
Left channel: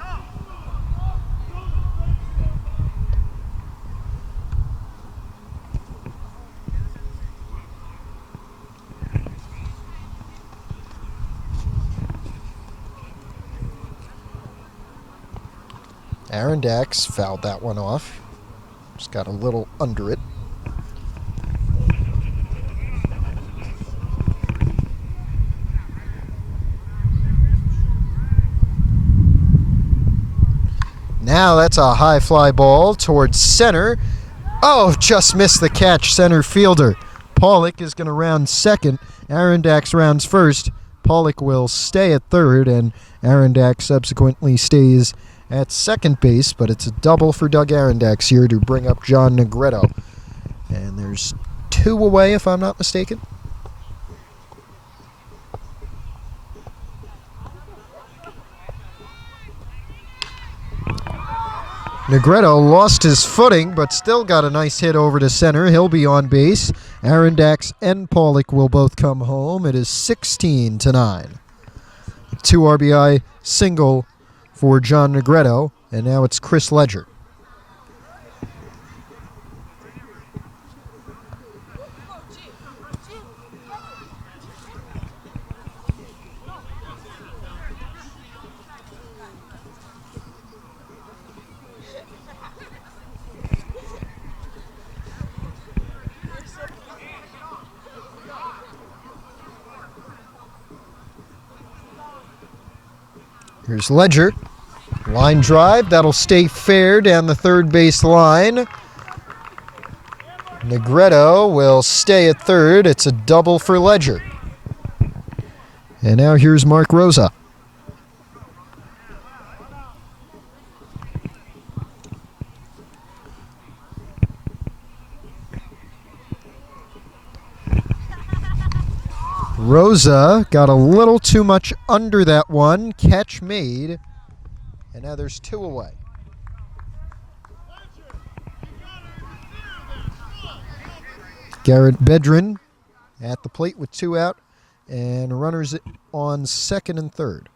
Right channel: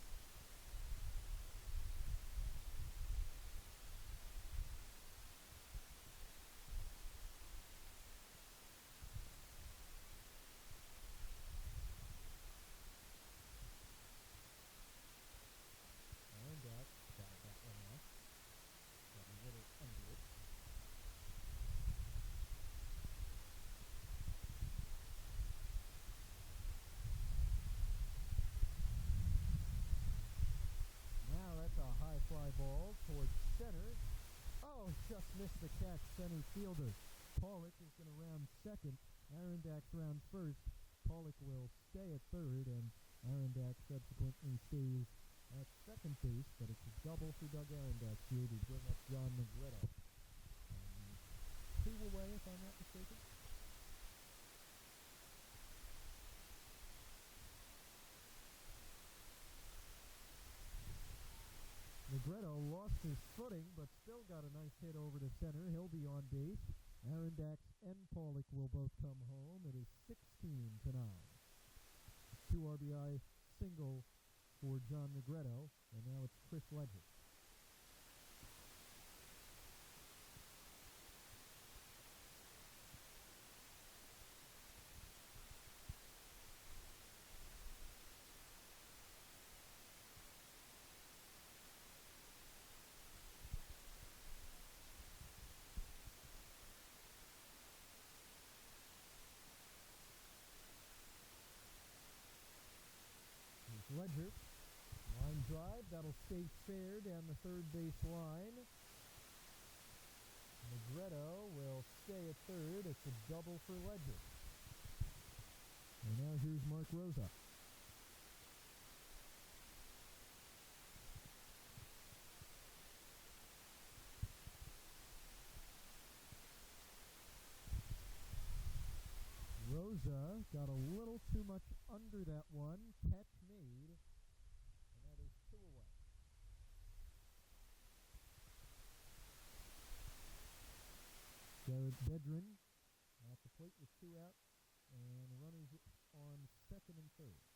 Arondax fouled that one off. Just got a little under it. Now that's a high fly ball towards center. Oh, just missed the catch, center fielder. Pollock is going to round second. Arondax rounds first. Pollock will stay at third, and Arondax subsequently stays at second base, but it's a double for Doug Arondax here to bring up John Negretto. And there's 2 away, if I'm not mistaken. Negretto lost his footing, but still got a nice hit over to center. He'll be on base. Arondax and Pollock will both come home. It is 16-9. 2 RBI single for John Negretto, and now it's Chris Ledger. Here's Ledger. Line drive, that'll stay fair down the third base line. Negretto will stay at third. It's a double for Ledger. And now here's Mark Rosa. Rosa got a little too much under that one. Catch made. And now there's 2 away. Garrett Bedrin at the plate with 2 out, and runners on second and third.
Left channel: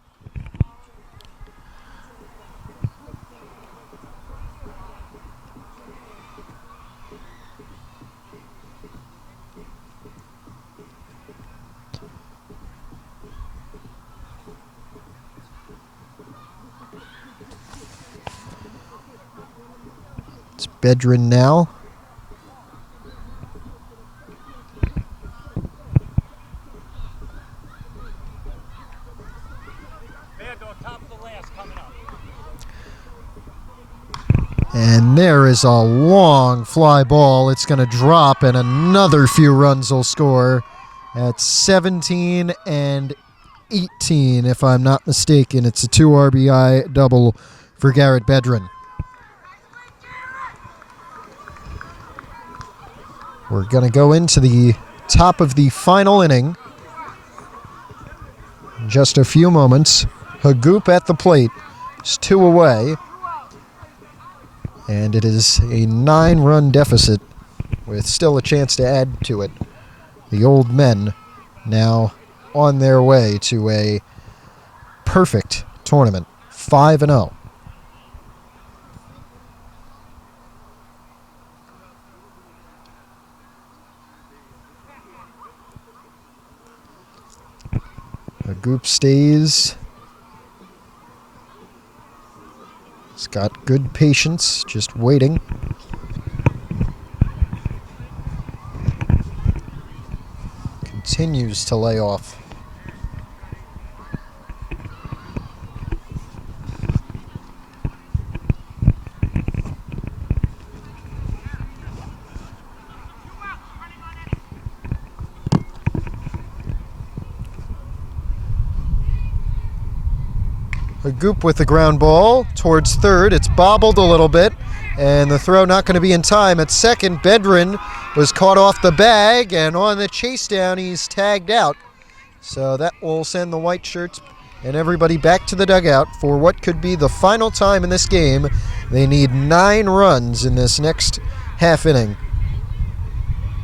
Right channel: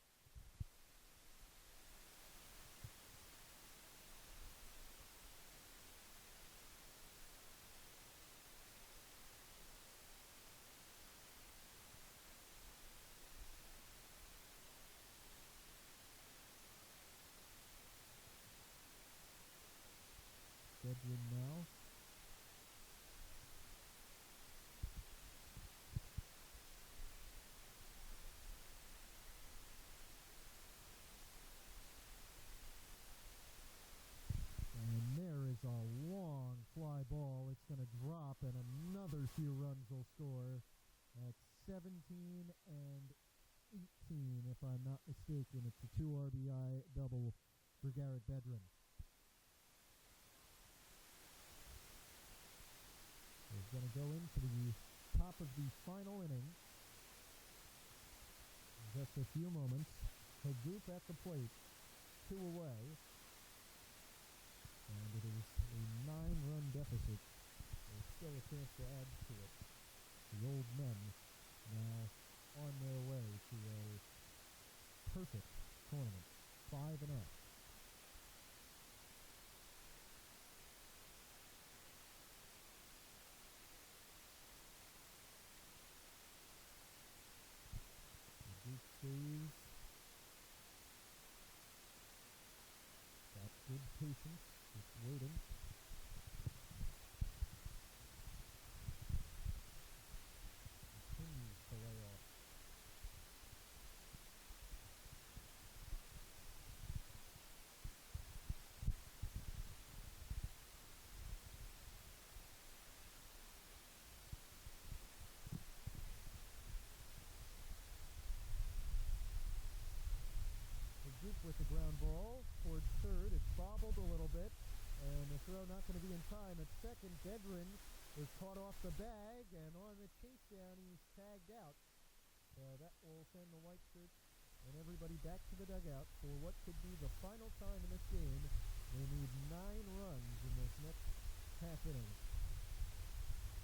It's Bedrin now. And there is a long fly ball. It's going to drop, and another few runs will score at 17 and 18, if I'm not mistaken. It's a 2 RBI double for Garrett Bedrin. We're going to go into the top of the final inning in just a few moments. Hagoop at the plate. It's 2 away. And it is a 9-run deficit with still a chance to add to it. The Old Men now on their way to a perfect tournament, 5-0. The group stays. He's got good patience, just waiting. Continues to lay off. Hagoop with the ground ball towards third. It's bobbled a little bit, and the throw not going to be in time. At second, Bedrin was caught off the bag, and on the chase down, he's tagged out. So that will send the white shirts and everybody back to the dugout for what could be the final time in this game. They need 9 runs in this next half inning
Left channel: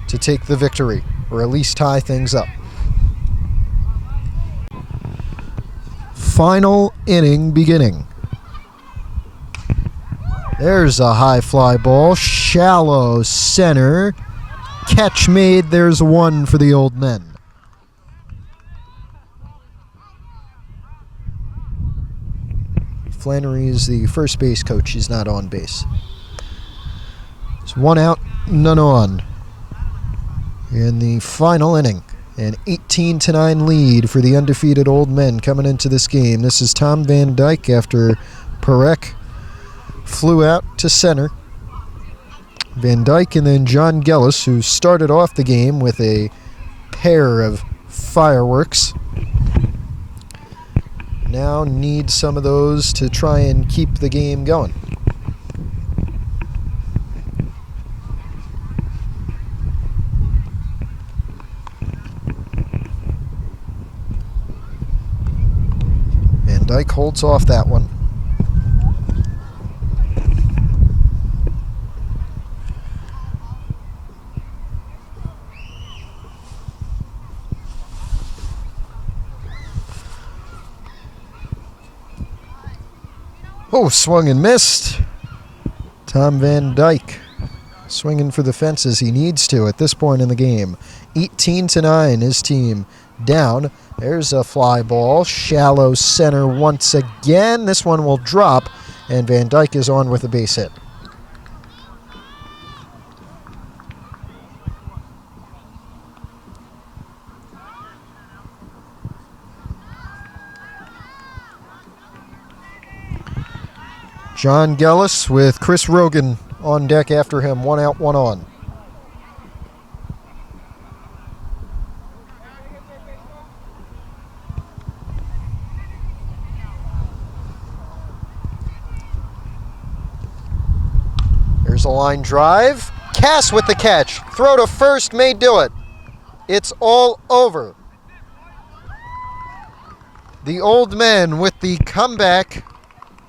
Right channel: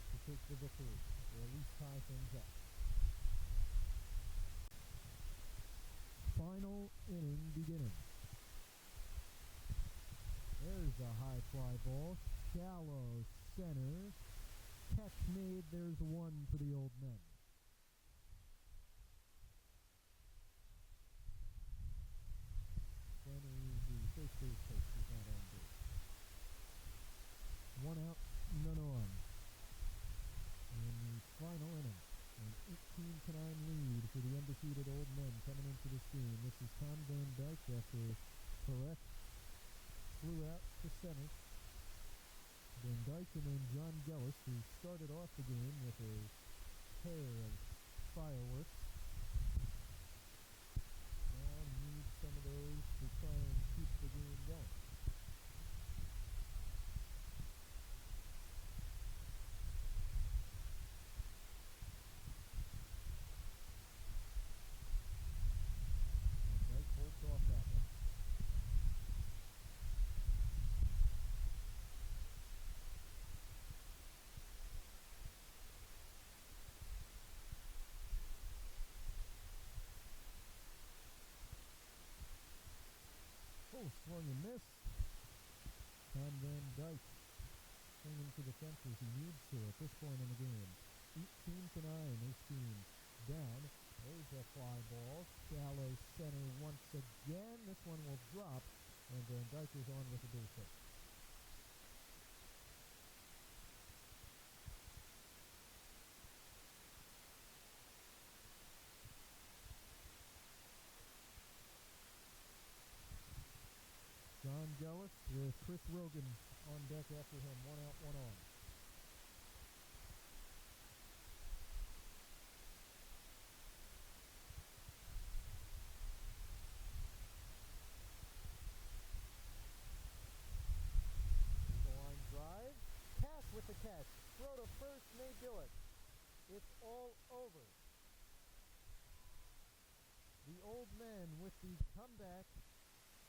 to take the victory, or at least tie things up. Final inning beginning. There's a high fly ball, shallow center. Catch made, there's 1 for the Old Men. Flannery is the first base coach, he's not on base. It's 1 out, none on. In the final inning. An 18-9 lead for the undefeated Old Men coming into this game. This is Tom Van Dyke after Parekh flew out to center. Van Dyke and then John Gellis, who started off the game with a pair of fireworks, now need some of those to try and keep the game going. Van Dyke holds off that one. Oh, swung and missed. Tom Van Dyke swinging for the fences. He needs to at this point in the game. 18-9, his team down. There's a fly ball, shallow center once again. This one will drop, and Van Dyke is on with a base hit. John Gellis with Chris Rogan on deck after him. 1 out, 1 on. There's a line drive. Cass with the catch. Throw to first may do it. It's all over. The Old Men with the comeback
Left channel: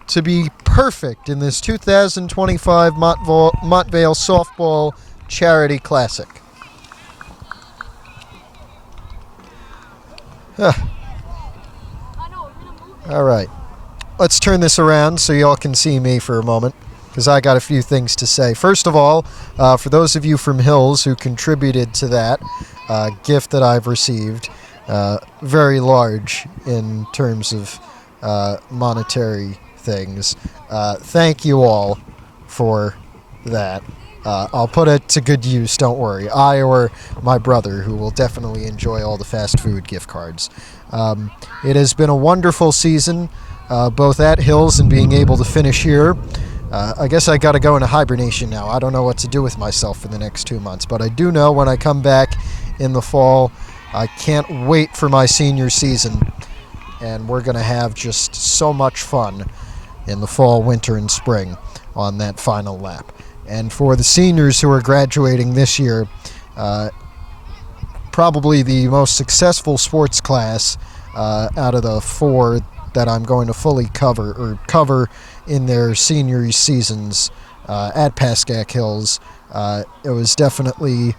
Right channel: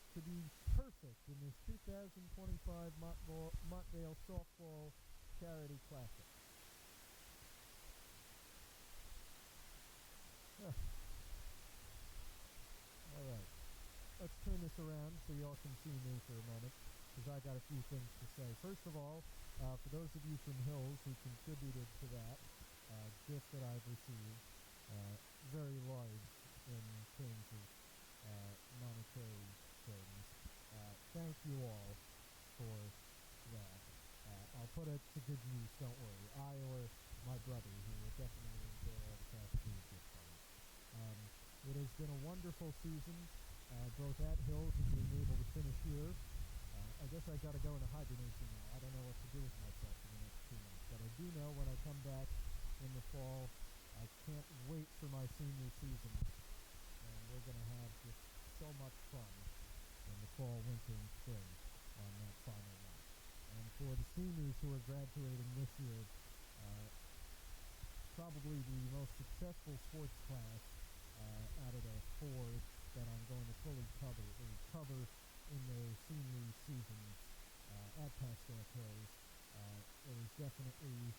to be perfect in this 2025 Montvale Softball Charity Classic. Huh. I know, we're gonna move it. All right. Let's turn this around so y'all can see me for a moment, because I got a few things to say. First of all, for those of you from Hills who contributed to that gift that I've received, very large in terms of monetary things, thank you all for that. I'll put it to good use, don't worry. I or my brother, who will definitely enjoy all the fast food gift cards. It has been a wonderful season, both at Hills and being able to finish here. I guess I got to go into hibernation now. I don't know what to do with myself for the next 2 months, but I do know when I come back in the fall, I can't wait for my senior season, and we're going to have just so much fun in the fall, winter, and spring on that final lap. And for the seniors who are graduating this year, probably the most successful sports class out of the 4 that I'm going to fully cover in their senior seasons at Pascack Hills. It was definitely,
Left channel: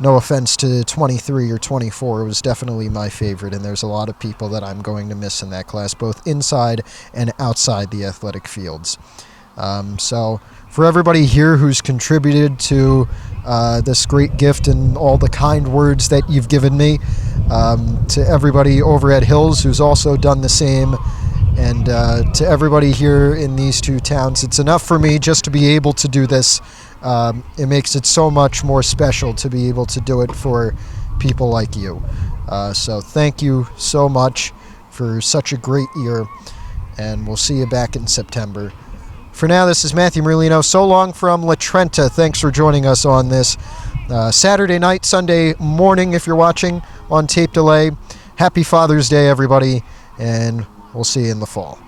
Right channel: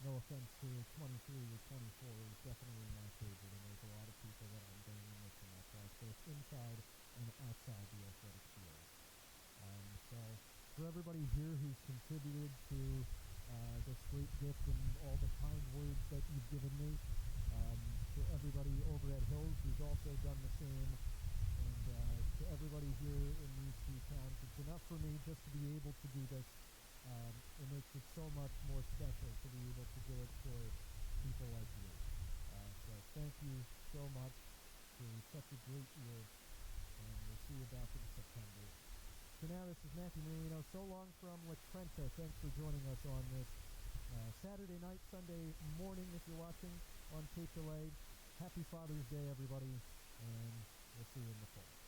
no offense to 23 or 24, it was definitely my favorite, and there's a lot of people that I'm going to miss in that class, both inside and outside the athletic fields. So for everybody here who's contributed to this great gift and all the kind words that you've given me, to everybody over at Hills who's also done the same, and to everybody here in these 2 towns, it's enough for me just to be able to do this. It makes it so much more special to be able to do it for people like you. So thank you so much for such a great year, and we'll see you back in September. For now, this is Matthew Merlino. So long from La Trenta. Thanks for joining us on this Saturday night, Sunday morning, if you're watching on tape delay. Happy Father's Day, everybody, and we'll see you in the fall.